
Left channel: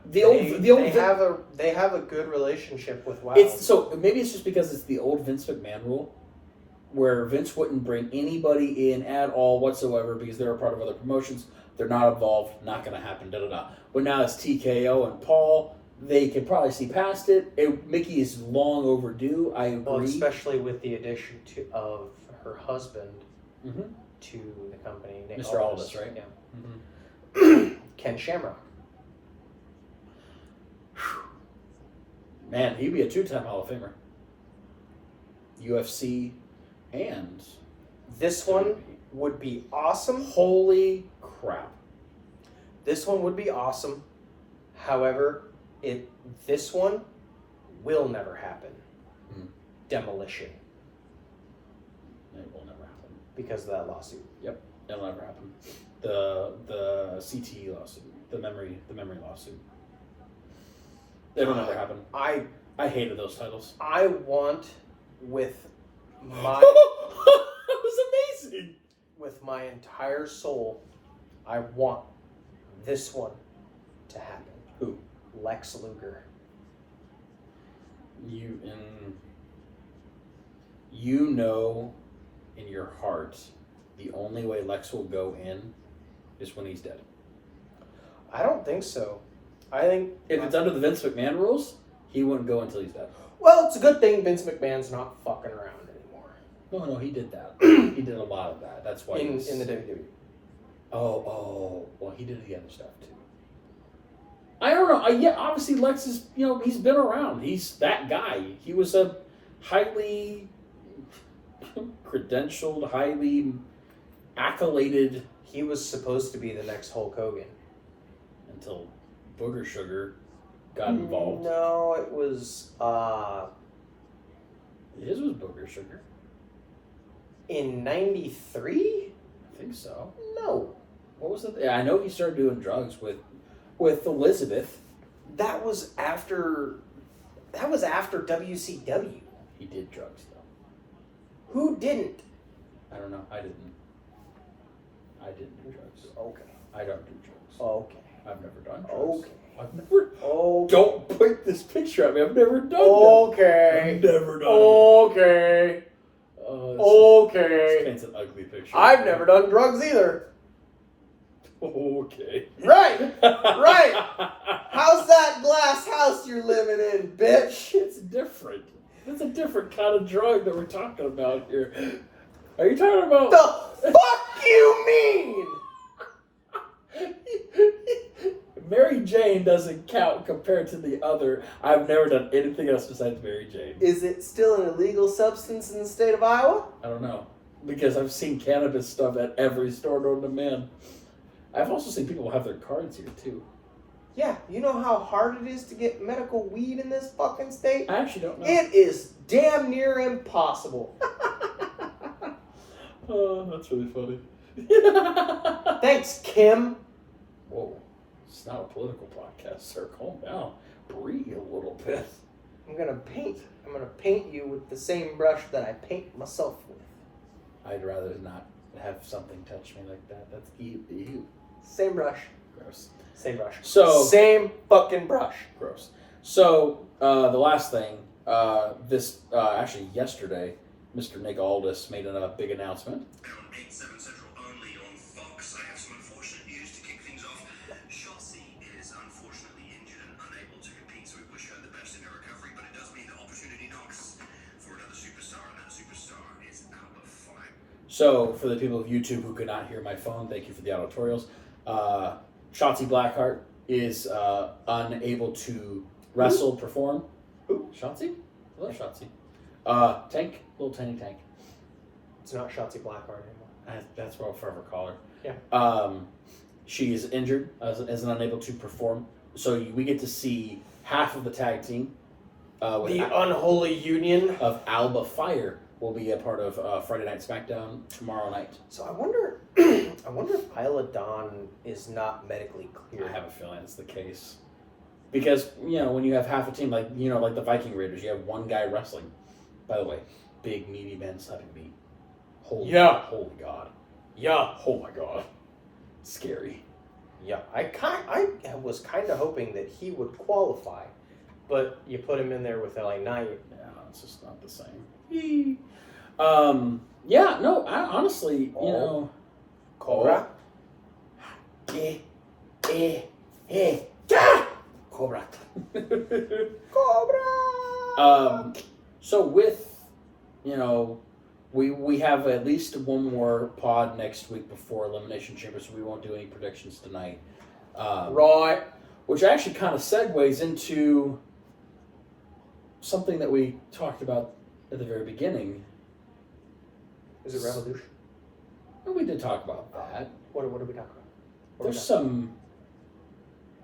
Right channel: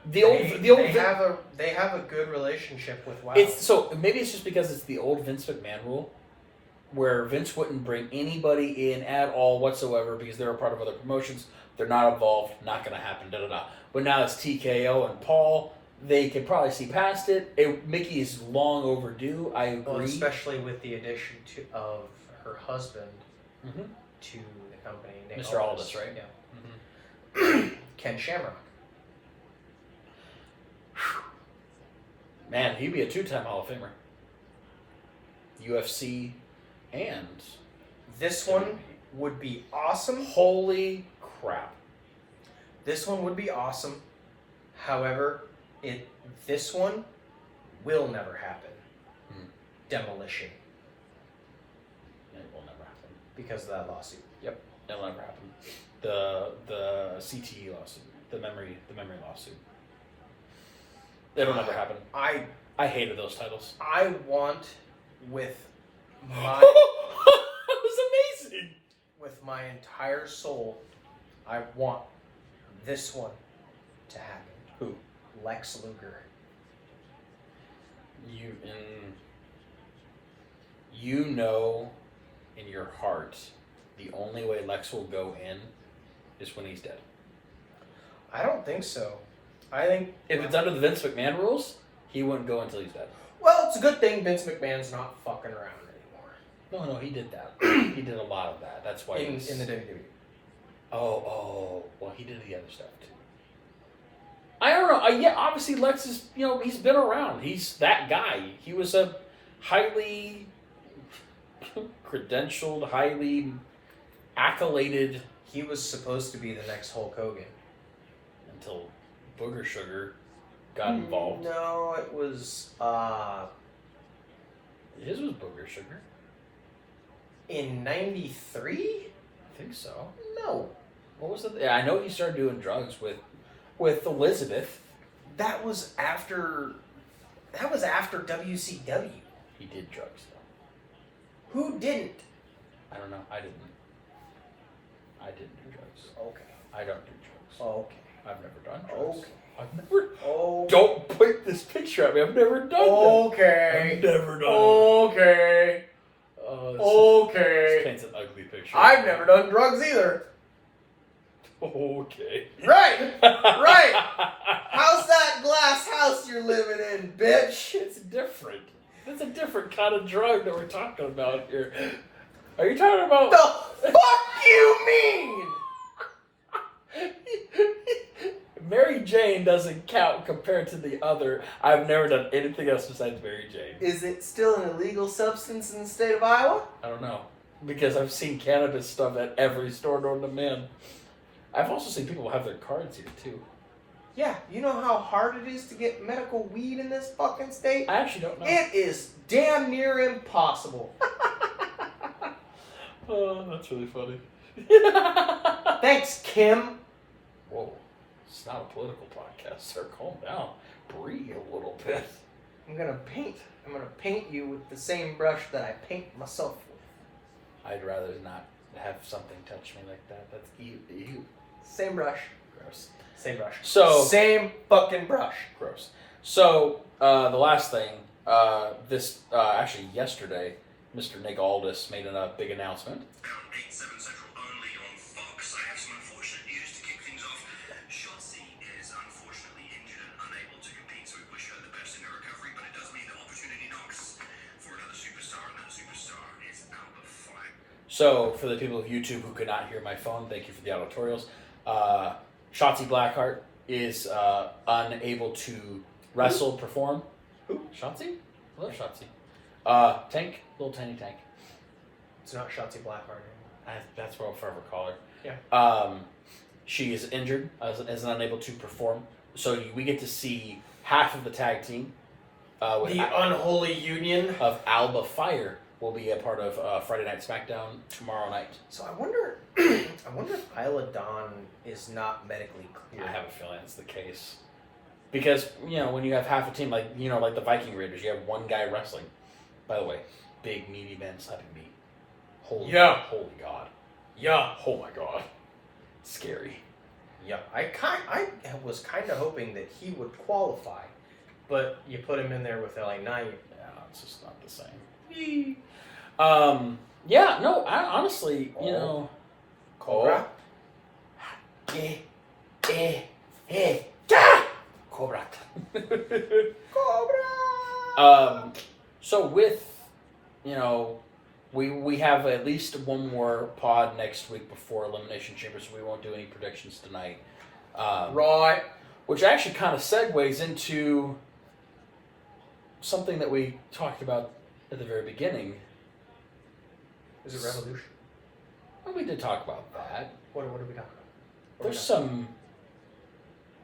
They have a good relationship with WoW. So maybe it's just because it's the old Vince McMahon rule, where Vince wouldn't bring anybody in at all whatsoever because they're a part of other promotions. They're not involved. Not going to happen. But now it's TKO and Paul. They can probably see past it. Mickey is long overdue. I agree. Well, especially with the addition of her husband to the company, Nick Mr. Aldis, right? Yeah. Mm-hmm. Ken Shamrock. Man, he'd be a 2-time Hall of Famer. UFC and... This one would be awesome. Holy crap. This one would be awesome. However, this one will never happen. Demolition. It will never happen. Because of that lawsuit. Yep, it'll never happen. The CTE lawsuit. The memory lawsuit. It'll never happen. I hated those titles. I want with my... That was amazing! With my entire soul, I want this one to happen. Who? Lex Luger. You know in your heart the only way Lex will go in is when he's dead. I don't think so. I think... If it's under the Vince McMahon rules, he wouldn't go until he's dead. Well, it's a good thing Vince McMahon's not fucking around anymore. No, he did that. He did a lot of that. That's why in the WWE. Oh, well, he did the other stuff too. I don't know. Yeah, obviously Lex is, he's been around. He's that guy. He was a highly credentialed, highly accoladed. He was supposed to be the next Hulk Hogan. Until Booger Sugar got involved. No, it was... His was Booger Sugar. In 93? I think so. No. What was it? Yeah, I know he started doing drugs with Elizabeth. That was after WCW. He did drugs, though. Who didn't? I don't know. I didn't do drugs. Okay. I don't do drugs. Okay. I've never done drugs. Okay. I've never... Okay. Don't point this picture at me. I've never done that. Okay. I've never done Okay. Okay. This paints an ugly picture. I've never done drugs either. Okay. Right. Right. How's that glass house you're living in, bitch? It's different. It's a different kind of drug that we're talking about here. Are you talking about... The fuck you mean? Mary Jane doesn't count compared to the other. I've never done anything else besides Mary Jane. Is it still an illegal substance in the state of Iowa? I don't know. Because I've seen cannabis stuff at every store known to man. I've also seen people have their cards here, too. Yeah, you know how hard it is to get medical weed in this fucking state? I actually don't know. It is damn near impossible. Oh, that's really funny. Thanks, Kim. Whoa. It's not a political podcast, sir. Calm down. Breathe a little bit. I'm gonna paint you with the same brush that I paint myself with. I'd rather not have something touch me like that. That's ew. Same brush. Gross. Same brush. So same fucking brush. Gross. So the last thing, actually yesterday, Mr. Nick Aldis made a big announcement. 8/7 Central only on Fox. I have some unfortunate news to kick things off. Shotzi is unfortunately injured and unable to compete, so we wish her the best in her recovery, but it does mean the opportunity knocks for another superstar, and that superstar is Alba Fire. So, for the people of YouTube who could not hear my phone, thank you for the auditorials. Shotzi Blackheart is unable to wrestle, perform. Who? Shotzi? Hello, Shotzi. Tank, little tiny tank. It's not Shotzi Blackheart anymore. That's what I'll forever call her. Yeah. She is injured as unable to perform. So we get to see half of the tag team. With The unholy union of Alba Fire will be a part of Friday Night SmackDown tomorrow night. So I wonder if Isla Dawn is not medically clear. I have a feeling it's the case. Because, when you have half a team, like the Viking Raiders, you have one guy wrestling. By the way, big meaty men slapping meat. Holy God. Yeah. Oh my God. Scary. Yeah. I was kind of hoping that he would qualify, but you put him in there with LA Knight. Yeah, it's just not the same. Honestly, Cobra. Cobra. Cobra. So with, we have at least one more pod next week before Elimination Chamber, so we won't do any predictions tonight. Right. Which actually kind of segues into something that we talked about at the very beginning. Is it Revolution? Well, we did talk about that. What are we talking about? There's some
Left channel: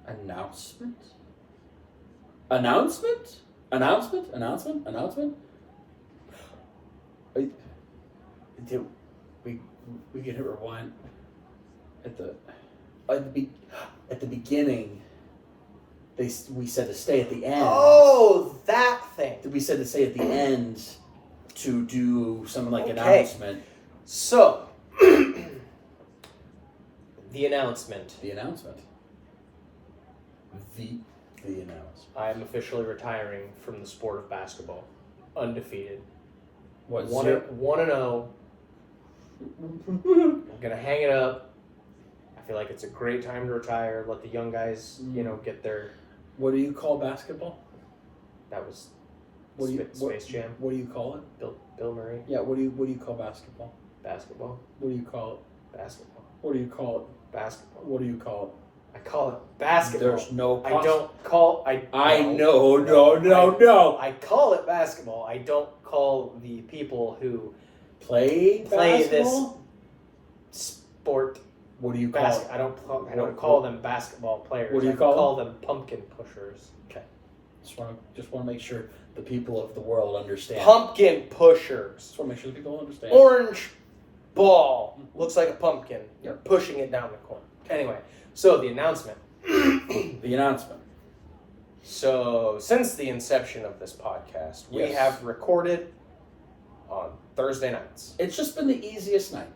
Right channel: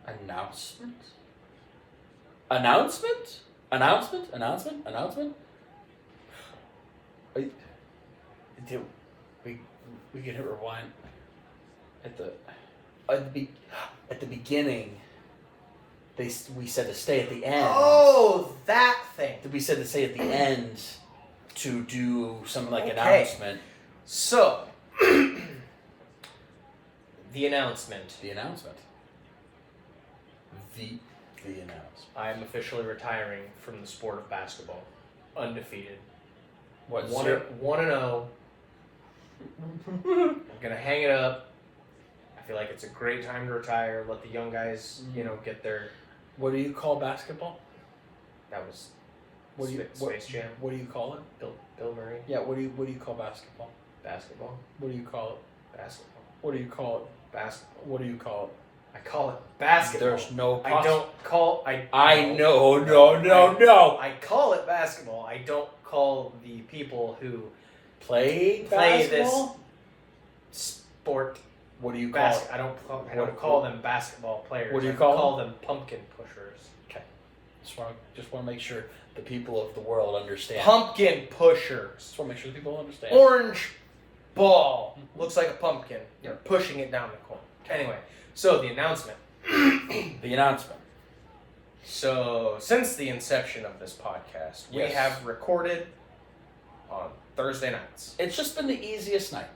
announcement. Wait, we can hit rewind at the beginning. We said to stay at the end. Oh, that thing. We said to stay at the end to do something like announcement. So, the announcement. The announcement. I am officially retiring from the sport of basketball. Undefeated. What, 1-0. I'm gonna hang it up. I feel like it's a great time to retire. Let the young guys, get their. What do you call basketball? That was Space Jam. What do you call it? Bill Murray. Yeah, what do you call basketball? Basketball. What do you call it? Basketball. What do you call it? Basketball. What do you call it? I call it basketball. There's no I don't call... No. I call it basketball. I don't call the people who Play basketball? this sport... What do you call it? I don't call them basketball players. What do you I call them pumpkin pushers. Okay. Just want to make sure the people of the world understand. Pumpkin pushers. Just want to make sure the people understand. Orange ball. Looks like a pumpkin. You're pushing it down the court. Anyway, so the announcement. The announcement. So, since the inception of this podcast, we Yes. have recorded on Thursday nights. It's just been the easiest night.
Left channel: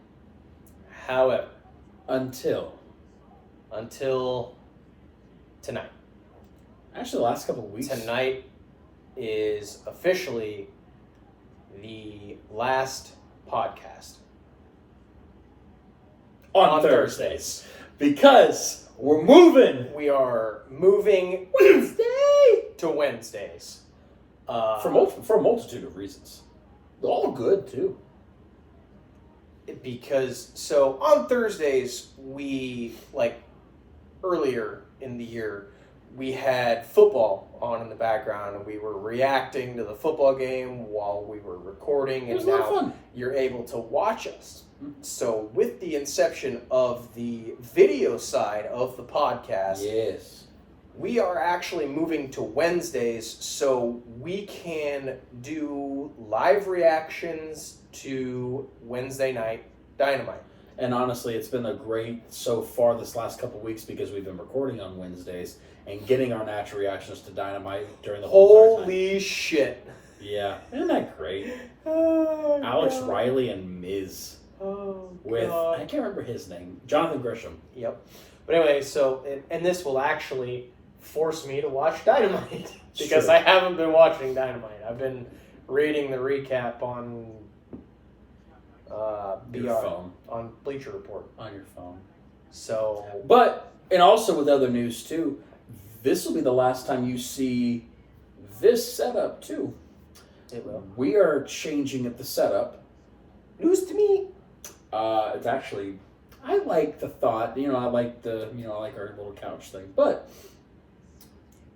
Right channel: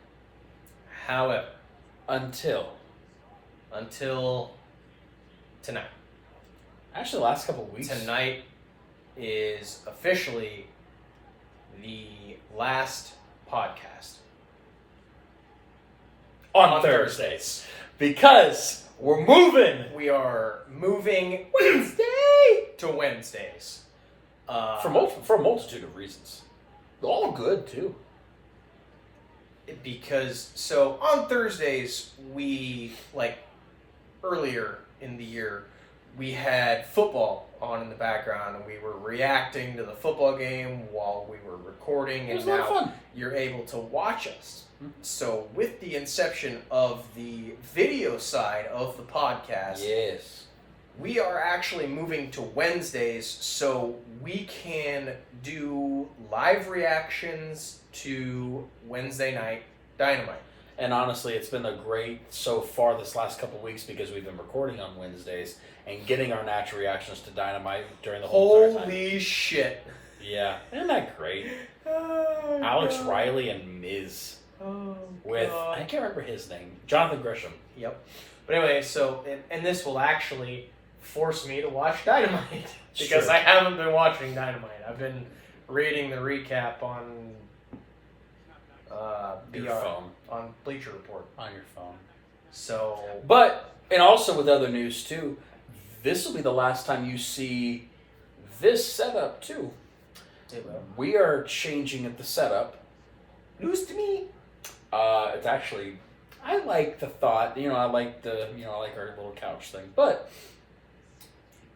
However, Until tonight. actually the last couple of weeks. Tonight is officially the last podcast. On Thursdays. Because we're moving. We are moving Wednesday. to Wednesdays. For a multitude of reasons. All good, too. Because, so on Thursdays, we, earlier in the year, we had football on in the background, and we were reacting to the football game while we were recording, It was and a lot of now fun. you're able to watch us. So with the inception of the video side of the podcast, Yes. we are actually moving to Wednesdays so we can do live reactions to Wednesday night Dynamite. And honestly, it's been a great so far this last couple of weeks because we've been recording on Wednesdays and getting our natural reactions to Dynamite during the whole entire time. Holy shit. Yeah. Isn't that great? Oh, Alex God. Riley and Miz Oh, with, God. I can't remember his name, Jonathan Grisham. Yep. But anyway, so, and this will actually force me to watch Dynamite because True. I haven't been watching Dynamite. I've been reading the recap on Your phone. on Bleacher Report. On your phone. So, But, and also with other news too, this will be the last time you see this setup too. it will. We are changing at the setup. News to me. It's actually, I like the thought, I like our little couch thing, but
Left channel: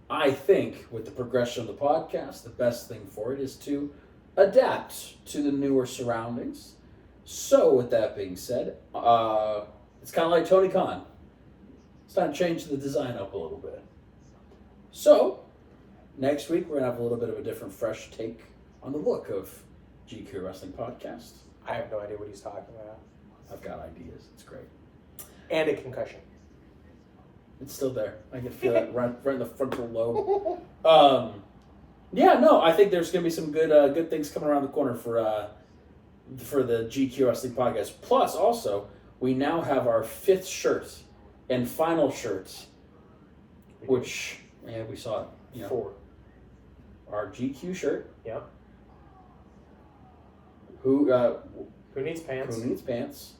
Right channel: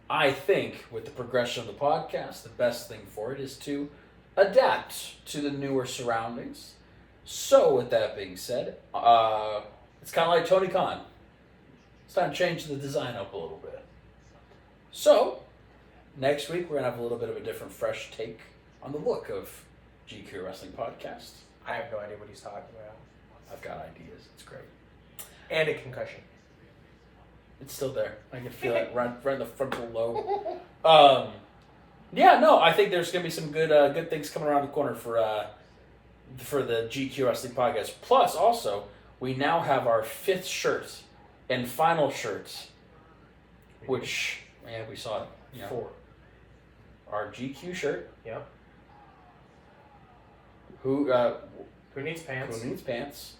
I think with the progression of the podcast, the best thing for it is to adapt to the newer surroundings. So with that being said, it's kind of like Tony Khan. It's time to change the design up a little bit. So, next week we're going to have a little bit of a different, fresh take on the look of GQ Wrestling Podcast. I have no idea what he's talking about. I've got ideas. It's great. And a concussion. It's still there. I can feel it right in the frontal lobe. I think there's going to be some good things coming around the corner for the GQ Wrestling Podcast. Plus, also, we now have our 5th shirt and final shirt, which, we saw it. 4. Our GQ shirt. Yep. Who needs pants? Who needs pants?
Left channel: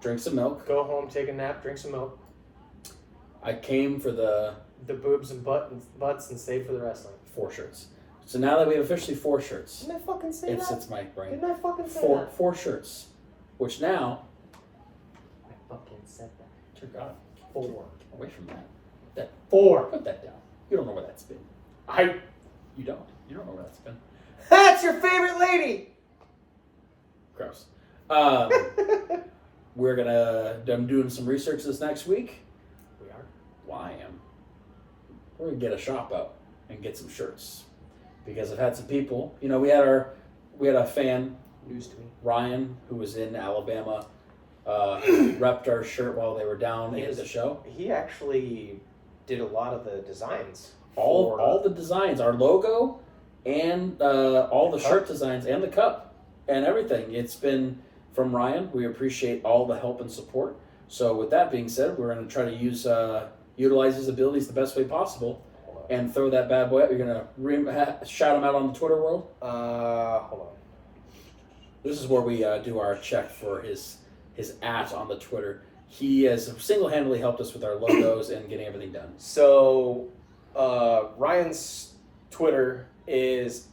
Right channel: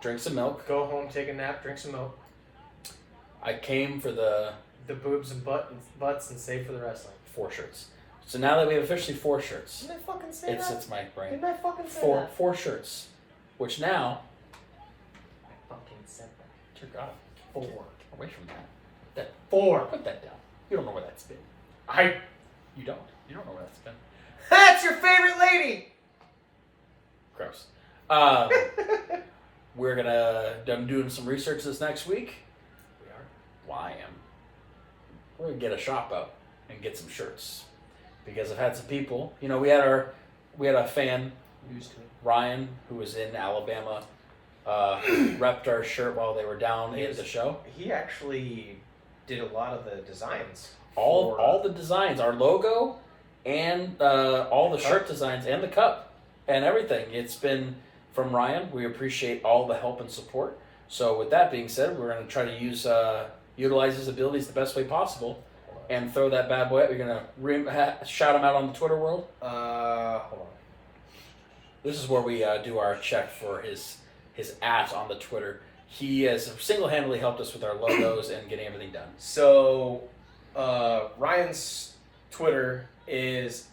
Drink some milk. Go home, take a nap, drink some milk. I came for the boobs and butts and stay for the wrestling. 4 shirts. So now that we have officially 4 shirts, Didn't I fucking say that? it's my brain. Didn't I fucking say that? 4 shirts, which now, I fucking said that. dear God, 4. away from that. 4. Put that down. You don't know where that's been. You don't. You don't know where that's been. That's your favorite lady! Gross. I'm doing some research this next week. We are. Well, I am. We're gonna get a shop up and get some shirts because I've had some people. We had a fan, News to me. Ryan, who was in Alabama, repped our shirt while they were down at the show. He actually did a lot of the designs. All the designs, our logo, and all the shirt designs, and the cup, and everything. It's been from Ryan. We appreciate all the help and support. So with that being said, we're going to try to utilize his abilities the best way possible and throw that bad boy up. You're going to shout him out on the Twitter world? Hold on. This is where we do our check for his @ on the Twitter. He has single-handedly helped us with our logos and getting everything done. So, Ryan's Twitter is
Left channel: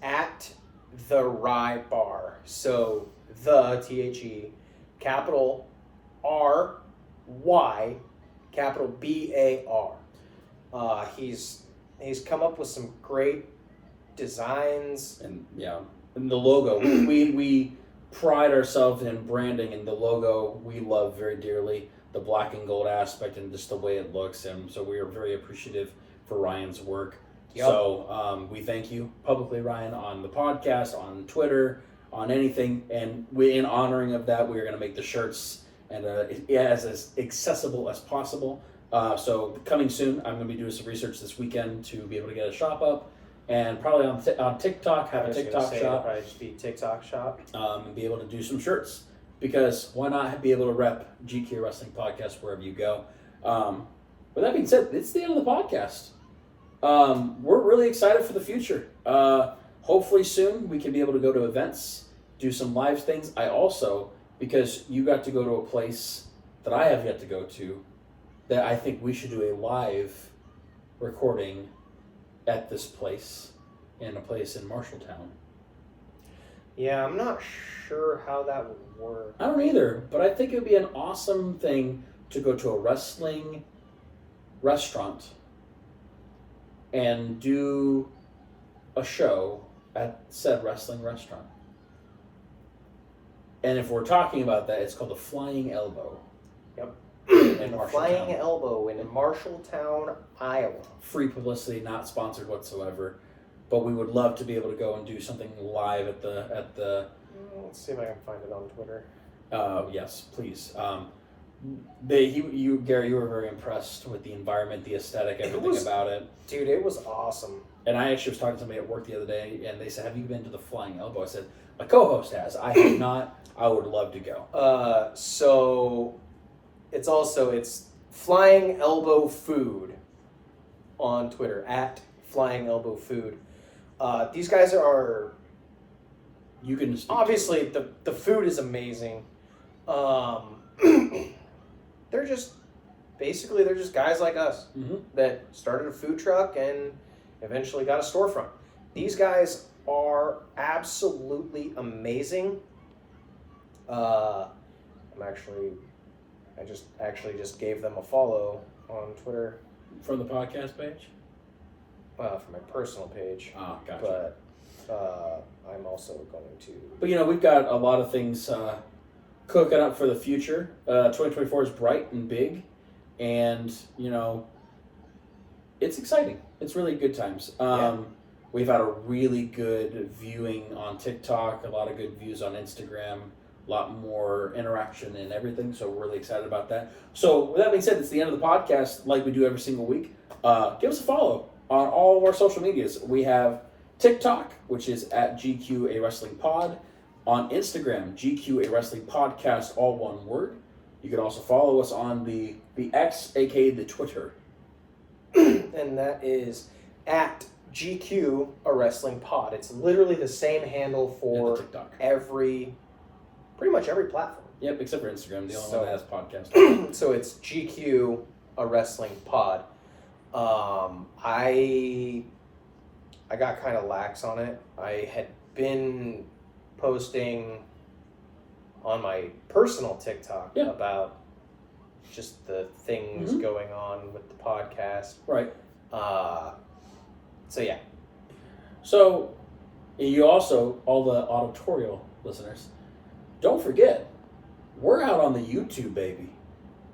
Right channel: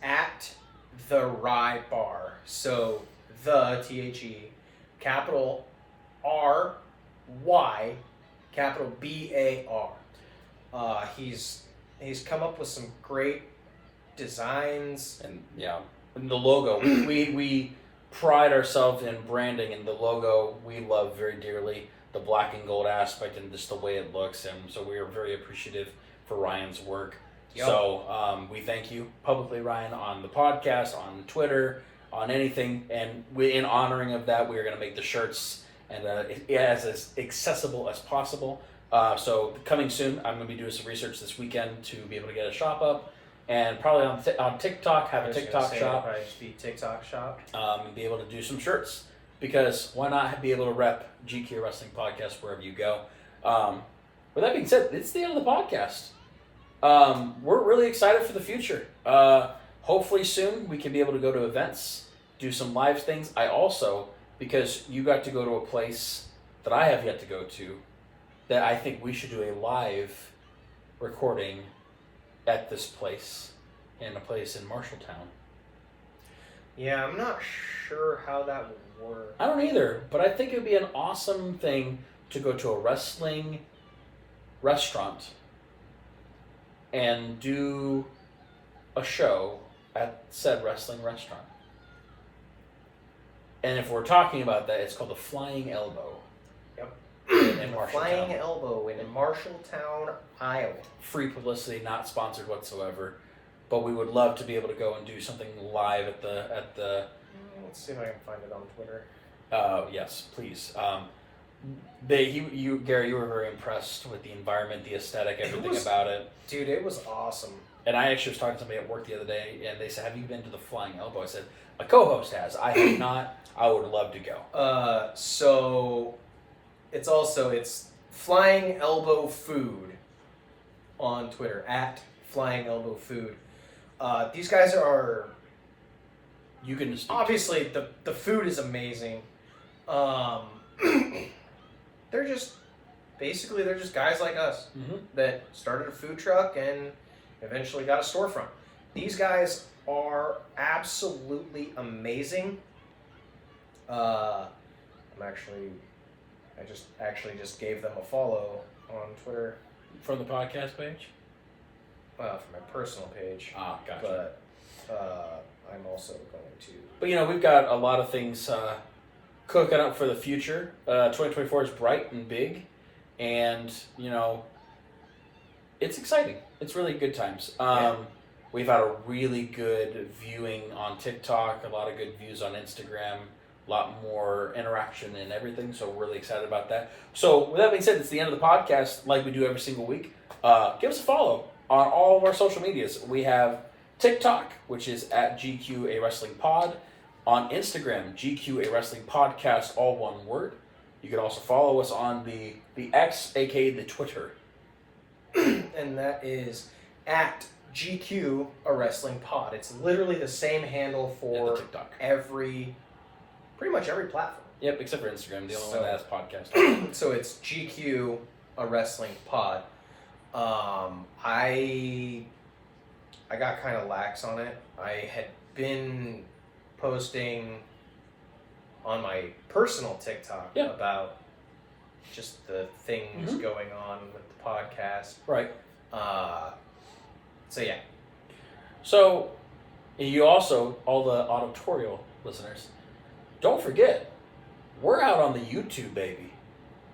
the Rye Bar. So the THE, capital RY, capital BAR. He's come up with some great designs. And and the logo, we pride ourselves in branding, and the logo we love very dearly, the black and gold aspect and just the way it looks, and so we are very appreciative for Ryan's work. Yep. So we thank you publicly, Ryan, on the podcast, on Twitter, on anything, and in honoring of that, we are going to make the shirts and as accessible as possible. So coming soon, I'm going to be doing some research this weekend to be able to get a shop up, and probably on TikTok, have a TikTok shop. Probably just be TikTok shop. And be able to do some shirts, because why not be able to rep GQ Wrestling Podcast wherever you go. With that being said, it's the end of the podcast. We're really excited for the future. Hopefully soon we can be able to go to events, do some live things. I also, because you got to go to a place that I have yet to go to, that I think we should do a live recording at this place, in a place in Marshalltown. Yeah, I'm not sure how that would work. I don't either, but I think it would be an awesome thing to go to a wrestling restaurant and do a show at said wrestling restaurant. And if we're talking about that, it's called the Flying Elbow. Yep. In The Marshalltown. Flying Elbow in Marshalltown, Iowa. Free publicity, not sponsored whatsoever. But we would love to be able to go and do something live at the. Let's see if I can find it on Twitter. Yes, please. Gary, you were very impressed with the environment, the aesthetic, everything about it. Dude, it was awesome. And I actually was talking to somebody at work the other day, and they said, "Have you been to the Flying Elbow?" I said, "My co-host has. I have not. I would love to go." So it's Flying Elbow Food on Twitter, at Flying Elbow Food. These guys are, You can obviously the food is amazing. They're just guys like us that started a food truck and eventually got a storefront. These guys are absolutely amazing. I just gave them a follow on Twitter. From the podcast page? From my personal page. Oh, gotcha. But I'm also going to. But we've got a lot of things cooking up for the future. 2024 is bright and big, and it's exciting. It's really good times. We've had a really good viewing on TikTok, a lot of good views on Instagram, a lot more interaction and everything, so we're really excited about that. So with that being said, it's the end of the podcast, like we do every single week. Give us a follow on all of our social medias. We have TikTok, which is at GQ A Wrestling Pod. On Instagram, GQ A Wrestling Podcast, all one word. You can also follow us on the X, aka the Twitter. And that is at GQ A Wrestling Pod. It's literally the same handle for TikTok. Pretty much every platform. Yep, except for Instagram, the only one that has podcast. So it's GQ A Wrestling Pod. I got kind of lax on it. I had been posting on my personal TikTok about just the things going on with the podcast. Right. So yeah. So you also, all the auditorial listeners, don't forget, we're out on the YouTube, baby.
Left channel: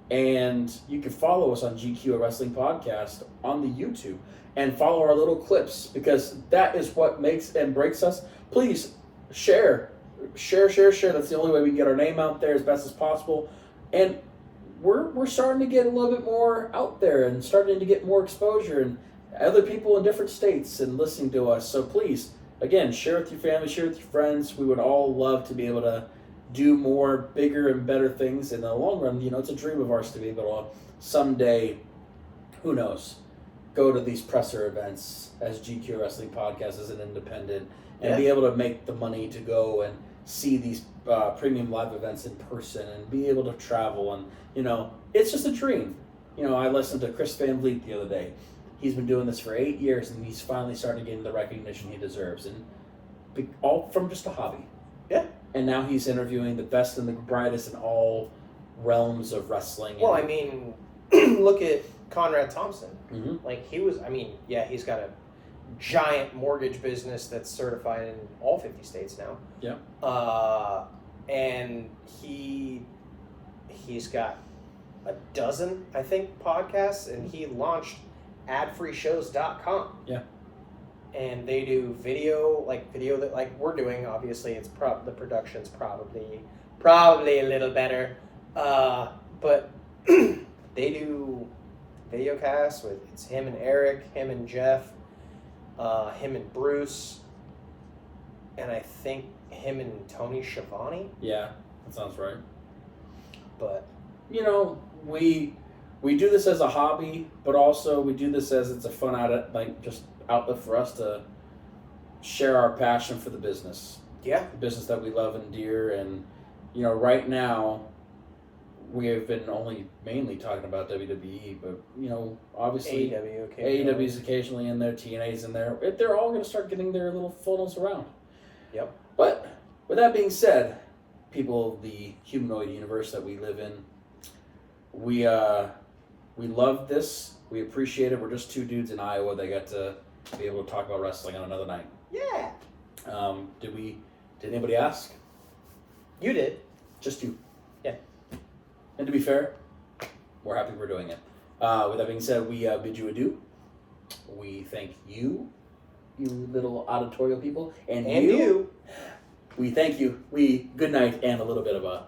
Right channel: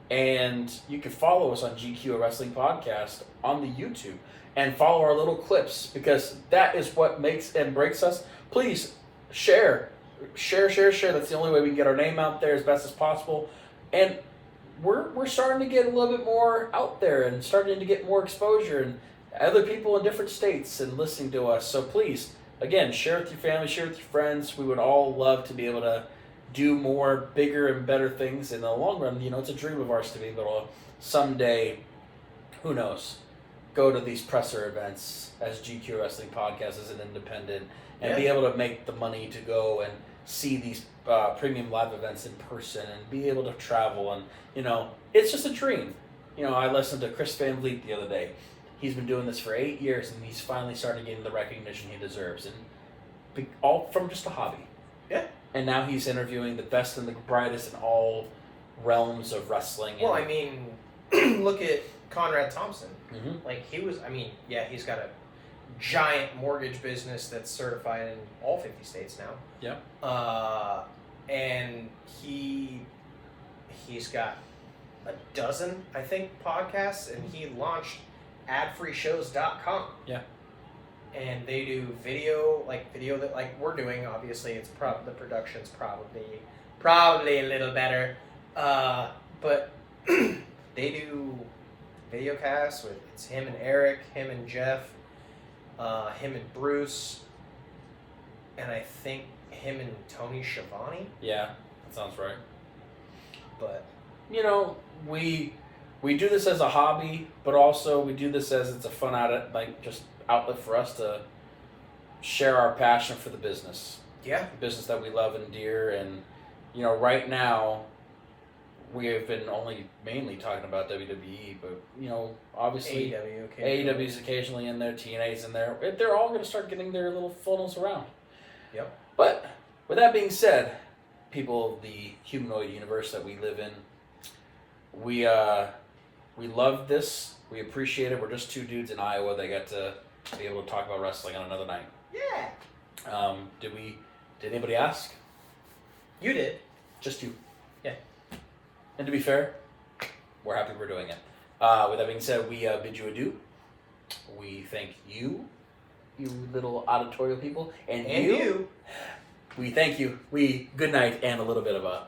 And you can follow us on GQ Wrestling Podcast on the YouTube. And follow our little clips, because that is what makes and breaks us. Please share. That's the only way we can get our name out there as best as possible. And we're starting to get a little bit more out there and starting to get more exposure, and other people in different states and listening to us. So please, again, share with your family, share with your friends. We would all love to be able to do more, bigger and better things in the long run. It's a dream of ours to be able to someday, who knows, go to these presser events as GQ Wrestling Podcast as an independent, and be able to make the money to go and see these premium live events in person and be able to travel. And it's just a dream. I listened to Chris Van Vliet the other day. He's been doing this for 8 years, and he's finally starting getting the recognition he deserves. And all from just a hobby. Yeah. And now he's interviewing the best and the brightest in all realms of wrestling. Well, I mean, look at Conrad Thompson. Mm-hmm. Like, he's got a giant mortgage business that's certified in all 50 states now. Yeah. And he's got a dozen, I think, podcasts, and he launched adfreeshows.com. Yeah. And they do video that like we're doing. Obviously, it's the production's probably a little better, but they do video casts with it's him and Eric, him and Jeff, him and Bruce, and I think him and Tony Schiavone. Yeah, that sounds right. But we do this as a hobby, but also we do this as it's a fun outlet for us to share our passion for the business. Yeah. The business that we love and dear. And, right now we have been only mainly talking about WWE, but, obviously AEW's occasionally in there, TNA's in there. They're all going to start getting their little funnels around. Yep. But with that being said, people of the humanoid universe that we live in, we love this. We appreciate it. We're just two dudes in Iowa that got to be able to talk about wrestling on another night. Yeah. Did anybody ask? You did. Just you. Yeah. And to be fair, we're happy we're doing it. With that being said, we bid you adieu. We thank you little auditorial people, and you. We thank you. Good night and a little bit of a